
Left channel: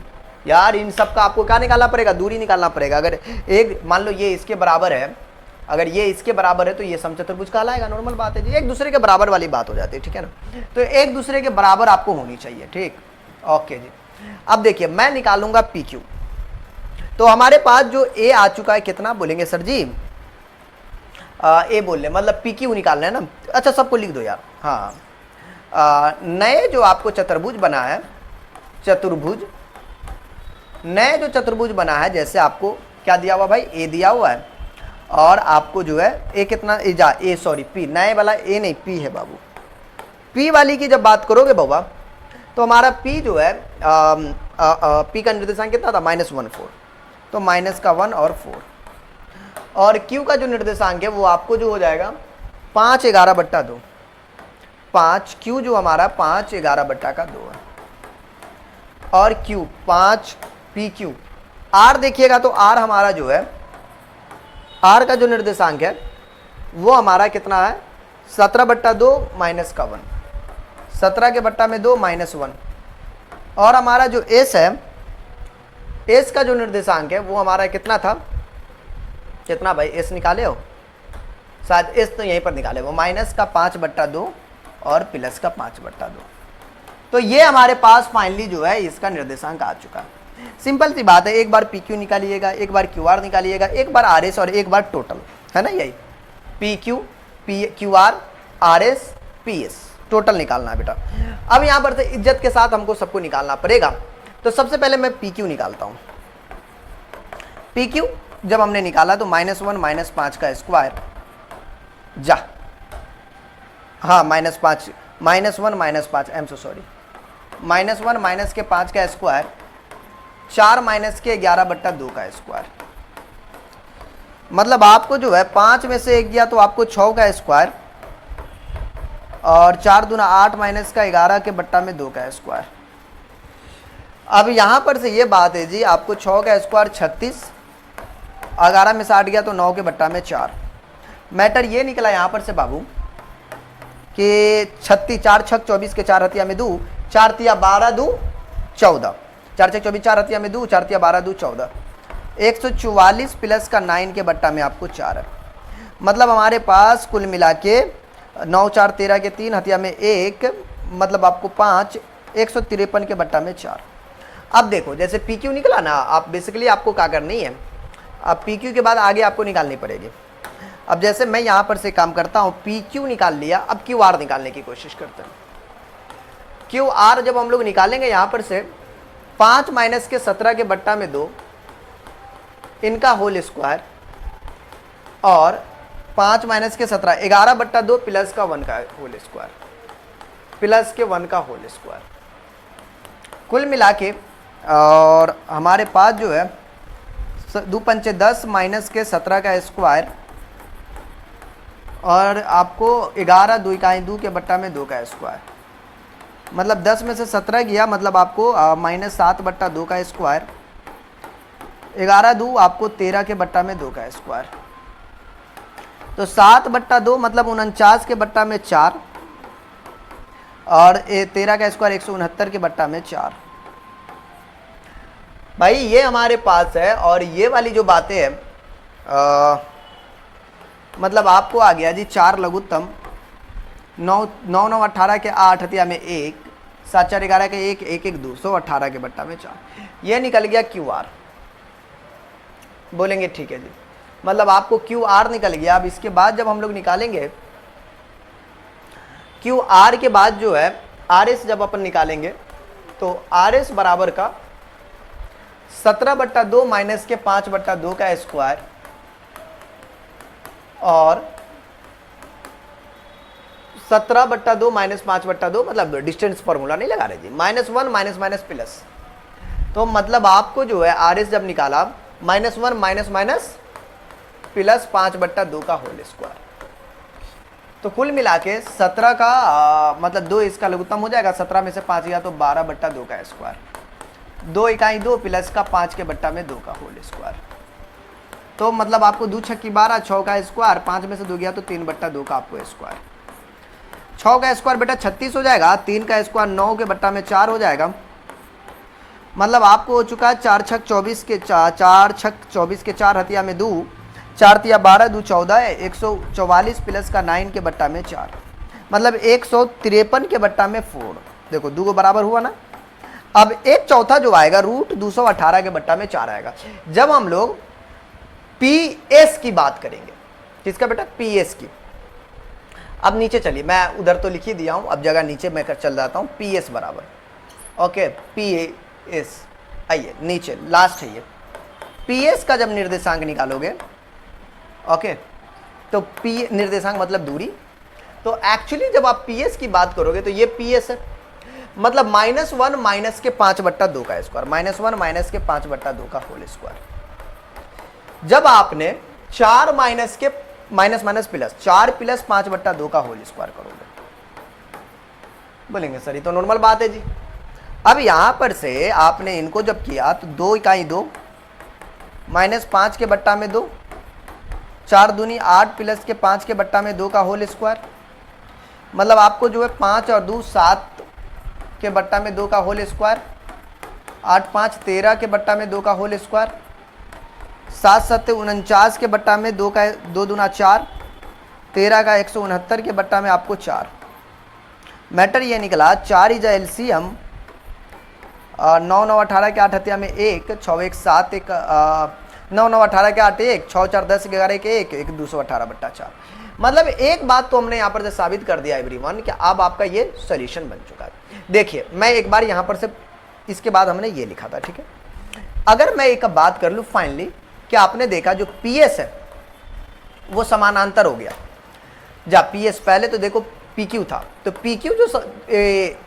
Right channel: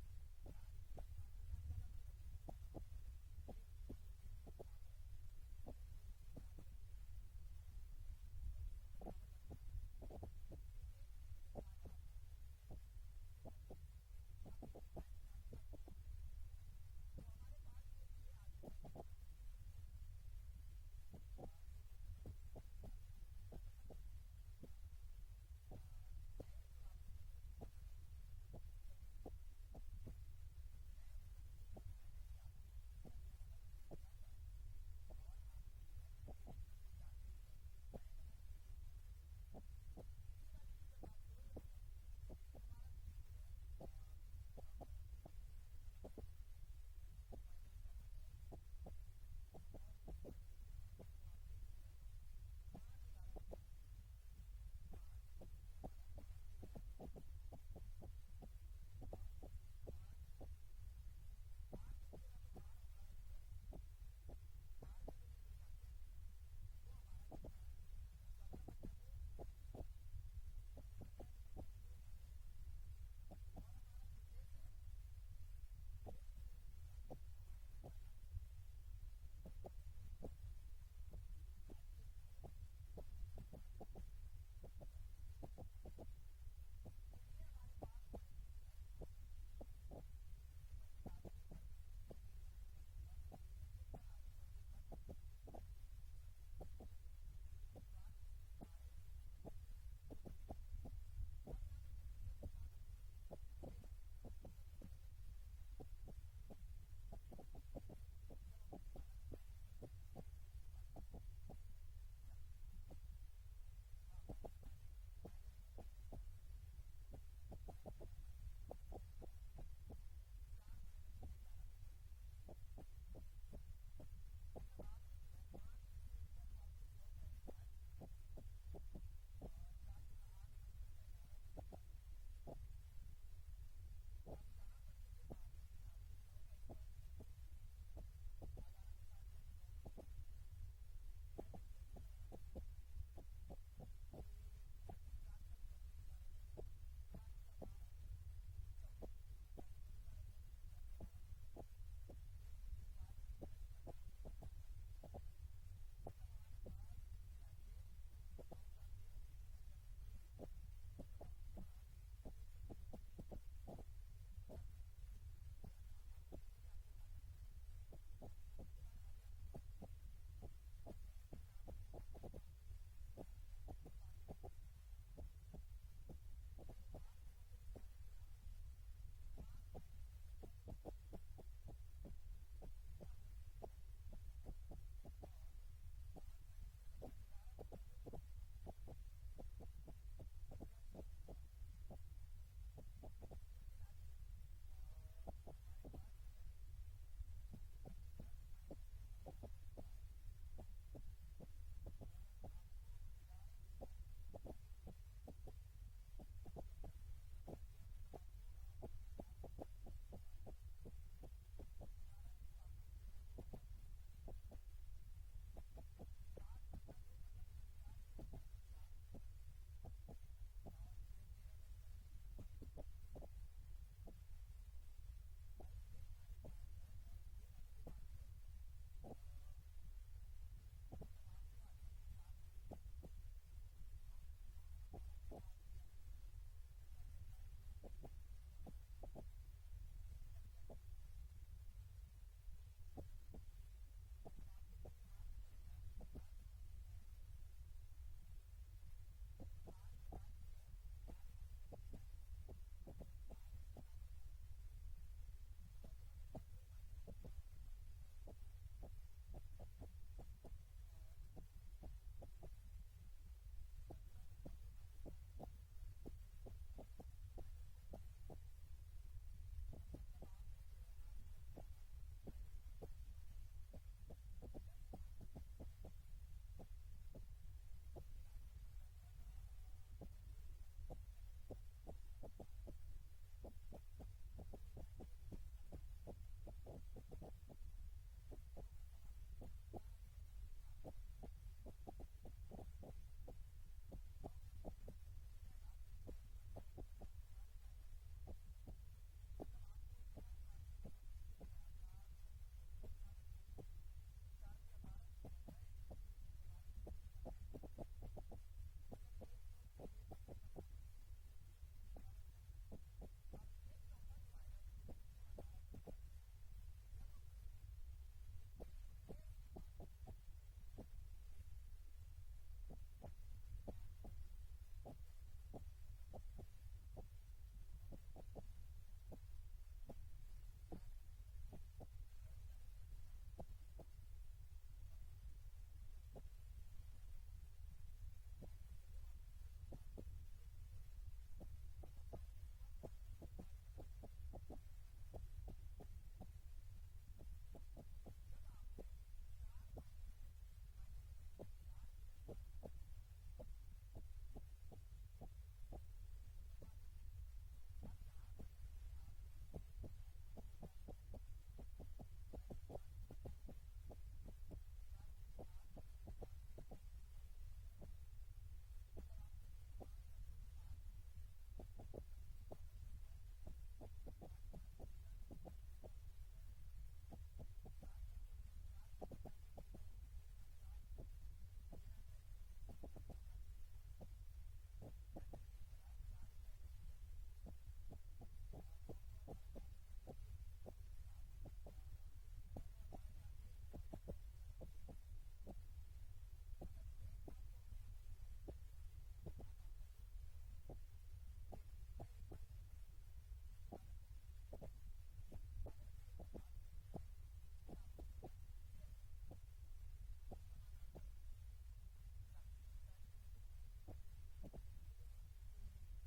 यार इन सब का आपको क्या निकालना पड़ेगा, दूरी निकालना पड़ेगा। अगर एक मान लो ये इसके बराबर है, अगर ये इसके बराबर है तो ये समचतुर्भुज कहलाएगा, नॉर्मल बात है जी, एक दूसरे के बराबर वाली बात हो जाती है, ठीक है ना। तो एक दूसरे के बराबर आपको होनी चाहिए, ठीक, ओके जी। अब देखिए मैं निकालूंगा PQ, तो हमारे पास जो A आ चुका है कितना, बोलेंगे सर जी ए बोल ले, मतलब पी क्यू निकालना है ना। अच्छा सबको लिख दो यार। हाँ नए जो आपको चतुर्भुज बना है, चतुर्भुज, नए जो चतुर्भुज बना है, जैसे आपको क्या दिया हुआ भाई, ए दिया हुआ है, और आपको जो है ए कितना ए सॉरी पी, नए वाला ए नहीं पी है बाबू। पी वाली की जब बात करोगे बाबा तो हमारा पी जो है पी का निर्देशांक कितना था, -1 4, तो माइनस का 1 और 4, और क्यू का जो निर्देशांक है वो आपको जो हो जाएगा 5 11 बट्टा 2, 5 क्यू जो हमारा 5 11 बट्टा का 2 है, और क्यू 5 पी क्यू। आर देखिएगा तो आर हमारा जो है, आर का जो निर्देशांक है वो हमारा कितना है, 17 बट्टा 2 माइनस का 1, 17 के बट्टा में 2 -1, और हमारा जो एस है, एस का जो निर्देशांक है वो हमारा कितना था, कितना भाई एस निकाले हो शायद, एस तो यहीं पर निकाले वो, माइनस का 5 बट्टा 2 और प्लस का 5 बट्टा 2। तो ये हमारे पास फाइनली जो है इसका निर्देशांक आ चुका है। सिंपल सी बात है, एक बार पी क्यू निकालिएगा, एक बार क्यू आर निकालिएगा, एक बार आर एस और एक बार टोटल, है ना, यही P Q P Q R S P S total निकालना है बेटा। अब यहाँ पर से इज्जत के साथ हमको सबको निकालना पड़ेगा। तो सबसे पहले मैं पी क्यू निकालता हूँ। पी क्यू जब हमने निकाला तो -1 -5 का स्क्वायर जा, हाँ -5 -1 -5 I am so sorry, -1 minus के 5 का स्क्वायर, 4 माइनस के 11 बट्टा 2 का स्क्वायर। मतलब आपको जो है 5 में से 1 गया तो आपको 6 का स्क्वायर, और 4 दूना 8 माइनस का 11 के बट्टा में 2 का स्क्वायर। अब यहां पर से ये बात है जी, आपको 6 का स्क्वायर 36, 11 में से 8 गया तो 9 के बट्टा में 4। मैटर ये निकला यहां पर से बाबू कि 36, 4 छक 24 के 4 हथिया में 2, 4 तिया 12 2 14, 4 छक 24 4 हथिया में 2, 4 तिया 12 2 14, 144 प्लस का 9 के बट्टा में आपको 4 है। मतलब हमारे पास कुल मिला के 9 4 13 के 3 हथिया में 1, मतलब आपको 5, 153 के बट्टा में 4। अब देखो जैसे पी क्यू निकला ना, आप बेसिकली आपको क्या करनी है, अब पी क्यू के बाद आगे आपको निकालनी पड़ेगी। अब जैसे मैं यहाँ पर से काम करता हूँ, पी क्यू निकाल लिया, अब क्यू आर निकालने की कोशिश करते हैं। क्यू आर जब हम लोग निकालेंगे यहाँ पर से 5 माइनस के 17 के बट्टा में 2 इनका होल स्क्वायर, और 5 माइनस के 17 11 बट्टा 2 प्लस का 1 का होल स्क्वायर, प्लस के 1 का होल स्क्वायर, कुल मिला के। और हमारे पास जो है 2 पंचे 10 माइनस के 17 का स्क्वायर, और आपको 11 2 इकाई 2 के बट्टा में 2 का स्क्वायर, मतलब 10 में से 17 गया, मतलब आपको -7 बट्टा 2 का स्क्वायर, 11 2 आपको 13 के बट्टा में 2 का स्क्वायर, तो 7 बट्टा 2 मतलब 49 के बट्टा में 4, और 13 का स्क्वायर 169 के बट्टा में 4। भाई ये हमारे पास है, और ये वाली जो बातें हैं मतलब आपको आ गया जी 4 लघुत्तम, 9 9 9 18 के 8 हथिया में 1, 7 4 11 के 1 1 1 218 के बट्टा में 4। ये निकल गया क्यू आर। बोलेंगे ठीक है जी, मतलब आपको क्यू आर निकल गया। अब इसके बाद जब हम लोग निकालेंगे क्यू आर के बाद जो है आर एस जब अपन निकालेंगे, तो आर एस बराबर का 17 बट्टा 2 माइनस के 5 बट्टा 2 का स्क्वायर, और 17 बट्टा 2 माइनस 5 बट्टा 2, मतलब डिस्टेंस फॉर्मूला नहीं लगा रहे जी, -1 माइनस माइनस प्लस। तो मतलब आपको जो है आर एस जब निकाला -1 माइनस माइनस प्लस 5 बट्टा 2 का होल स्क्वायर, तो कुल मिला के 17 का मतलब 2 इसका लघुत्तम हो जाएगा, 17 में से 5 गया तो 12 बट्टा 2 का स्क्वायर, 2 इकाई 2 प्लस का 5 के बट्टा में 2 का होल स्क्वायर। तो मतलब आपको 2 छक्की 12, 6 का स्क्वायर, 5 में से 2 गया तो 3 बट्टा 2 का आपको स्क्वायर, 6 का स्क्वायर बेटा 36 हो जाएगा, 3 का स्क्वायर 9 के बट्टा में 4 हो जाएगा, मतलब आपको हो चुका है 4 छक 24 के 4 छक 24 के 4 हथिया में 2, 4 तिया 12 2 14, 144 प्लस का 9 के बट्टा में 4, मतलब 153 के बट्टा में 4। देखो 2 को बराबर हुआ ना। अब 1/4 जो आएगा √218 के बट्टा में 4 आएगा, जब हम लोग पी एस की बात करेंगे, किसका बेटा, पीएस की। अब नीचे चलिए, मैं उधर तो लिख ही दिया हूं, अब जगह नीचे मैं चल जाता हूं, पीएस बराबर, ओके, पीएस, आइए नीचे लास्ट है ये, पीएस का जब निर्देशांक निकालोगे, ओके, तो पी निर्देशांक मतलब दूरी, तो एक्चुअली जब आप पीएस की बात करोगे तो ये पीएस है, मतलब -1 माइनस के 5/2 का स्क्वायर, -1 माइनस के 5/2 का होल स्क्वायर। जब आपने 4 माइनस के माइनस माइनस प्लस 4 प्लस 5/2 का होल स्क्वायर करोगे, बोलेंगे सर ये तो नॉर्मल बात है जी। अब यहां पर से आपने इनको जब किया तो 2 इकाई 2 -5 के बट्टा में 2, 4 दूनी 8 प्लस के 5 के बट्टा में 2 का होल स्क्वायर, मतलब आपको जो है 5 और 2 7 के बट्टा में 2 का होल स्क्वायर, 8 5 13 के बट्टा में 2 का होल स्क्वायर, 7 7 49 के बट्टा में 2 का 2 दूना 4, 13 का 169 के बट्टा में आपको 4। मैटर ये निकला 4 इज एलसीएम, 9 9 18 के 8 हत्या में 1, 6 1 7 1 9 9 18 के 8 1, 6 4 10 11 के 1 1 218/4। मतलब एक बात तो हमने यहाँ पर से साबित कर दिया एवरीवन कि अब आपका ये सॉल्यूशन बन चुका है। देखिए मैं एक बार यहाँ पर से, इसके बाद हमने ये लिखा था, ठीक है। अगर मैं एक बात कर लूँ फाइनली कि आपने देखा जो पीएस है वो समानांतर हो गया, जा पीएस पहले तो देखो पीक्यू था, तो पीक्यू जो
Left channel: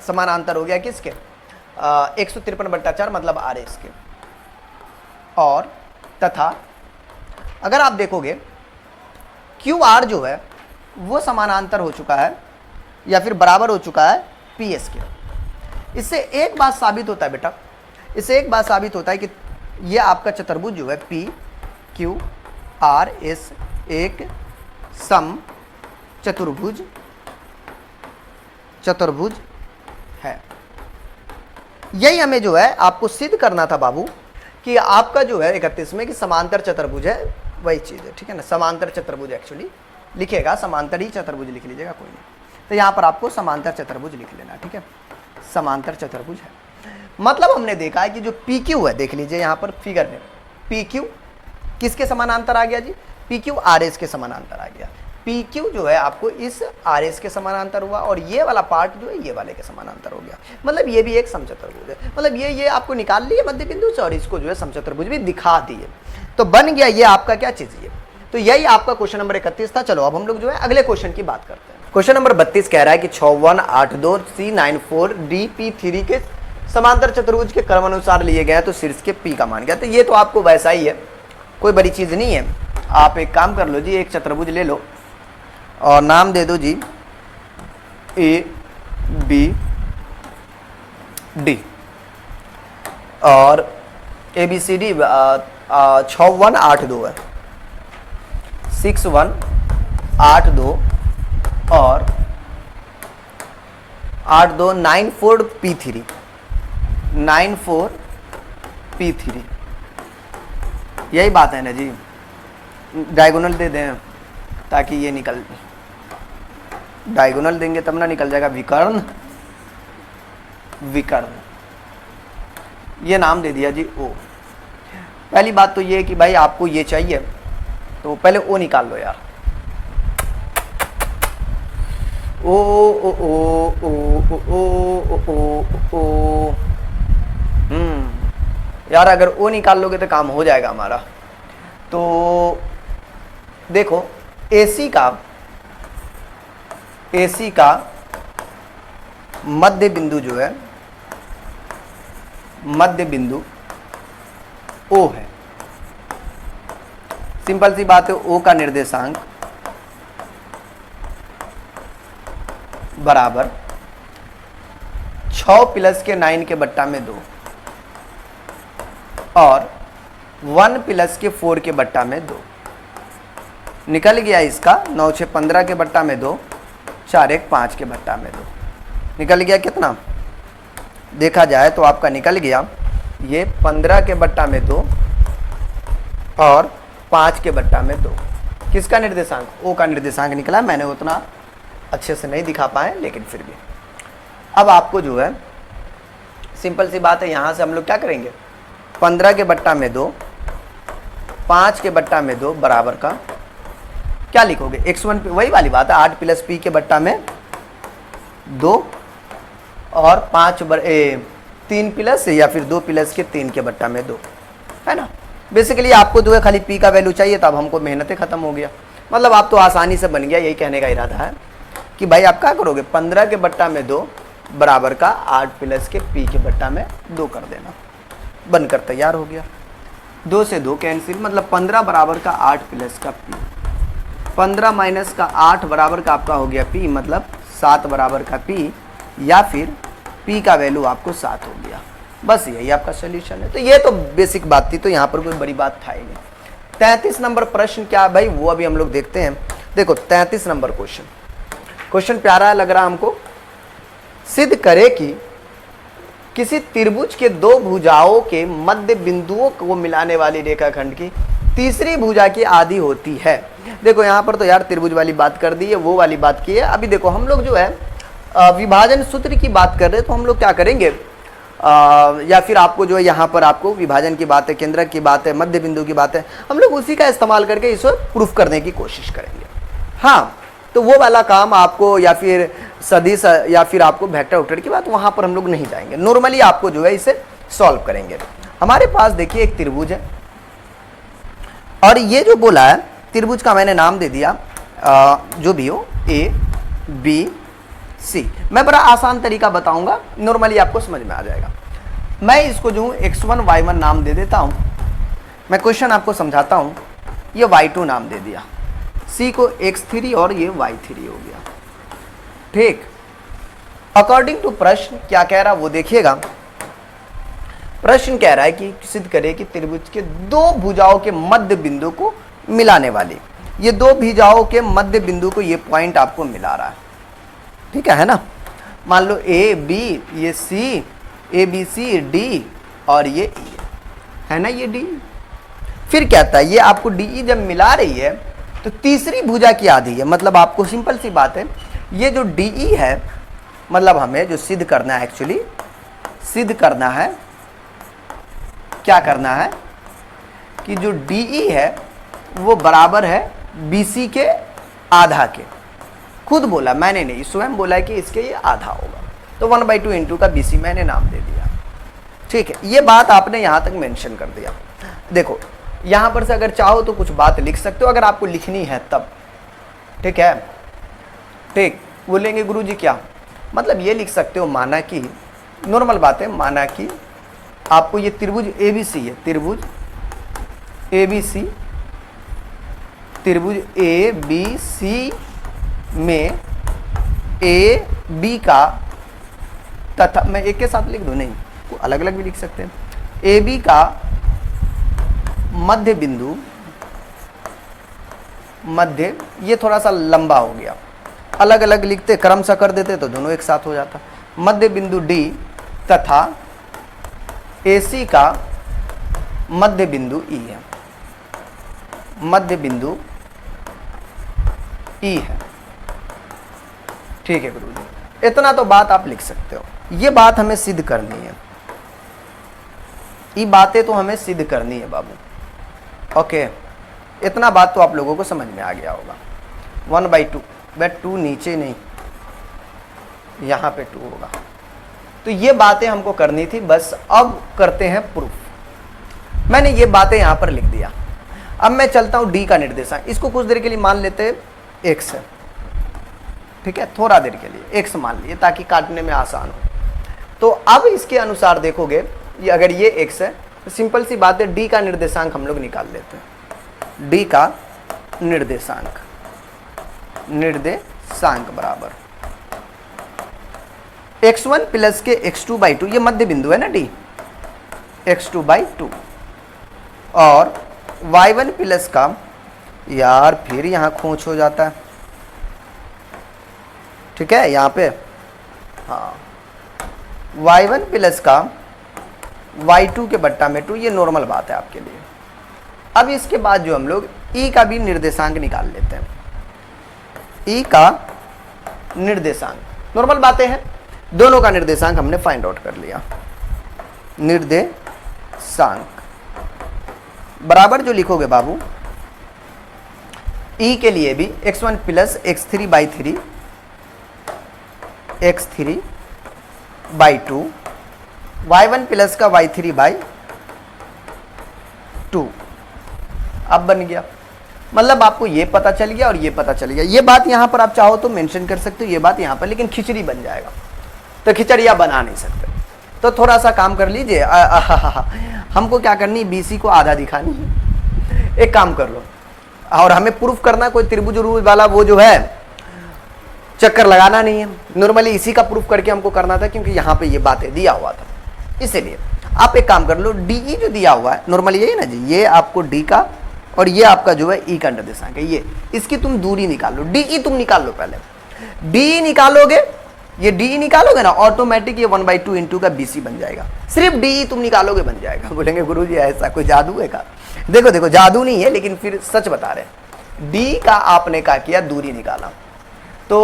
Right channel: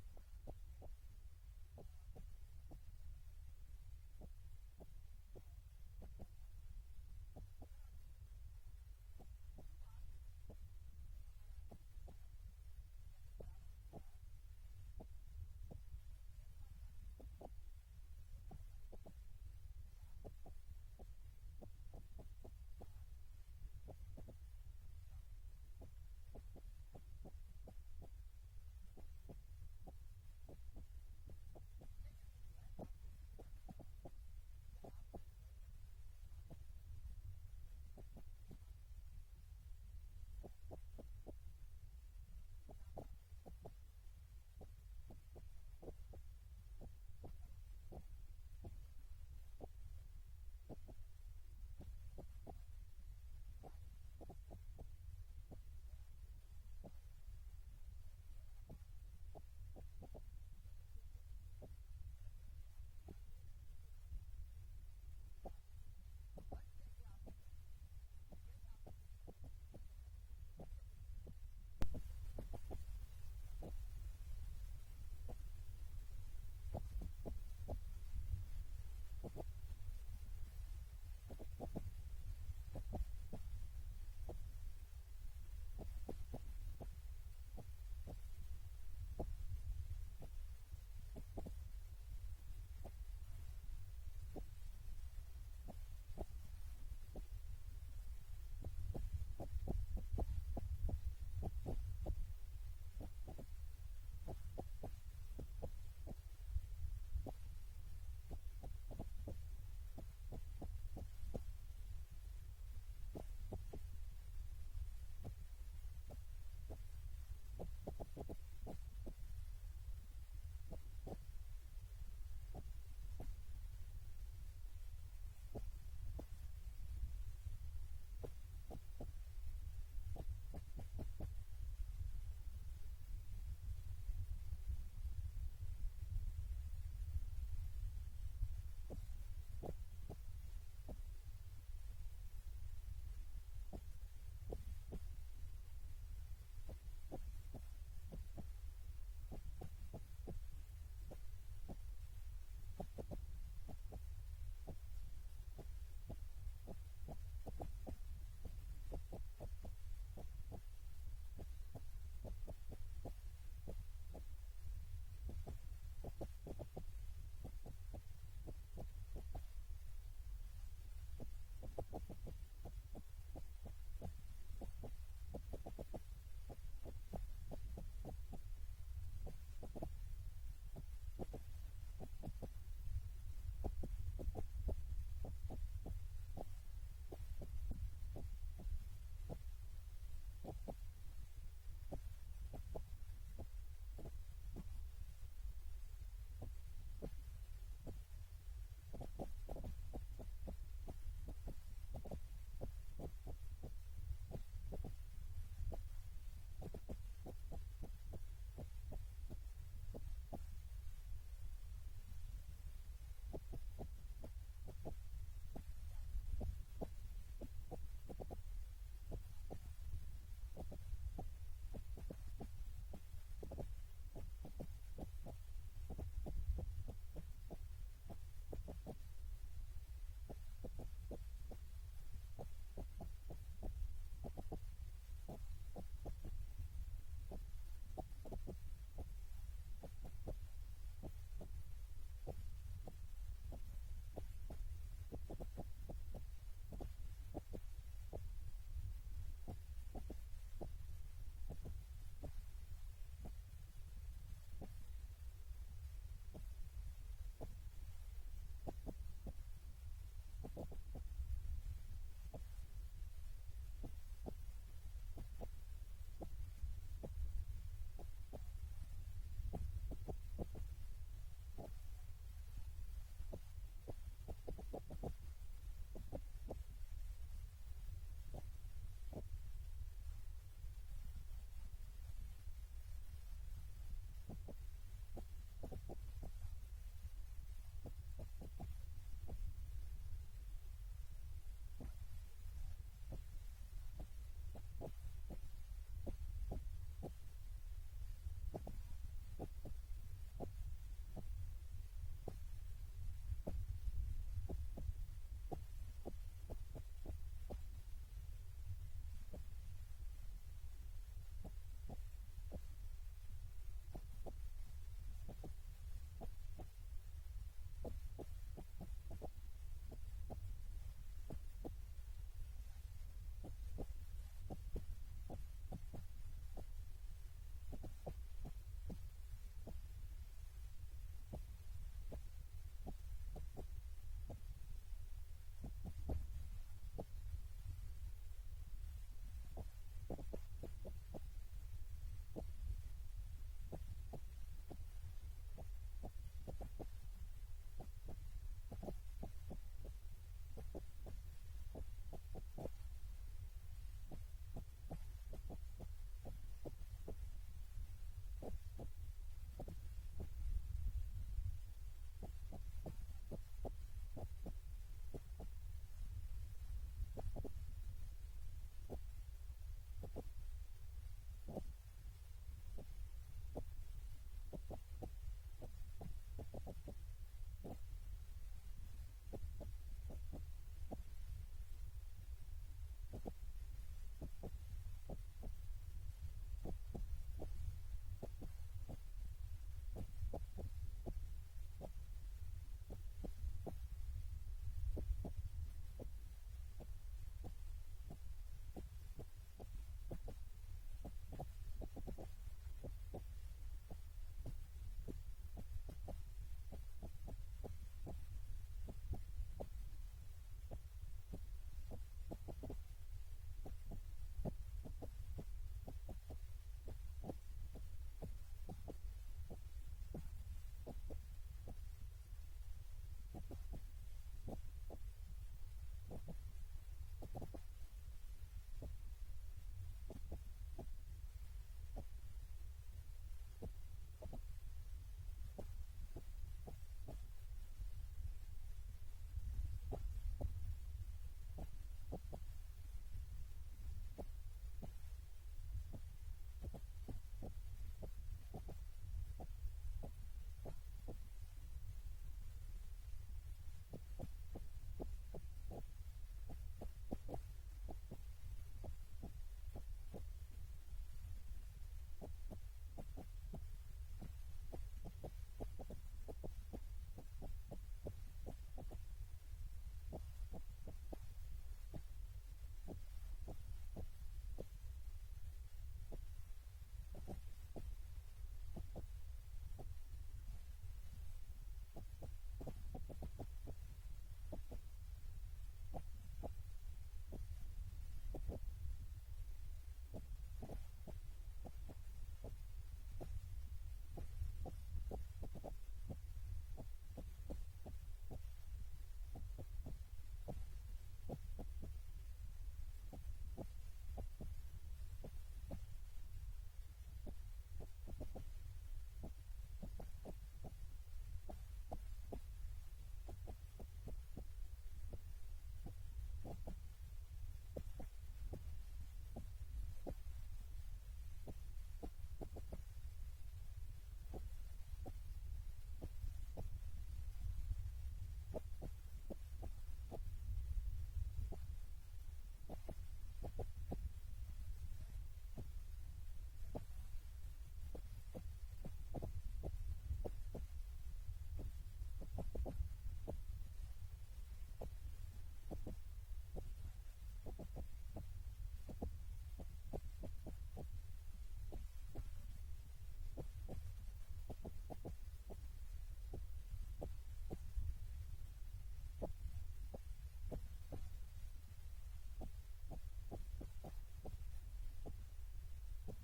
समानांतर हो गया किसके, 153/4 मतलब आरएस के, और तथा अगर आप देखोगे क्यू आर जो है वो समानांतर हो चुका है या फिर बराबर हो चुका है पीएस के। इससे एक बात साबित होता है बेटा, इससे एक बात साबित होता है कि ये आपका चतुर्भुज जो है पी क्यू आर एस एक सम चतुर्भुज है। यही हमें जो है आपको सिद्ध करना था बाबू कि आपका जो है 31 में कि समांतर चतुर्भुज है, वही चीज़ है, ठीक है ना। समांतर चतुर्भुज एक्चुअली लिखेगा, समांतर ही चतुर्भुज लिख लीजिएगा, कोई नहीं। तो यहाँ पर आपको समांतर चतुर्भुज लिख लेना, ठीक है, समांतर चतुर्भुज है। मतलब हमने देखा है कि जो पी क्यू है, देख लीजिए यहाँ पर फिगर में, पी क्यू किसके समानांतर आ गया जी, पी क्यू आर एस के समानांतर आ गया। पी क्यू जो है आपको इस आर एस के समानांतर हुआ, और ये वाला पार्ट जो है ये वाले के समानांतर हो गया। मतलब ये भी एक समचतुर्भुज है, मतलब ये आपको निकाल लिए मध्य बिंदु से और इसको जो है समचतुर्भुज भी दिखा दिए, तो बन गया ये आपका क्या चीज ये। तो यही आपका क्वेश्चन नंबर 31 था। चलो अब हम लोग जो है अगले क्वेश्चन की बात करते हैं। क्वेश्चन नंबर 32 कह रहा है कि 6182 C94 DP3 के समांतर चतुर्भुज के क्रमानुसार लिए गए तो शीर्ष के पी का मान गया। तो ये तो आपको वैसा ही है, कोई बड़ी चीज नहीं है। आप एक काम कर लो जी, एक चतुर्भुज ले लो और नाम दे दो जी ए बी डी, और ए बी सी डी 6182 है, 6182 और 8294 P3, 94 P3, यही बात है ना जी। डायगोनल दे दें ताकि ये निकल, डायगोनल देंगे तब ना निकल जाएगा, विकर्ण, विकर्ण, ये नाम दे दिया जी ओ। पहली बात तो ये है कि भाई आपको ये चाहिए तो पहले ओ निकाल लो यार, ओ ओ ओ ओ ओ ओ ओ ओ यार अगर ओ निकाल लोगे तो काम हो जाएगा हमारा। तो देखो AC का मध्य बिंदु जो है, मध्य बिंदु O है। सिंपल सी बात है, O का निर्देशांक बराबर 6 प्लस के 9 के बट्टा में 2 और 1 प्लस के 4 के बट्टा में 2। निकल गया इसका 9 6 15 के बट्टा में 2, 4 1 5 के बट्टा में 2। निकल गया कितना, देखा जाए तो आपका निकल गया ये 15 के बट्टा में 2 और 5 के बट्टा में 2। किसका निर्देशांक, ओ का निर्देशांक निकला। मैंने उतना अच्छे से नहीं दिखा पाए लेकिन फिर भी। अब आपको जो है सिंपल सी बात है, यहाँ से हम लोग क्या करेंगे, 15 के बट्टा में 2, 5 के बट्टा में 2 बराबर का क्या लिखोगे, x1 वही वाली बात है, 8 प्लस p के बट्टा में 2 और 3 प्लस या फिर 2 प्लस के 3 के बट्टा में 2, है ना। बेसिकली आपको जो है खाली p का वैल्यू चाहिए, तब हमको मेहनतें खत्म हो गया। मतलब आप तो आसानी से बन गया, यही कहने का इरादा है कि भाई आप क्या करोगे, 15 के बट्टा में 2 बराबर का 8 प्लस के p के बट्टा में 2 कर देना, बनकर तैयार हो गया। 2 से 2 कैंसिल, मतलब 15 बराबर का 8 प्लस का p, 15 माइनस का 8 बराबर का आपका हो गया p, मतलब 7 बराबर का p, या फिर p का वैल्यू आपको 7 हो गया। बस यही आपका सोल्यूशन है। तो ये तो बेसिक बात थी, तो यहाँ पर कोई बड़ी बात था ही नहीं। 33 नंबर प्रश्न क्या है भाई, वो अभी हम लोग देखते हैं। देखो 33 नंबर क्वेश्चन प्यारा लग रहा हमको। सिद्ध करे कि किसी त्रिभुज के 2 भुजाओं के मध्य बिंदुओं को मिलाने वाली रेखाखंड की तीसरी भुजा की आधी होती है। देखो यहाँ पर तो यार त्रिभुज वाली बात कर दी है, वो वाली बात की है। अभी देखो हम लोग जो है विभाजन सूत्र की बात कर रहे हैं, तो हम लोग क्या करेंगे, या फिर आपको जो है यहाँ पर आपको विभाजन की बात है, केंद्रक की बात है, मध्य बिंदु की बात है, हम लोग उसी का इस्तेमाल करके इसे प्रूफ करने की कोशिश करेंगे। हाँ, तो वो वाला काम आपको, या फिर सदिश या फिर आपको वेक्टर वेक्टर की बात, वहां पर हम लोग नहीं जाएंगे। नॉर्मली आपको जो है इसे सॉल्व करेंगे। हमारे पास देखिए एक त्रिभुज है, और ये जो बोला है त्रिभुज का मैंने नाम दे दिया जो भी हो, ए बी सी। मैं बड़ा आसान तरीका बताऊंगा, नॉर्मली आपको समझ में आ जाएगा। मैं इसको जो x1 y1 नाम दे देता हूं। मैं क्वेश्चन आपको समझाता हूं। ये y2 नाम दे दिया, c को x3 और ये y3 हो गया, ठीक। अकॉर्डिंग टू प्रश्न क्या कह रहा है वो देखिएगा। प्रश्न कह रहा है कि सिद्ध करे कि त्रिभुज के 2 भुजाओं के मध्य बिंदु को मिलाने वाली, ये 2 भुजाओं के मध्य बिंदु को ये पॉइंट आपको मिला रहा है, ठीक है ना। मान लो ए बी, ये सी, ए बी सी डी, और ये ई है ना, ये डी। फिर कहता है ये आपको डी जब मिला रही है तो तीसरी भुजा की आधी है। मतलब आपको सिंपल सी बात है, ये जो डी है, मतलब हमें जो सिद्ध करना है, एक्चुअली सिद्ध करना है, क्या करना है कि जो डी है वो बराबर है बीसी के आधा के। खुद बोला, मैंने नहीं, स्वयं बोला कि इसके ये आधा होगा, तो 1/2 इंटू का बीसी मैंने नाम दे दिया, ठीक है। ये बात आपने यहां तक मेंशन कर दिया। देखो यहां पर से अगर चाहो तो कुछ बात लिख सकते हो, अगर आपको लिखनी है तब, ठीक है, ठीक। बोलेंगे गुरुजी क्या मतलब, ये लिख सकते हो, माना कि नॉर्मल बात है, माना कि आपको ये त्रिभुज एबीसी है, त्रिभुज एबीसी, त्रिभुज ए बी सी में ए बी का तथा, मैं एक के साथ लिख दूं, नहीं अलग अलग भी लिख सकते हैं, ए बी का मध्य बिंदु, मध्य, ये थोड़ा सा लंबा हो गया, अलग अलग लिखते क्रम सा कर देते तो दोनों एक साथ हो जाता। मध्य बिंदु डी तथा एसी का मध्य बिंदु ई है, मध्य बिंदु ई है, ठीक है गुरुजी। इतना तो बात आप लिख सकते हो। ये बात हमें सिद्ध करनी है, ये बातें तो हमें सिद्ध करनी है बाबू, ओके। इतना बात तो आप लोगों को समझ में आ गया होगा। 1/2, बट 2 नीचे नहीं, यहां पे 2 होगा। तो ये बातें हमको करनी थी, बस अब करते हैं प्रूफ। मैंने ये बातें यहां पर लिख दिया। अब मैं चलता हूं डी का निर्देशांक, इसको कुछ देर के लिए मान लेते हैं एक्स है, ठीक है, थोड़ा देर के लिए एक्स मान लिए ताकि काटने में आसान हो। तो अब इसके अनुसार देखोगे, ये अगर ये एक्स है तो सिंपल सी बात है, डी का निर्देशांक हम लोग निकाल लेते हैं। डी का निर्देशांक, निर्देशांक बराबर x1 प्लस के x2/2, ये मध्य बिंदु है ना डी, x2/2, और y1 प्लस का, यार फिर यहां खोंच हो जाता है, ठीक है, यहां पे हाँ, y1 प्लस का y2 के बट्टा में 2, ये नॉर्मल बात है आपके लिए। अब इसके बाद जो हम लोग e का भी निर्देशांक निकाल लेते हैं। e का निर्देशांक नॉर्मल बातें हैं, दोनों का निर्देशांक हमने फाइंड आउट कर लिया। निर्देशांक बराबर जो लिखोगे बाबू, ई के लिए भी x1 plus x3 by 3 x3 by 2 y1 plus का y3 बाई 2 अब बन गया। मतलब आपको ये पता चल गया और ये पता चल गया। ये बात यहां पर आप चाहो तो मेंशन कर सकते हो, ये बात यहां पर, लेकिन खिचड़ी बन जाएगा तो खिचड़िया बना नहीं सकते। तो थोड़ा सा काम कर लीजिए। हमको क्या करनी, बीसी को आधा दिखानी है। एक काम कर लो, और हमें प्रूफ करना कोई त्रिभुज रूल वाला वो जो है चक्कर लगाना नहीं है। नॉर्मली इसी का प्रूफ करके हमको करना था, क्योंकि यहाँ पे ये बातें दिया हुआ था। इसीलिए आप एक काम कर लो, डीई जो दिया हुआ है नॉर्मली यही ना जी, ये आपको डी का और ये आपका जो है ई का निर्देशांक है, ये इसकी तुम दूरी निकाल लो। डीई तुम निकाल लो, पहले डी निकालोगे, ये डी निकालोगे ना, ऑटोमेटिक ये 1/2 इंटू का बीसी बन जाएगा। सिर्फ डी तुम निकालोगे बन जाएगा। बोलेंगे गुरुजी ऐसा कोई जादू है का? देखो देखो, जादू नहीं है, लेकिन फिर सच बता रहे हैं। डी का आपने क्या किया, दूरी निकाला। तो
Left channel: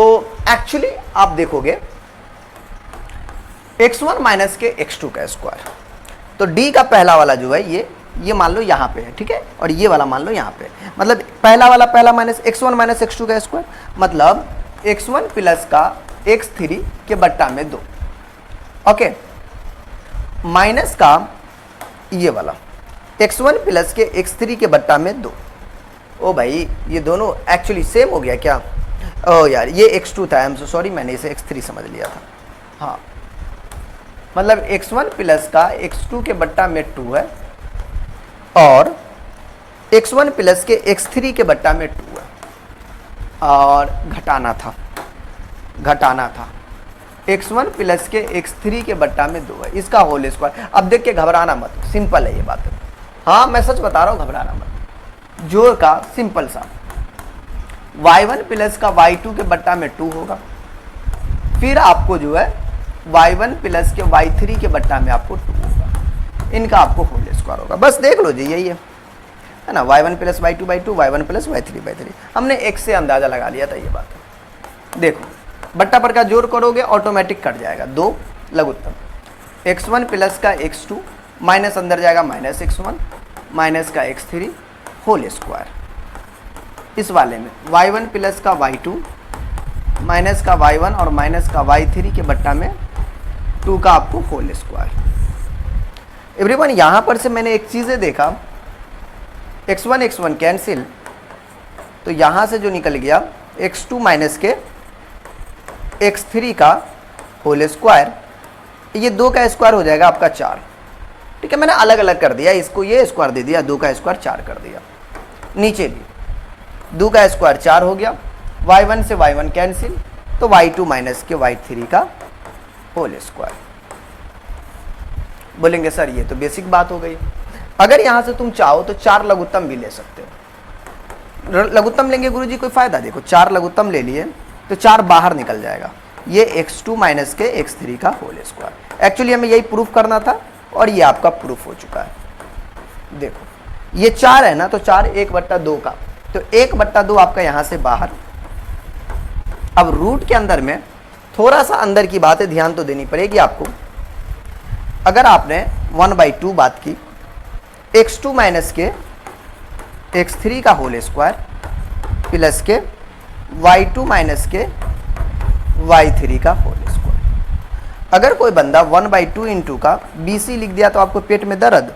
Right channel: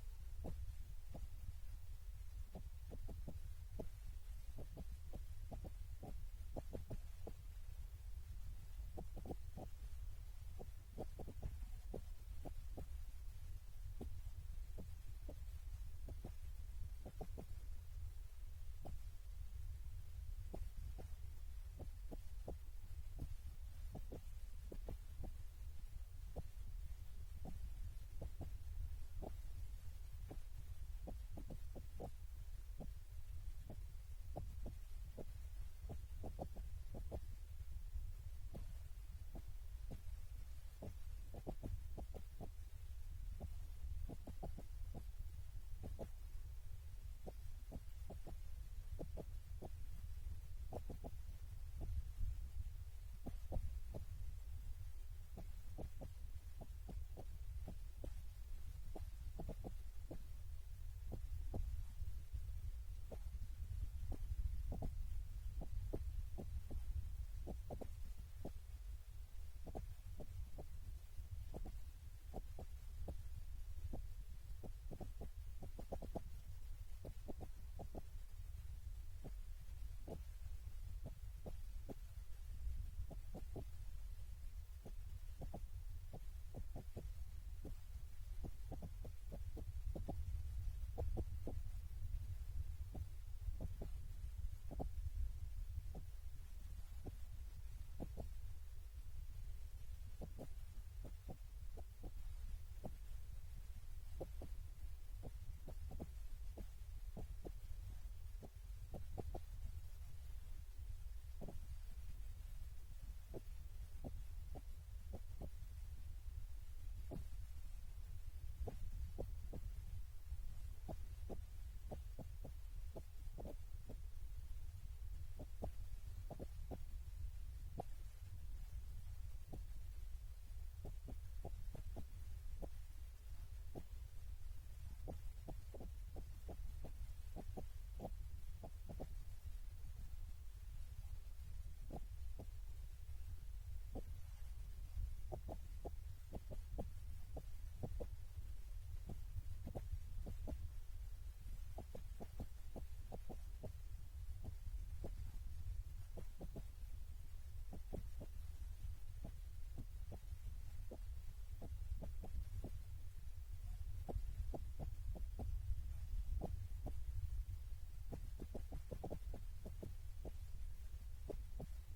एक्चुअली आप देखोगे x1 माइनस के x2 का स्क्वायर, तो डी का पहला वाला जो है ये मान लो यहाँ पे है, ठीक है, और ये वाला मान लो यहाँ पे। मतलब पहला वाला पहला माइनस x1 माइनस x2 का स्क्वायर, मतलब x1 प्लस का x3 के बट्टा में 2, ओके, माइनस का ये वाला x1 प्लस के x3 के बट्टा में 2। ओ भाई ये दोनों एक्चुअली सेम हो गया क्या? ओ यार ये x2 था, आई एम सो सॉरी, मैंने इसे x3 समझ लिया था। हाँ, मतलब x1 प्लस का x2 के बट्टा में 2 है और x1 प्लस के x3 के बट्टा में 2 है, और घटाना था x1 प्लस के x3 के बट्टा में 2 है, इसका होल स्क्वायर। अब देख के घबराना मत, सिंपल है ये बात। हाँ मैं सच बता रहा हूँ, घबराना मत। जोड़ का सिंपल सा y1 प्लस का y2 के बट्टा में 2 होगा, फिर आपको जो है y1 प्लस के y3 के बट्टा में आपको 2 होगा, इनका आपको होल स्क्वायर होगा। बस देख लो जी, यही है ना, y1 plus y2/2, y1 plus y3/3। हमने x से अंदाजा लगा लिया था, ये बात है। देखो बट्टा पर का जोड़ करोगे ऑटोमेटिक कट जाएगा, 2 लघुत्तम x1 प्लस का x2 माइनस अंदर जाएगा माइनस x1 माइनस का x3 होल स्क्वायर। इस वाले में y1 प्लस का y2 माइनस का y1 और माइनस का y3 के बट्टा में 2 का आपको होल स्क्वायर। एवरीवन यहाँ पर से मैंने एक चीज़ें देखा, x1 कैंसिल, तो यहाँ से जो निकल गया x2 माइनस के x3 का होल स्क्वायर, ये 2 का स्क्वायर हो जाएगा आपका 4। ठीक है, मैंने अलग अलग कर दिया, इसको ये स्क्वायर दे दिया, 2 का स्क्वायर 4 कर दिया। नीचे भी 2 का स्क्वायर 4 हो गया, y1 से y1 कैंसिल, तो y2 माइनस के y3 का होल स्क्वायर। बोलेंगे सर ये तो बेसिक बात हो गई। अगर यहां से तुम चाहो तो 4 लघुत्तम भी ले सकते हो। लघुत्तम लेंगे गुरुजी कोई फायदा? देखो 4 लघुत्तम ले लिए तो 4 बाहर निकल जाएगा, ये x2 माइनस के x3 का होल स्क्वायर। एक्चुअली हमें यही प्रूफ करना था और ये आपका प्रूफ हो चुका है। देखो ये 4 है ना, तो 4 1/2 का, तो 1/2 आपका यहां से बाहर। अब रूट के अंदर में थोड़ा सा अंदर की बातें ध्यान तो देनी पड़ेगी आपको। अगर आपने 1/2 बात की, x2 माइनस के x3 का होल स्क्वायर प्लस के y2 माइनस के y3 का होल स्क्वायर। अगर कोई बंदा 1/2 इंटू का BC लिख दिया तो आपको पेट में दर्द,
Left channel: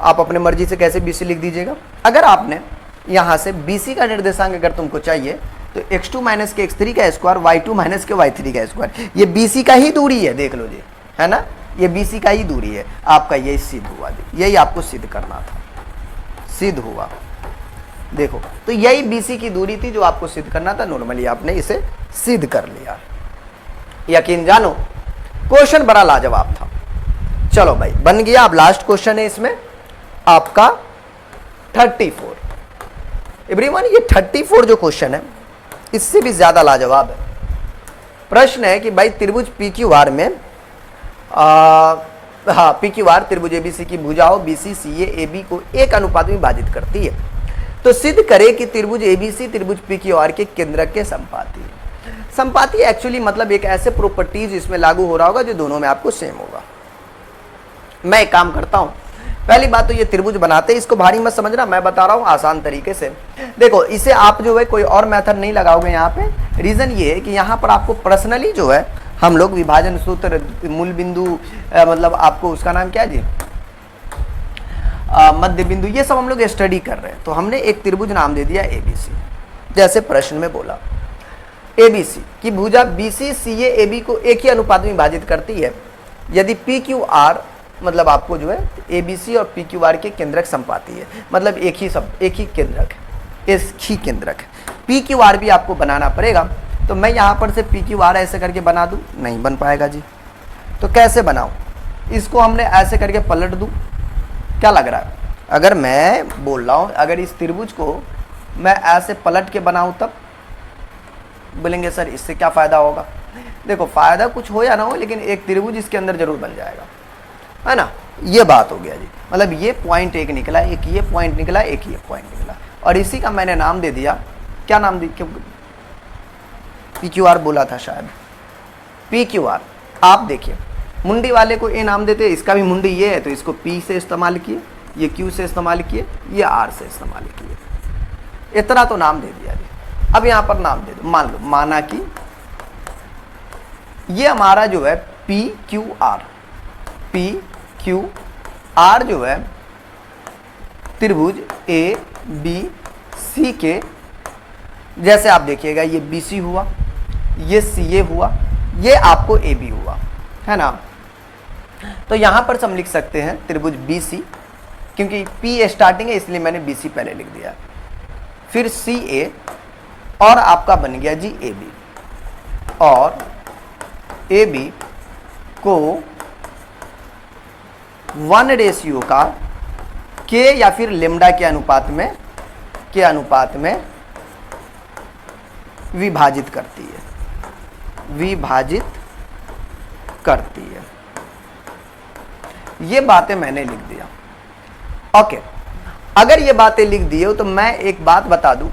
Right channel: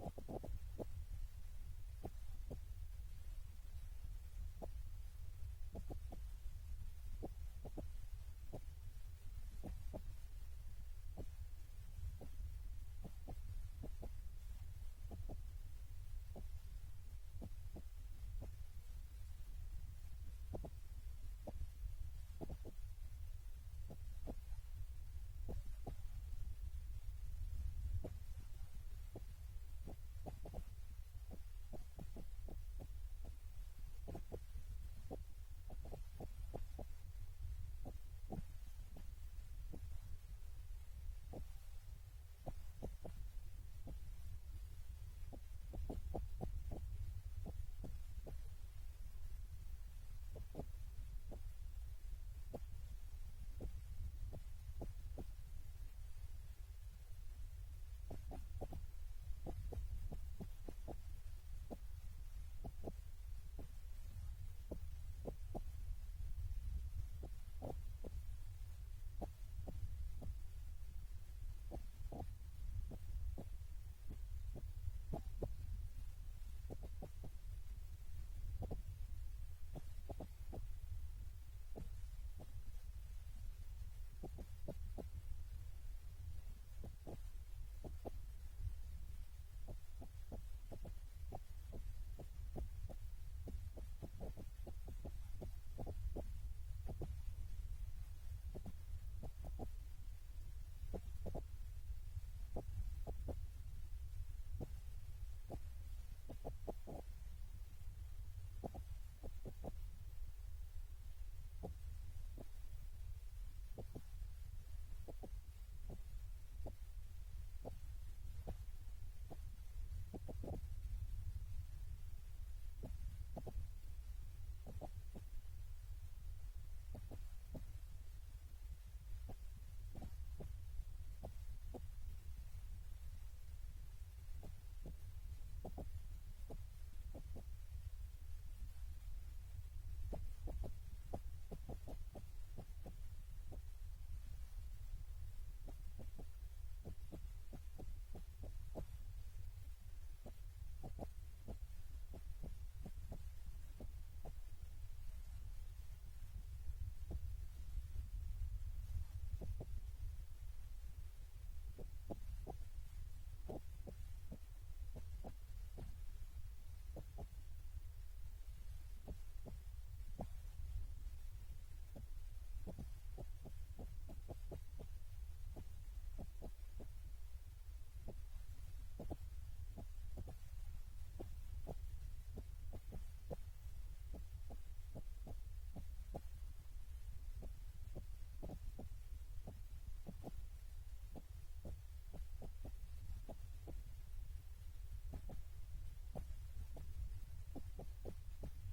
आप अपने मर्जी से कैसे BC लिख दीजिएगा। अगर आपने यहाँ से BC का निर्देशांक अगर तुमको चाहिए तो x2 माइनस के x3 का स्क्वायर, y2 माइनस के y3 का स्क्वायर, ये BC का ही दूरी है, देख लो जी, है ना, ये BC का ही दूरी है। आपका यही सिद्ध हुआ, यही आपको सिद्ध करना था, सिद्ध हुआ। देखो तो यही BC की दूरी थी जो आपको सिद्ध करना था, नॉर्मली आपने इसे सिद्ध कर लिया। यकीन जानो क्वेश्चन बड़ा लाजवाब था। चलो भाई बन गया। अब लास्ट क्वेश्चन है इसमें आपका 34। एवरीवन ये 34 जो क्वेश्चन है इससे भी ज्यादा लाजवाब है। प्रश्न है कि भाई त्रिभुज PQR में PQR त्रिभुज ABC की भुजाओं BC CA AB को 1 अनुपात में विभाजित करती है, तो सिद्ध करे कि त्रिभुज ABC त्रिभुज PQR के केंद्रक के संपाती है। संपाती एक्चुअली मतलब एक ऐसे प्रॉपर्टीज इसमें लागू हो रहा होगा जो दोनों में आपको सेम होगा। मैं एक काम करता हूं, पहली बात तो ये त्रिभुज बनाते हैं, इसको भारी मत समझना, मैं बता रहा हूँ आसान तरीके से। देखो इसे आप जो है कोई और मेथड नहीं लगाओगे यहाँ पे। रीजन ये है कि यहाँ पर आपको पर्सनली जो है हम लोग विभाजन सूत्र, मूल बिंदु, मतलब आपको उसका नाम क्या है जी, मध्य बिंदु, ये सब हम लोग स्टडी कर रहे हैं। तो हमने एक त्रिभुज नाम दे दिया एबीसी। जैसे प्रश्न में बोला एबीसी की भुजा बीसी सीए एबी को एक ही अनुपात में विभाजित करती है यदि पी क्यू आर, मतलब आपको जो है एबीसी और पी क्यू आर के केंद्रक संपाती है, मतलब एक ही केंद्रक है, एक ही केंद्रक है। पी क्यू आर भी आपको बनाना पड़ेगा। तो मैं यहाँ पर से पी क्यू आर ऐसे करके बना दूँ, नहीं बन पाएगा जी। तो कैसे बनाऊँ, इसको हमने ऐसे करके पलट दूँ, क्या लग रहा है? अगर मैं बोल रहा हूँ अगर इस त्रिभुज को मैं ऐसे पलट के बनाऊँ तब बोलेंगे सर इससे क्या फ़ायदा होगा। देखो फ़ायदा कुछ हो या ना हो, लेकिन एक त्रिभुज इसके अंदर जरूर बन जाएगा, है ना। ये बात हो गया जी। मतलब ये पॉइंट एक निकला, एक ये पॉइंट निकला, एक ये पॉइंट निकला, और इसी का मैंने नाम दे दिया, क्या नाम दी, पी क्यू आर बोला था शायद, पी क्यू आर। आप देखिए मुंडी वाले को ए नाम देते, इसका भी मुंडी ये है तो इसको पी से इस्तेमाल किए, ये क्यू से इस्तेमाल किए, ये आर से इस्तेमाल किए, इतना तो नाम दे दिया जी। अब यहाँ पर नाम दे दो, मान लो, माना कि ये हमारा जो है पी क्यू आर जो है त्रिभुज ए बी सी के, जैसे आप देखिएगा ये बी सी हुआ, ये सी ए हुआ, ये आपको ए बी हुआ, है ना। तो यहां पर हम लिख सकते हैं त्रिभुज बी सी, क्योंकि पी स्टार्टिंग है इसलिए मैंने बी सी पहले लिख दिया, फिर सी ए, और आपका बन गया जी ए बी, और ए बी को 1 का के या फिर लेमडा के अनुपात में विभाजित करती है, ये बातें मैंने लिख दिया। ओके, अगर ये बातें लिख दी हो तो मैं एक बात बता दूं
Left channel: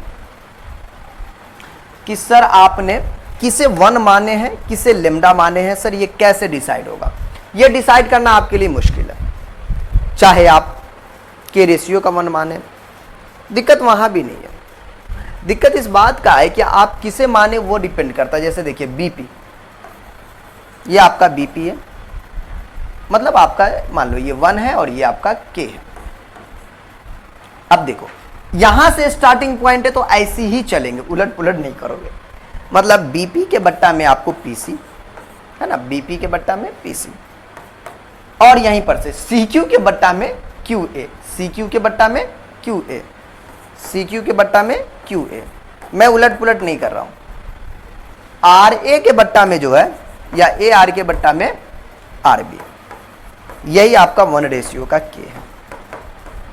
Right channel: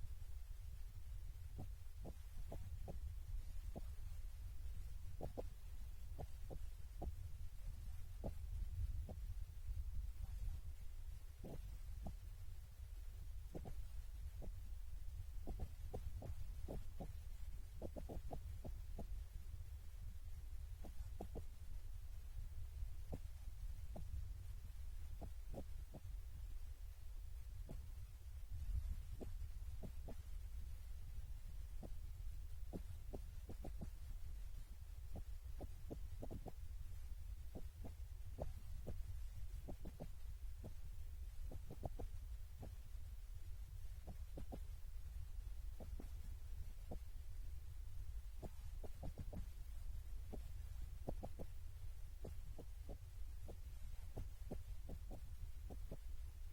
कि सर आपने किसे 1 माने हैं, किसे लेमडा माने हैं, सर ये कैसे डिसाइड होगा? ये डिसाइड करना आपके लिए मुश्किल है। चाहे आप के रेशियो का 1 माने, दिक्कत वहां भी नहीं है। दिक्कत इस बात का है कि आप किसे माने वो डिपेंड करता है। जैसे देखिए बीपी, ये आपका बीपी है, मतलब आपका मान लो ये 1 है और ये आपका के है। अब देखो यहां से स्टार्टिंग पॉइंट है तो ऐसी ही चलेंगे, उलट पुलट नहीं करोगे। मतलब बीपी के बट्टा में आपको पीसी, है ना, बीपी के बट्टा में पीसी, और यहीं पर से सीक्यू के बट्टा में क्यूए, सीक्यू के बट्टा में क्यूए, सीक्यू के बट्टा में क्यूए। मैं उलट पुलट नहीं कर रहा हूं। आर ए के बट्टा में जो है, या ए आर के बट्टा में आर बी, यही आपका 1 का के है,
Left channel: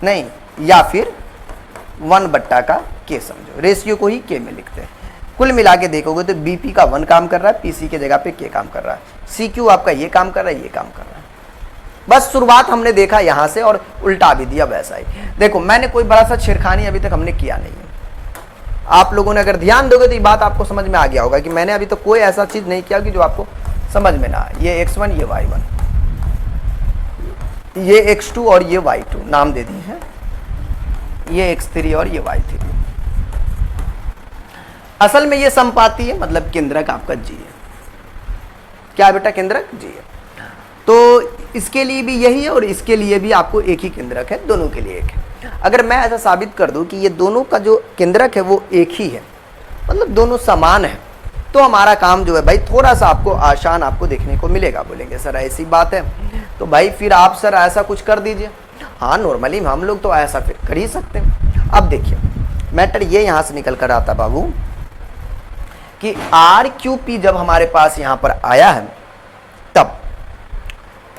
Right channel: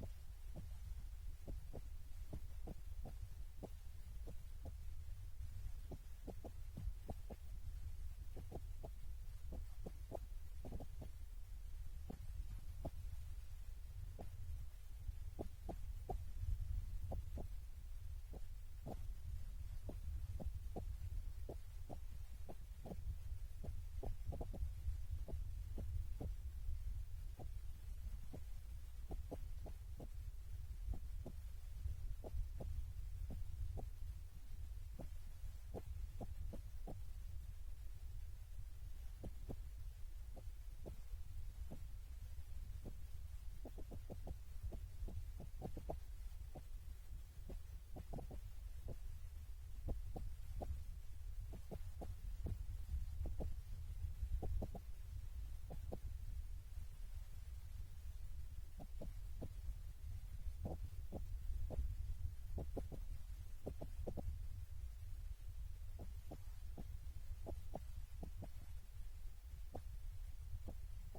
नहीं, या फिर 1 बट्टा का के समझो, रेशियो को ही के में लिखते हैं। कुल मिला के देखोगे तो बीपी का 1 काम कर रहा है, पीसी की जगह पे के काम कर रहा है, सीक्यू आपका ये काम कर रहा है, ये काम कर रहा है। बस शुरुआत हमने देखा यहां से और उल्टा भी दिया वैसा ही। देखो मैंने कोई बड़ा सा छेड़खानी अभी तक हमने किया नहीं है। आप लोगों ने अगर ध्यान दोगे तो ये बात आपको समझ में आ गया होगा कि मैंने अभी तक कोई ऐसा चीज नहीं किया कि जो आपको समझ में ना आए। ये x1, ये y1, ये x2 और ये y2 नाम दे दिए हैं, ये x3 और ये y3। असल में ये संपाती है, मतलब केंद्रक आपका जी है। क्या बेटा? केंद्रक जी है। तो इसके लिए भी यही है और इसके लिए भी आपको एक ही केंद्रक है, दोनों के लिए एक है। अगर मैं ऐसा साबित कर दूं कि ये दोनों का जो केंद्रक है वो एक ही है, मतलब दोनों समान है, तो हमारा काम जो है भाई थोड़ा सा आपको आसान आपको देखने को मिलेगा। बोलेंगे सर ऐसी बात है, तो भाई फिर आप सर ऐसा कुछ कर दीजिए। हाँ, नॉर्मली हम लोग तो ऐसा फिर कर ही सकते हैं। अब देखिए मैटर ये यहां से निकल कर आता बाबू कि आर क्यू पी जब हमारे पास यहां पर आया है तब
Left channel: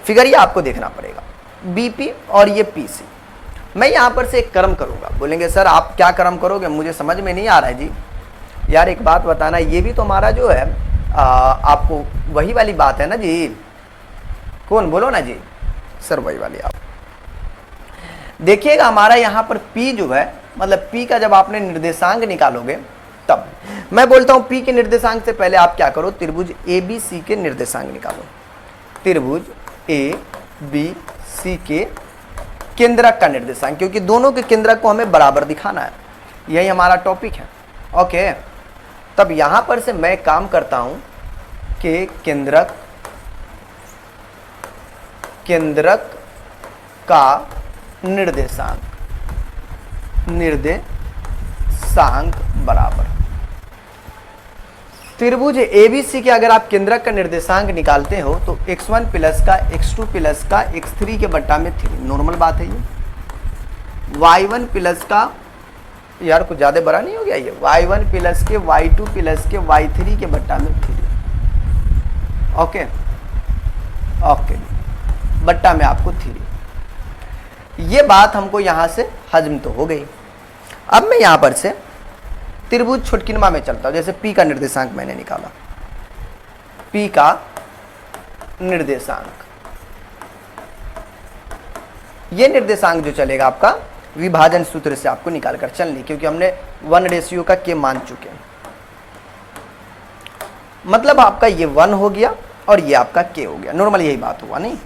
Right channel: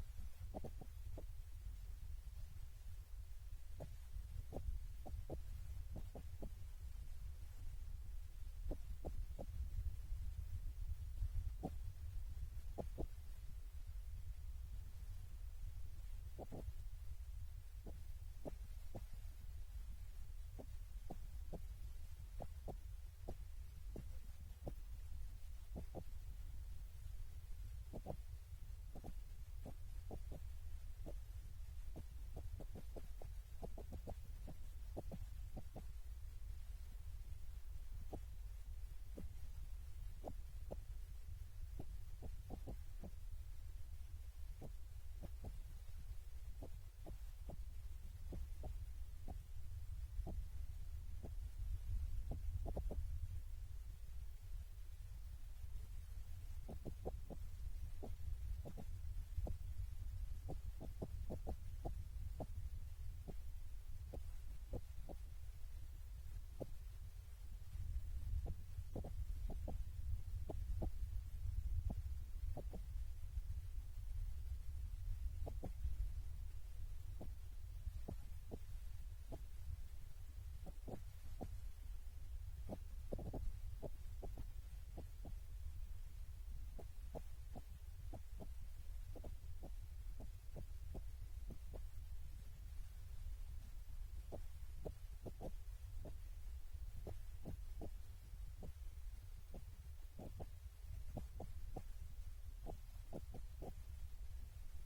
फिगर ये आपको देखना पड़ेगा, बीपी और ये पीसी। मैं यहां पर से एक कर्म करूंगा। बोलेंगे सर आप क्या कर्म करोगे? मुझे समझ में नहीं आ रहा है जी। यार एक बात बताना, ये भी तो हमारा जो है आपको वही वाली बात है ना जी। कौन? बोलो ना जी। सर वही वाली। आप देखिएगा हमारा यहाँ पर P जो है, मतलब P का जब आपने निर्देशांक निकालोगे तब मैं बोलता हूँ P के निर्देशांक से पहले आप क्या करो, त्रिभुज ABC के निर्देशांक निकालो। त्रिभुज ABC के केंद्रक का निर्देशांक, क्योंकि दोनों के केंद्रक को हमें बराबर दिखाना है, यही हमारा टॉपिक है। ओके, तब यहां पर से मैं काम करता हूं कि केंद्रक का निर्देशांक बराबर त्रिभुज एबीसी के अगर आप केंद्रक का निर्देशांक निकालते हो तो x1 प्लस का x2 प्लस का x3 के बट्टा में 3, नॉर्मल बात है ये। y1 प्लस का, यार कुछ ज्यादा बड़ा नहीं हो गया ये, y1 प्लस के y2 प्लस के y3 के बट्टा में 3। ओके ओके, बट्टा में आपको 3। ये बात हमको यहां से हजम तो हो गई। अब मैं यहां पर से त्रिभुज छुटकिनमा में चलता हूं। जैसे P का निर्देशांक मैंने निकाला, P का निर्देशांक, ये निर्देशांक जो चलेगा आपका विभाजन सूत्र से आपको निकाल कर चलनी, क्योंकि हमने 1 का K मान चुके हैं। मतलब आपका ये 1 हो गया और ये आपका K हो गया, नॉर्मल यही बात हुआ नहीं।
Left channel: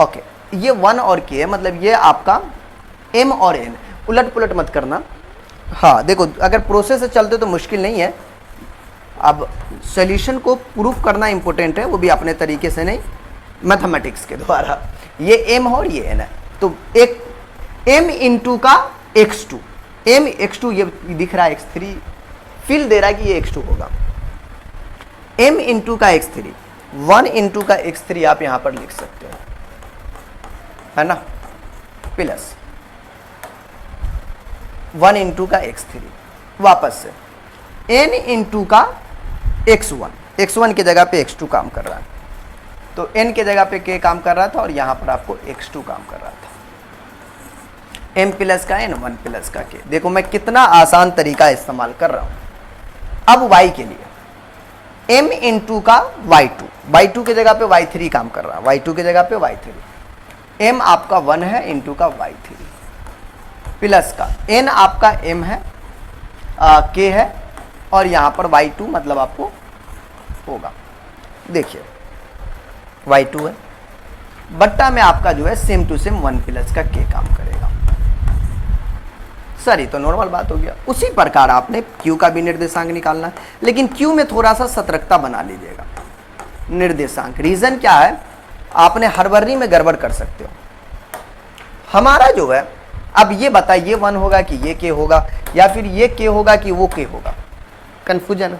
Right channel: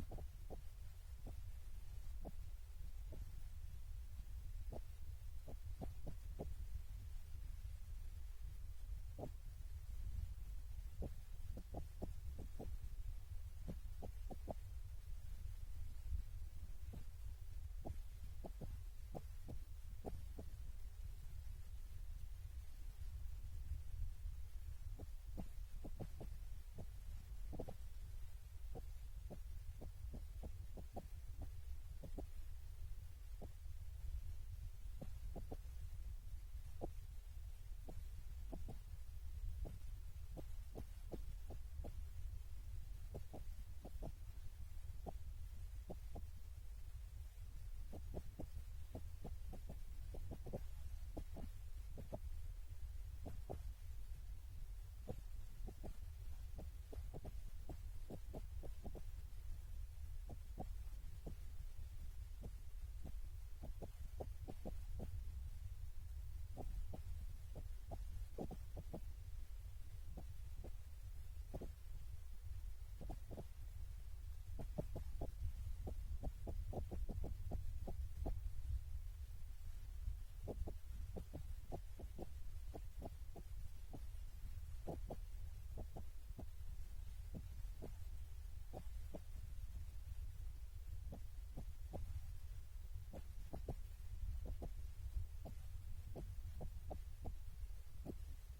ओके, ये 1 और K मतलब ये आपका M और N, उलट पुलट मत करना। हाँ देखो, अगर प्रोसेस से चलते तो मुश्किल नहीं है, अब सॉल्यूशन को प्रूफ करना इंपॉर्टेंट है, वो भी अपने तरीके से नहीं, मैथमेटिक्स के द्वारा। ये M और ये N है, तो एक M इंटू का x2, M x2 ये दिख रहा है x3, फील दे रहा है कि ये x2 होगा। M इंटू का x3, 1 इंटू का x3 आप यहां पर लिख सकते हो, है ना, प्लस 1 इंटू का x3, वापस से n इंटू का x1, x1 की जगह पे x2 काम कर रहा है, तो n के जगह पे k काम कर रहा था और यहां पर आपको x2 काम कर रहा था। m प्लस का n, 1 प्लस का k। देखो मैं कितना आसान तरीका इस्तेमाल कर रहा हूं। अब y के लिए m इंटू का y2, y2 की जगह पे y3 काम कर रहा है, y2 की जगह पे y3, m आपका 1 है इंटू का y3 प्लस का n आपका m है, k है, और यहां पर y2 मतलब आपको होगा, देखिए y2 है, बट्टा में आपका जो है सेम टू सेम 1 प्लस का k काम करेगा। सर ये तो नॉर्मल बात हो गया। उसी प्रकार आपने q का भी निर्देशांक निकालना है, लेकिन q में थोड़ा सा सतर्कता बना लीजिएगा। निर्देशांक रीजन क्या है, आपने हड़बड़ी में गड़बड़ कर सकते हो। हमारा जो है, अब ये बताइए 1 होगा कि ये k होगा, या फिर ये k होगा कि वो k होगा। कंफ्यूजन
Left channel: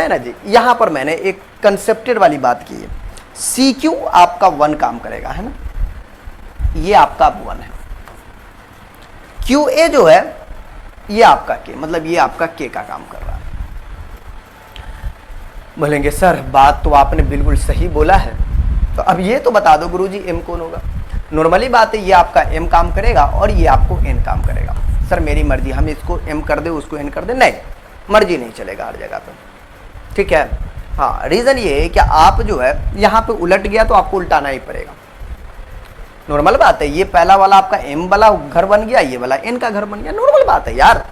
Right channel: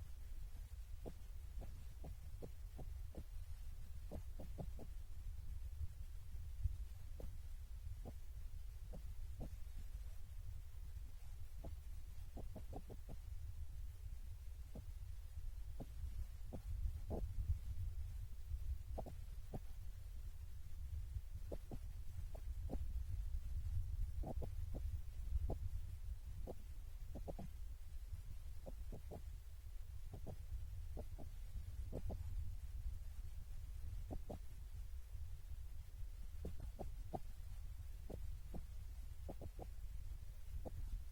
है ना जी। यहां पर मैंने एक कंसेप्टेड वाली बात की है, CQ आपका 1 काम करेगा, है ना, ये आपका 1 है, QA जो है ये आपका k, मतलब ये आपका k का काम कर रहा है। बोलेंगे सर बात तो आपने बिल्कुल सही बोला है, तो अब ये तो बता दो गुरुजी m कौन होगा। नॉर्मली बात है, ये आपका m काम करेगा और ये आपको n काम करेगा। सर मेरी मर्जी, हम इसको m कर दे उसको n कर दे, नहीं, मर्जी नहीं चलेगा हर जगह पे, ठीक है। हाँ, रीजन ये है कि आप जो है यहाँ पे उलट गया तो आपको उल्टाना ही पड़ेगा, नॉर्मल बात है। ये पहला वाला आपका m वाला घर बन गया, ये वाला n का घर बन गया, नॉर्मल बात है यार।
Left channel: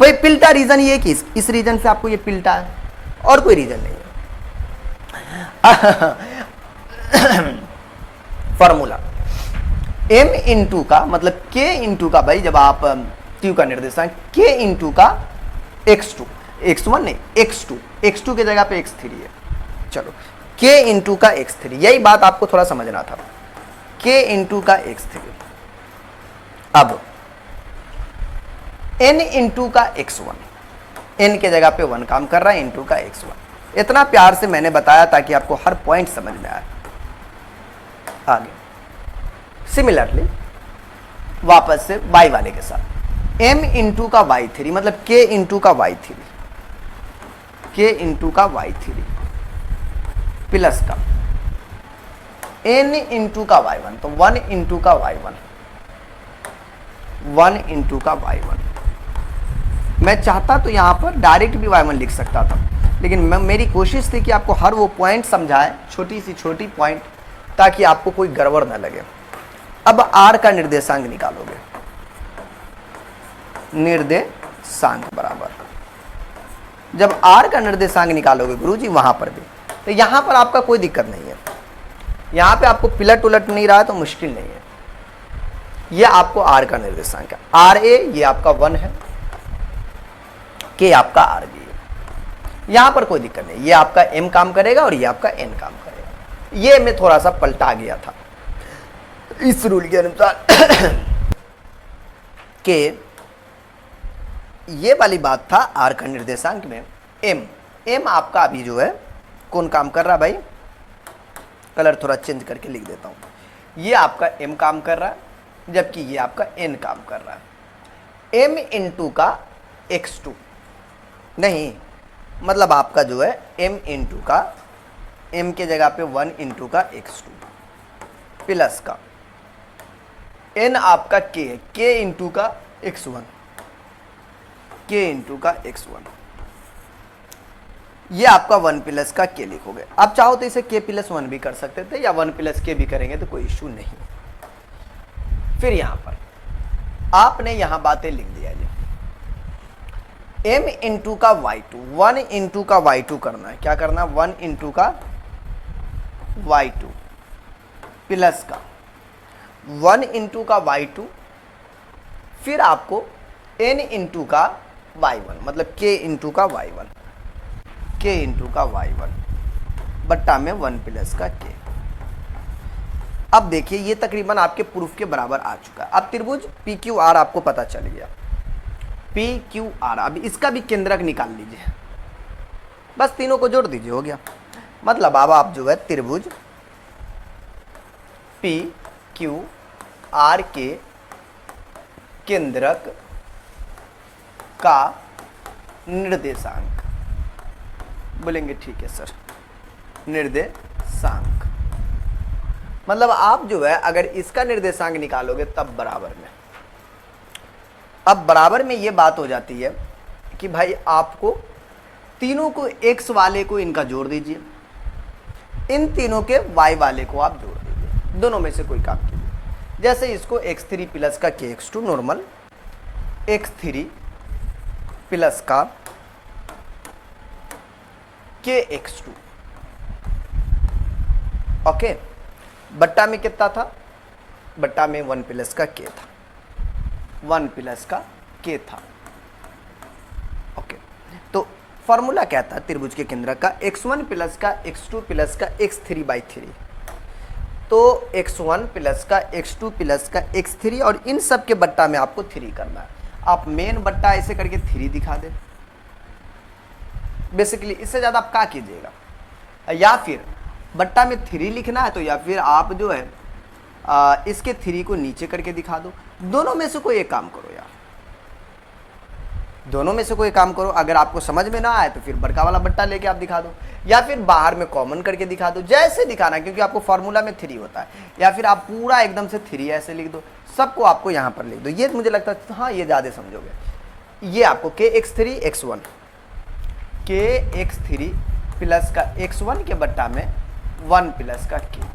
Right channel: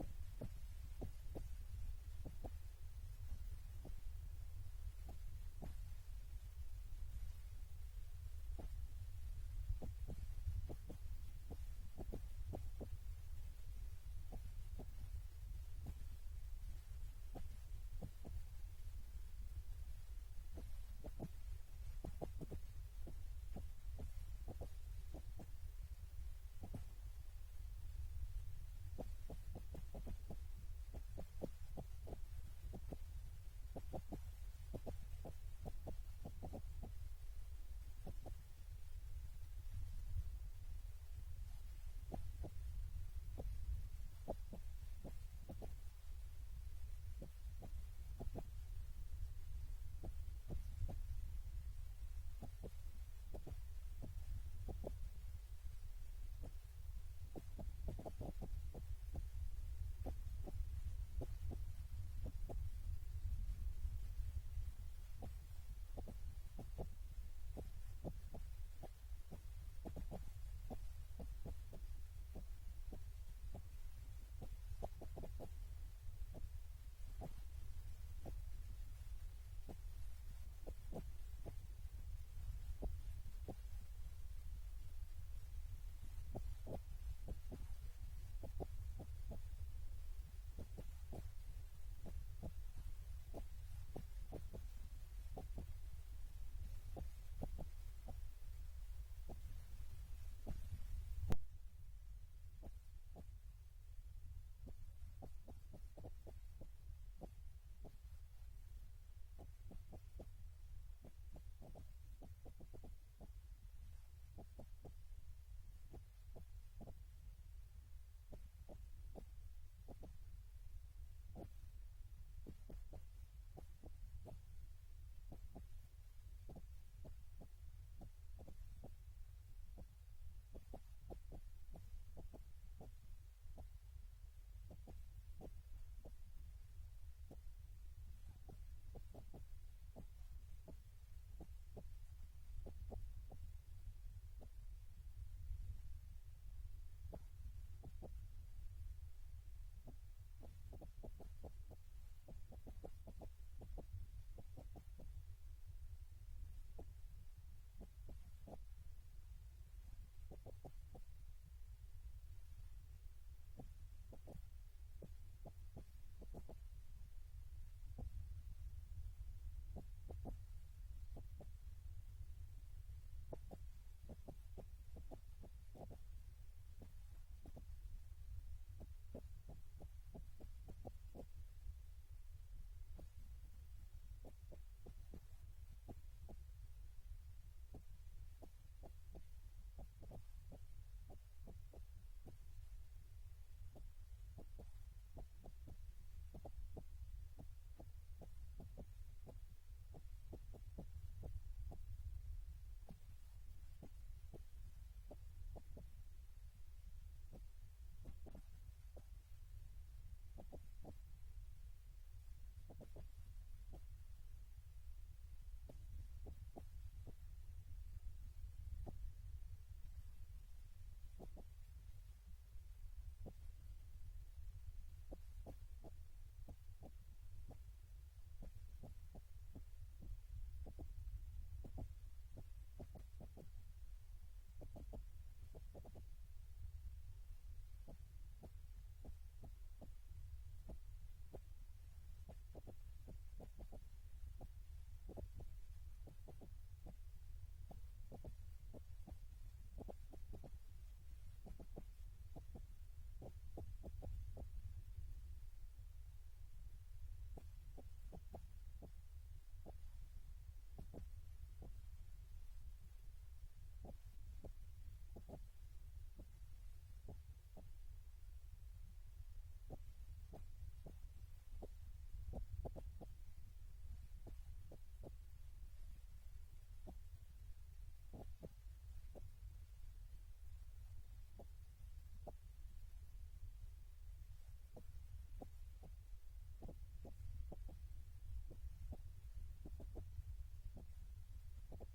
भाई पिल्टा रीजन ये कि इस रीजन से आपको ये पिल्टा है, और कोई रीजन नहीं है। फॉर्मूला m इंटू का मतलब k इंटू का, भाई जब आप q का निर्देशांक k इंटू का x2, x1 नहीं x2 की जगह पे x3 है, चलो k इंटू का x3, यही बात आपको थोड़ा समझना था, k इंटू का x3। अब n इंटू का x1, n के जगह पे 1 काम कर रहा है इंटू का x1। इतना प्यार से मैंने बताया ताकि आपको हर पॉइंट समझ में आए। आगे सिमिलरली वापस से y वाले के साथ m इंटू का y3 मतलब k इंटू का y3, k इंटू का y3 प्लस का n इंटू का y1, तो 1 इंटू का y1, 1 इंटू का y1। मैं चाहता तो यहां पर डायरेक्ट भी y1 लिख सकता था, लेकिन मेरी कोशिश थी कि आपको हर वो पॉइंट समझाए, छोटी सी छोटी पॉइंट, ताकि आपको कोई गड़बड़ ना लगे। अब r का निर्देशांक निकालोगे, निर्देशांक बराबर, जब r का निर्देशांक निकालोगे गुरुजी वहां पर भी, तो यहां पर आपका कोई दिक्कत नहीं है, यहां पे आपको पिलट उलट नहीं रहा है तो मुश्किल नहीं है। ये आपको आर का निर्देशांक है, आर ए ये आपका 1 है, के आपका आर बी है। यहां पर कोई दिक्कत नहीं, ये आपका एम काम करेगा और ये आपका एन काम करेगा। ये मैं थोड़ा सा पलटा गया था इस रूल के अनुसार कि ये वाली बात था आर का निर्देशांक में एम, एम आपका अभी जो है कौन काम कर रहा है भाई, कलर थोड़ा चेंज करके लिख देता हूं। ये आपका एम काम कर रहा है जबकि ये आपका एन काम कर रहा है। एम इंटू का x2 नहीं, मतलब आपका जो है m इंटू का, m के जगह पे 1 इंटू का x2 प्लस का n आपका k है, k इंटू का x1, k इंटू का x1, ये आपका 1 प्लस का k लिखोगे। आप चाहो तो इसे k प्लस 1 भी कर सकते थे या 1 प्लस k भी करेंगे तो कोई इश्यू नहीं। फिर यहां पर आपने यहां बातें लिख दिया जी, m इंटू का y2, 1 इंटू का y2 करना है, क्या करना है 1 इंटू का y2 प्लस का 1 इंटू का y2, फिर आपको n इंटू का y1 मतलब k इंटू का y1, k इंटू का y1 बट्टा में 1 प्लस का k। अब देखिए ये तकरीबन आपके प्रूफ के बराबर आ चुका है। अब त्रिभुज पी क्यू आर आपको पता चल गया, पी क्यू आर। अब इसका भी केंद्रक निकाल लीजिए, बस तीनों को जोड़ दीजिए, हो गया। मतलब अब आप जो है त्रिभुज पी क्यू आर के केंद्रक का निर्देशांक बोलेंगे, ठीक है सर, निर्देशांक मतलब आप जो है अगर इसका निर्देशांक निकालोगे तब बराबर में, अब बराबर में ये बात हो जाती है कि भाई आपको तीनों को x वाले को इनका जोड़ दीजिए, इन तीनों के y वाले को आप जोड़ दीजिए, दोनों में से कोई काम कीजिए। जैसे इसको x3 प्लस का kx2 नॉर्मल, x3 प्लस का kx2 ओके, बट्टा में कितना था, बट्टा में 1 प्लस का k था, 1 प्लस का k था। ओके, तो फॉर्मूला क्या था त्रिभुज के केंद्र का, x1 प्लस का x2 प्लस का x3/3, तो x1 प्लस का x2 प्लस का x3 और इन सब के बट्टा में आपको 3 करना है। आप मेन बट्टा ऐसे करके 3 दिखा दे बेसिकली, इससे ज्यादा आप क्या कीजिएगा, या फिर बट्टा में 3 लिखना है तो या फिर आप जो है इसके 3 को नीचे करके दिखा दो। दोनों में से कोई एक काम करो यार, दोनों में से कोई काम करो। अगर आपको समझ में ना आए तो फिर बड़का वाला बट्टा लेके आप दिखा दो, या फिर बाहर में कॉमन करके दिखा दो, जैसे दिखाना, क्योंकि आपको फॉर्मूला में 3 होता है। या फिर आप पूरा एकदम से 3 ऐसे लिख दो, सबको आपको यहाँ पर लिख दो। ये मुझे लगता है हाँ ये ज़्यादा समझोगे। ये आपको kx3 x1, kx3 प्लस का x1 के बट्टा में 1 प्लस का k,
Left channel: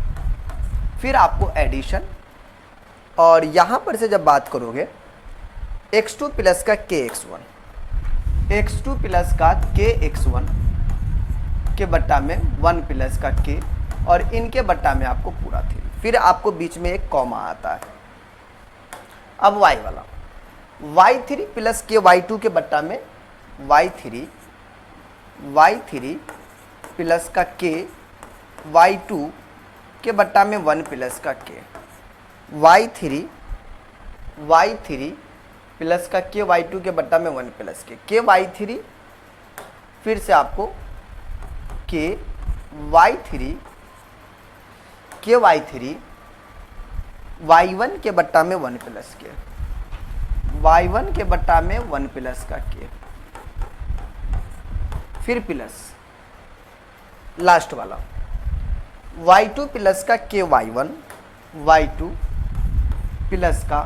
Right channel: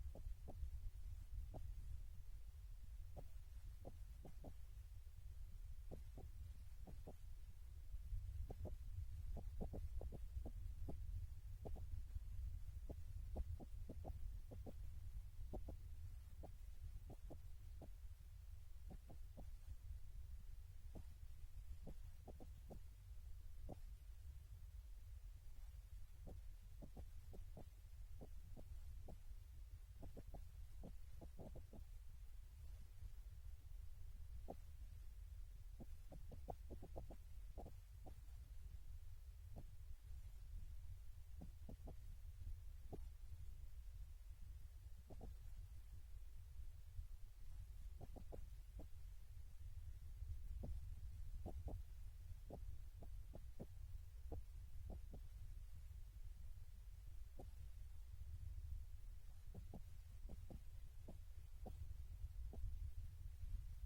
फिर आपको एडिशन, और यहां पर से जब बात करोगे x2 प्लस का kx1, x2 प्लस का kx1 के बट्टा में 1 प्लस का k, और इनके बट्टा में आपको पूरा 3, फिर आपको बीच में एक कॉमा आता है। अब y वाला y3 प्लस के y2 के बट्टा में y3 प्लस का k y2 के बट्टा में 1 प्लस का k, y3 प्लस का k y2 के बट्टा में 1 प्लस k y3, फिर से आपको k y3 y1 के बट्टा में 1 प्लस k, y1 के बट्टा में 1 प्लस का k, फिर प्लस लास्ट वाला y2 प्लस का k y1, y2 प्लस का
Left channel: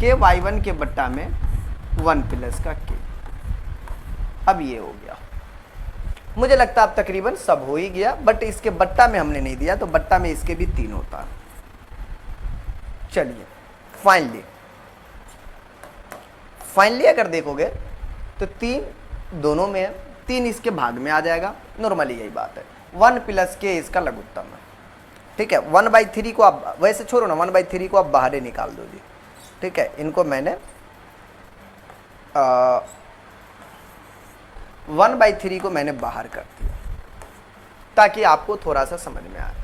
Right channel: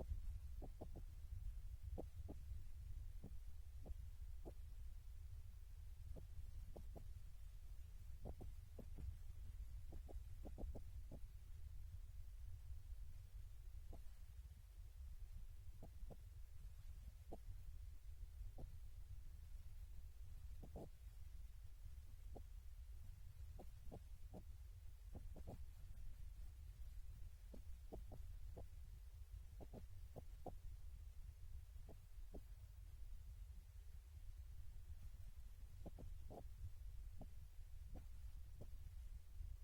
k y1 के बट्टा में 1 प्लस का k। अब ये हो गया, मुझे लगता है अब तकरीबन सब हो ही गया, बट इसके बट्टा में हमने नहीं दिया, तो बट्टा में इसके भी 3 होता है। चलिए फाइनली अगर देखोगे तो 3 दोनों में है, 3 इसके भाग में आ जाएगा, नॉर्मली यही बात है। 1 प्लस के इसका लघुत्तम है, ठीक है। 1/3 को आप वैसे छोड़ो ना, 1/3 को आप बाहर ही निकाल दो जी, ठीक है। इनको मैंने 1/3 को मैंने बाहर कर दिया ताकि आपको थोड़ा सा समझ में आए।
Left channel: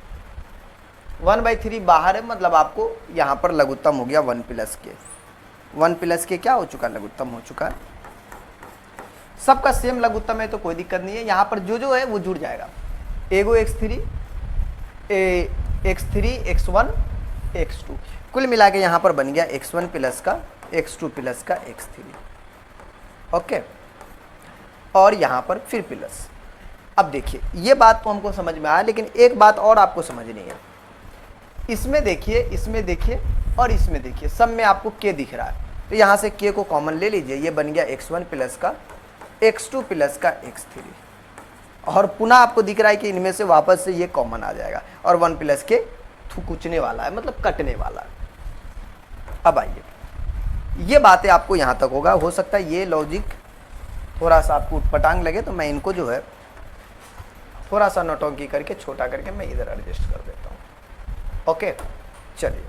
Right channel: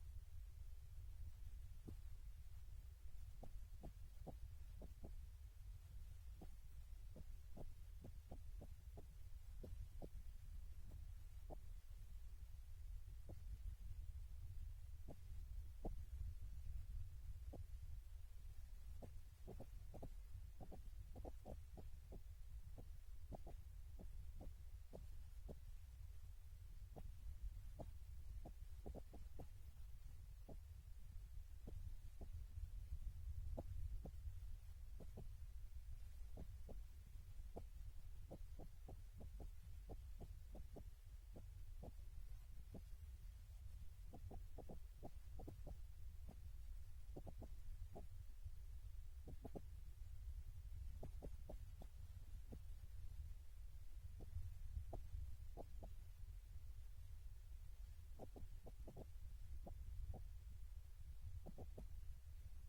1/3 बाहर है, मतलब आपको यहाँ पर लघुत्तम हो गया 1 प्लस के। 1 प्लस के क्या हो चुका, लघुत्तम हो चुका है। सबका सेम लघुत्तम है तो कोई दिक्कत नहीं है, यहाँ पर जो जो है वो जुड़ जाएगा। एगो x3 x3 x1 x2, कुल मिला के यहाँ पर बन गया x1 प्लस का x2 प्लस का x3। ओके, और यहाँ पर फिर प्लस। अब देखिए ये बात तो हमको समझ में आया, लेकिन एक बात और आपको समझनी है। इसमें देखिए, इसमें देखिए और इसमें देखिए, सब में आपको k दिख रहा है, तो यहाँ से k को कॉमन ले लीजिए। ये बन गया x1 प्लस का x2 प्लस का x3, और पुनः आपको दिख रहा है कि इनमें से वापस से ये कॉमन आ जाएगा और 1 प्लस के थुकुचने वाला है, मतलब कटने वाला है। अब आइए, ये बातें आपको यहाँ तक होगा। हो सकता है ये लॉजिक थोड़ा सा आपको उटपटांग लगे, तो मैं इनको जो है थोड़ा सा नौटंकी करके छोटा करके मैं इधर एडजस्ट कर देता हूँ। ओके, चलिए।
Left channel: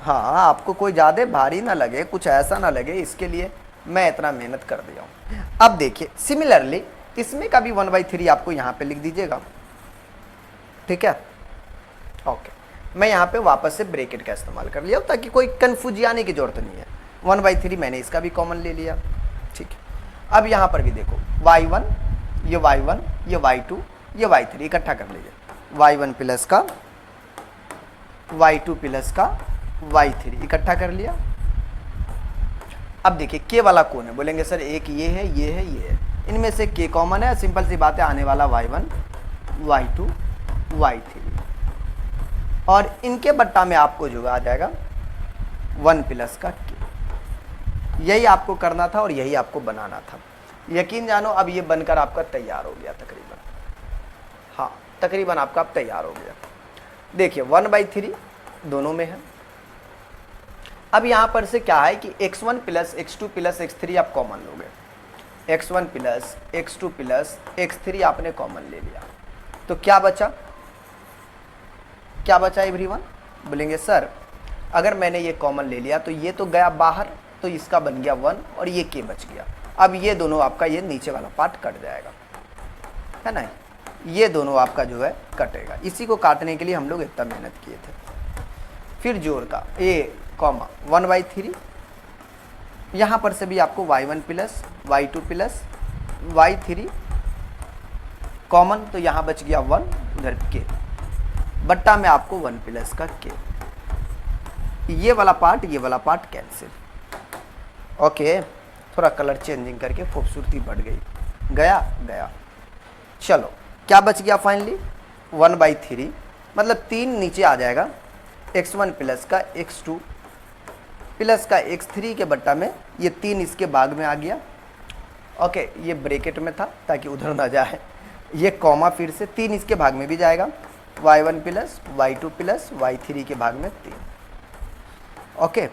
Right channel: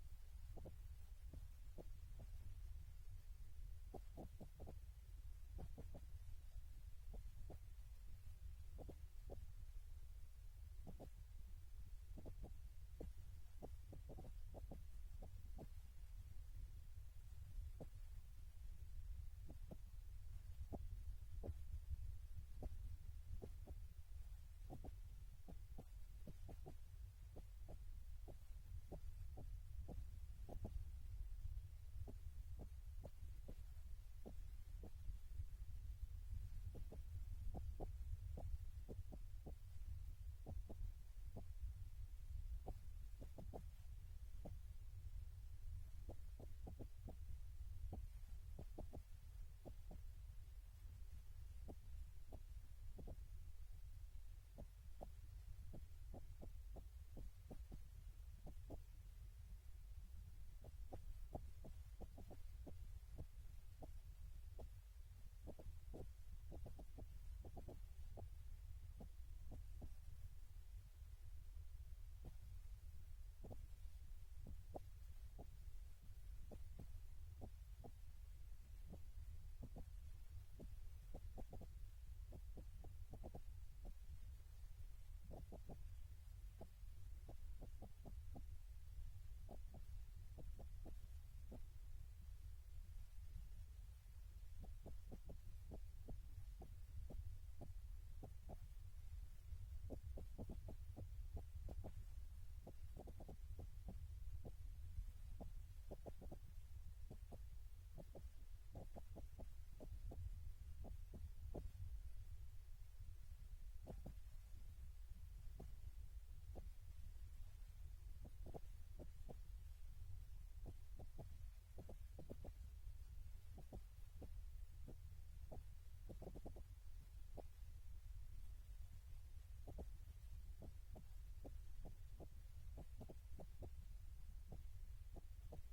हाँ, आपको कोई ज़्यादा भारी ना लगे, कुछ ऐसा ना लगे, इसके लिए मैं इतना मेहनत कर दिया हूँ। अब देखिए सिमिलरली इसमें का भी 1/3 आपको यहाँ पे लिख दीजिएगा, ठीक है। ओके, मैं यहाँ पे वापस से ब्रैकेट का इस्तेमाल कर लिया ताकि कोई कन्फ्यूज आने की जरूरत नहीं है। 1/3 मैंने इसका भी कॉमन ले लिया, ठीक है। अब यहाँ पर भी देखो y1, ये y1, ये y2, ये y3 इकट्ठा कर लीजिए। y1 प्लस का y2 प्लस का y3 इकट्ठा कर लिया। अब देखिए k वाला कौन है, बोलेंगे सर एक ये है, ये है, ये है। इनमें से k कॉमन है, सिंपल सी बात है, आने वाला y1 y2 y3, और इनके बट्टा में आपको जो आ जाएगा 1 प्लस का k। यही आपको करना था और यही आपको बनाना था। यकीन जानो अब ये बनकर आपका तैयार हो गया तकरीबन। हाँ, तकरीबन आपका अब तैयार हो गया। देखिए 1/3 दोनों में है। अब यहाँ पर से क्या है कि x1 plus x2 plus x3 आप कॉमन लोगे। x1 plus x2 plus x3 आपने कॉमन ले लिया, तो क्या बचा, क्या बचा एवरीवन? बोलेंगे सर अगर मैंने ये कॉमन ले लिया तो ये तो गया बाहर, तो इसका बन गया 1 और ये k बच गया। अब ये दोनों आपका ये नीचे वाला पार्ट कट जाएगा, है ना, ये दोनों आपका जो है कटेगा। इसी को काटने के लिए हम लोग इतना मेहनत किए थे। फिर जोड़ का a कॉमा 1/3, यहाँ पर से भी आपको y1 plus y2 plus y3 common, तो यहाँ बच गया 1, उधर k बट्टा में आपको 1 प्लस का k। ये वाला पार्ट कैंसिल। ओके, थोड़ा कलर चेंजिंग करके खूबसूरती बढ़ गई, गया गया। चलो क्या बच गया फाइनली 1/3, मतलब 3 नीचे आ जाएगा, x1 प्लस का x2 प्लस का x3 के बट्टा में ये 3 इसके भाग में आ गया। ओके, ये ब्रैकेट में था ताकि उधर ना जाए, ये कॉमा फिर से 3 इसके भाग में भी जाएगा, y1 plus y2 plus y3 के भाग में 3। ओके,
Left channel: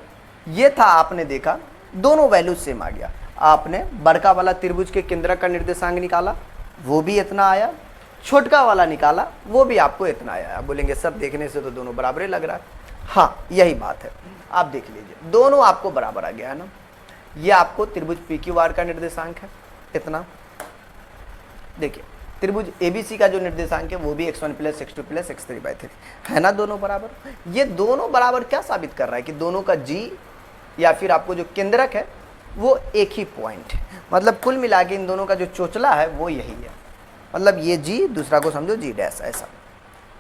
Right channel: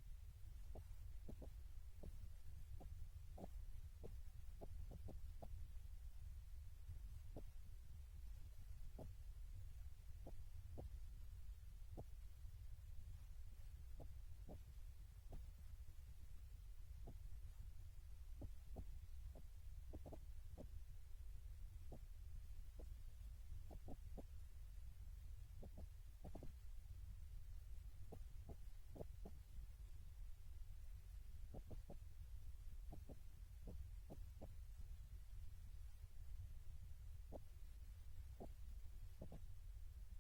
ये था, आपने देखा दोनों वैल्यू सेम आ गया। आपने बड़का वाला त्रिभुज के केंद्र का निर्देशांक निकाला, वो भी इतना आया, छोटका वाला निकाला, वो भी आपको इतना आया। आप बोलेंगे सर देखने से तो दोनों बराबर ही लग रहा है। हाँ, यही बात है, आप देख लीजिए दोनों आपको बराबर आ गया है ना। ये आपको त्रिभुज PQR का निर्देशांक है इतना। देखिए त्रिभुज ABC का जो निर्देशांक है वो भी x1 plus x2 plus x3/3 है ना, दोनों बराबर। ये दोनों बराबर क्या साबित कर रहा है कि दोनों का G या फिर आपको जो केंद्रक है वो एक ही पॉइंट है, मतलब कुल मिला के इन दोनों का जो चोचला है वो यही है। मतलब ये G, दूसरा को समझो G डैश, ऐसा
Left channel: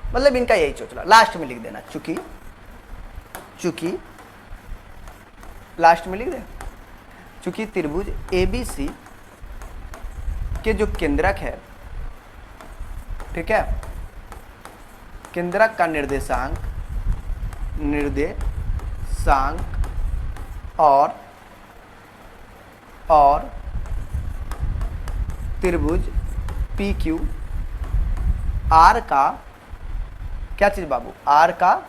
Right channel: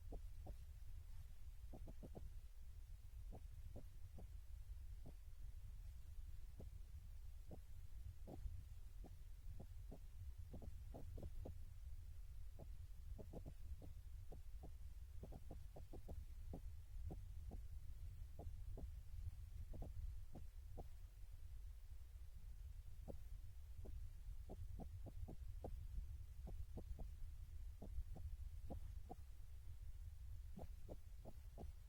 मतलब इनका यही चोचला। लास्ट में लिख देना, चूंकि लास्ट में लिख दे, चूंकि त्रिभुज ABC के जो केंद्रक है, ठीक है, केंद्रक का निर्देशांक और त्रिभुज PQR का क्या चीज बाबू, R का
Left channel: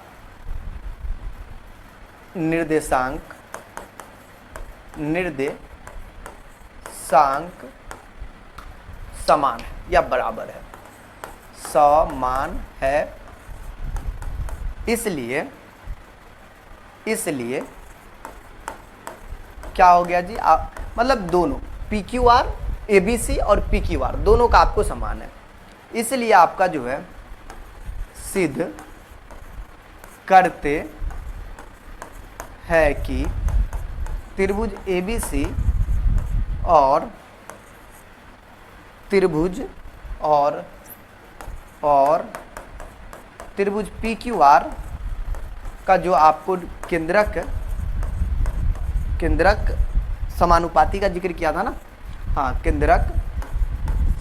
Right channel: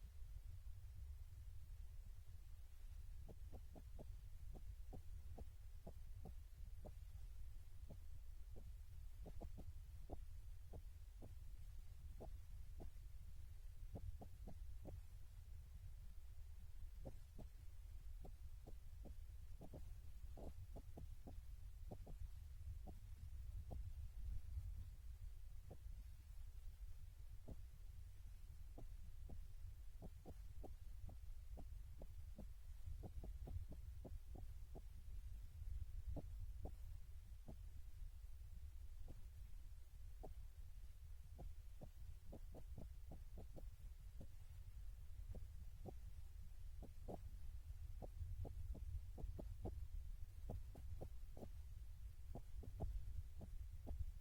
निर्देशांक समान है या बराबर है, समान है इसलिए इसलिए क्या हो गया जी, आप मतलब दोनों पी क्यू आर एबीसी और पी क्यू आर दोनों का आपको समान है, इसलिए आपका जो है सिद्ध करते हैं कि त्रिभुज एबीसी और त्रिभुज और त्रिभुज पी क्यू आर का जो आपको केंद्रक समानुपाती का जिक्र किया था ना, हाँ केंद्रक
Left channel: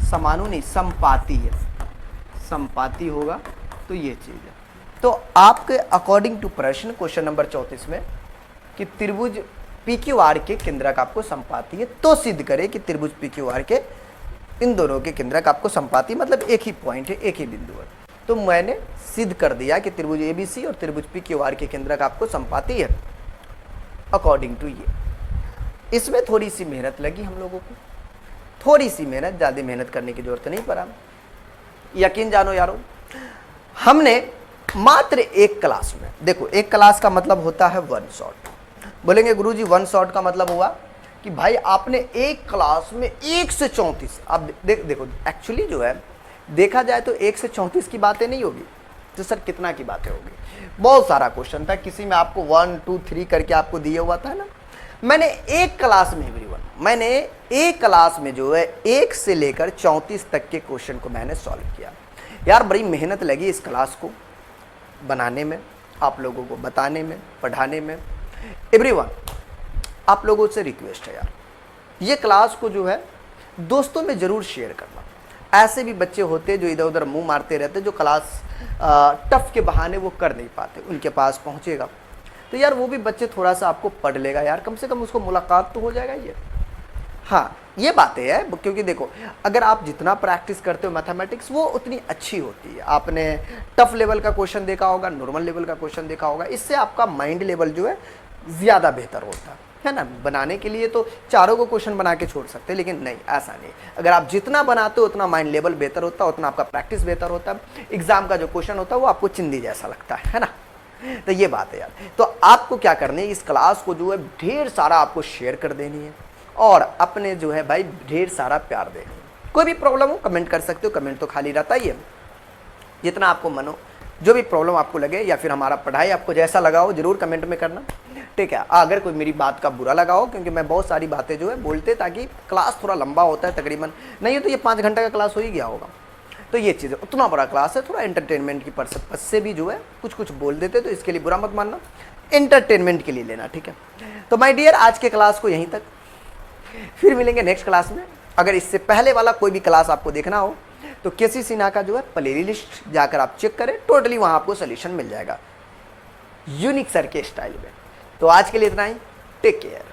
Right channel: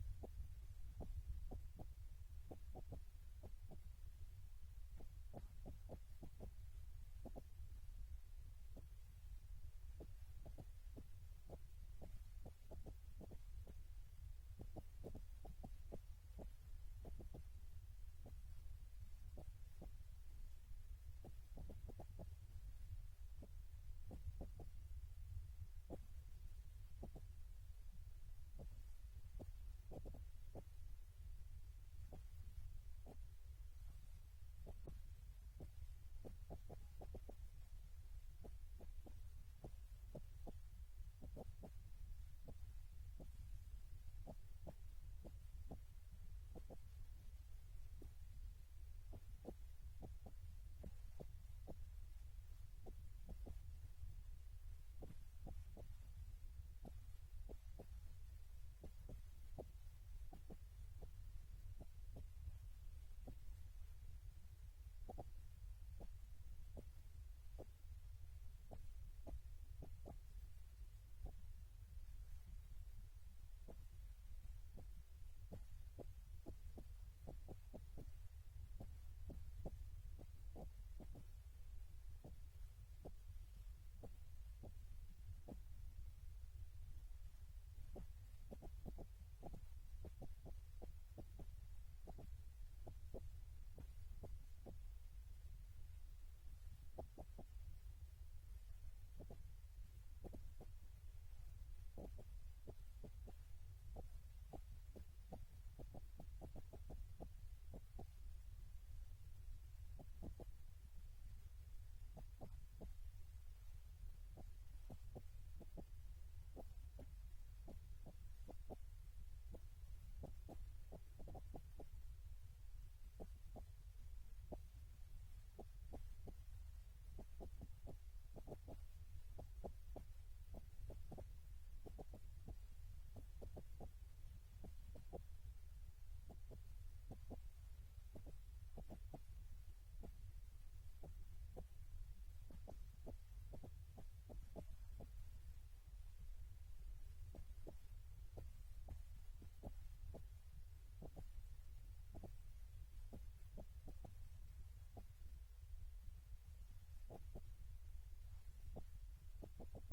समानु नहीं संपाती है, संपाती होगा तो ये चीज है। तो आपके अकॉर्डिंग टू प्रश्न क्वेश्चन नंबर 34 में कि त्रिभुज पी क्यू आर के केंद्रक आपको संपाती है, तो सिद्ध करें कि त्रिभुज पी क्यू आर के इन दोनों के केंद्रक आपको संपाती, मतलब एक ही पॉइंट है, एक ही बिंदु है। तो मैंने सिद्ध कर दिया कि त्रिभुज एबीसी और त्रिभुज पी क्यू आर के केंद्रक आपको संपाती है अकॉर्डिंग टू ये। इसमें थोड़ी सी मेहनत लगी हम लोगों को, थोड़ी सी मेहनत, ज़्यादा मेहनत करने की जरूरत नहीं पड़ा। यकीन जानो यारो, हमने मात्र एक क्लास में, देखो एक क्लास का मतलब होता है वन शॉट। बोलेंगे गुरुजी वन शॉट का मतलब हुआ कि भाई आपने एक क्लास में 1 से 34, अब देखो एक्चुअली जो है देखा जाए तो 1 से 34 की बातें नहीं होगी, तो सर कितना की बातें होगी, बहुत सारा क्वेश्चन था, किसी में आपको 1 2 3 करके आपको दिया हुआ था ना। मैंने एक क्लास में मैंने एक क्लास में जो है 1 से लेकर 34 तक के क्वेश्चन को मैंने सॉल्व किया। यार बड़ी मेहनत लगी इस क्लास को बनाने में, आप लोगों को बताने में, पढ़ाने में। एवरीवन, आप लोगों से रिक्वेस्ट है यार, ये क्लास को जो है दोस्तों में ज़रूर शेयर करना। ऐसे भी बच्चे होते हैं जो इधर उधर मुंह मारते रहते, जो क्लास टफ के बहाने वो कर नहीं पाते, उनके पास पहुंचेगा तो यार वो भी बच्चे थोड़ा सा आपको पढ़ लेगा यार, कम से कम उसको मुलाकात तो हो जाएगा ये। हाँ ये बातें है, क्योंकि देखो अगर आप जितना प्रैक्टिस करते हो मैथमेटिक्स वो उतनी अच्छी होती है। आपने टफ लेवल का क्वेश्चन देखा होगा, नॉर्मल लेवल का क्वेश्चन देखा होगा, इससे आपका माइंड लेवल जो है ज़्यादा बेहतर होता है ना। बनाने के लिए तो चारों को क्वेश्चन बना के छोड़ सकते हैं, लेकिन नहीं, ऐसा नहीं। अगर आप जितना बनाते हो उतना माइंड लेवल बेहतर होता है, उतना आपका प्रैक्टिस बेहतर होता है, एग्जाम का जो क्वेश्चन होता है वो आपको चिंदी जैसा लगता है ना। तो ये बात है यार। तो आपको क्या करनी है, इस क्लास को जो है ढेर सारा आपको शेयर कर देनी है और अपने जो है भाई ढेर सारा प्यार देनी है। कोई भी प्रॉब्लम हो कमेंट कर सकते हो, कमेंट तो खाली रहता ही है, जितना आपको मन हो, जो भी प्रॉब्लम आपको लगे या फिर हमारा पढ़ाई आपको जैसा लगा हो जरूर कमेंट में करना, ठीक है। अगर कोई मेरी बात का बुरा लगा हो, क्योंकि मैं बहुत सारी बातें जो है बोलते ताकि क्लास थोड़ा लंबा होता है, तकरीबन नहीं है तो ये 5 घंटे का क्लास हो ही गया होगा। तो ये चीज़ उतना बड़ा क्लास है, थोड़ा एंटरटेनमेंट की पर्पस से भी जो है कुछ कुछ बोल देते, तो इसके लिए बुरा मत मानना, एंटरटेनमेंट के लिए लेना, ठीक है। तो माय डियर आज के क्लास को यहीं तक, फिर मिलेंगे नेक्स्ट क्लास में। अगर इससे पहले वाला कोई भी क्लास आपको देखना हो तो केसी सिन्हा का जो है प्ले लिस्ट जाकर आप चेक करें, टोटली वहाँ आपको सोल्यूशन मिल जाएगा यूनिक सर के स्टाइल में। तो आज के लिए इतना ही, टेक केयर।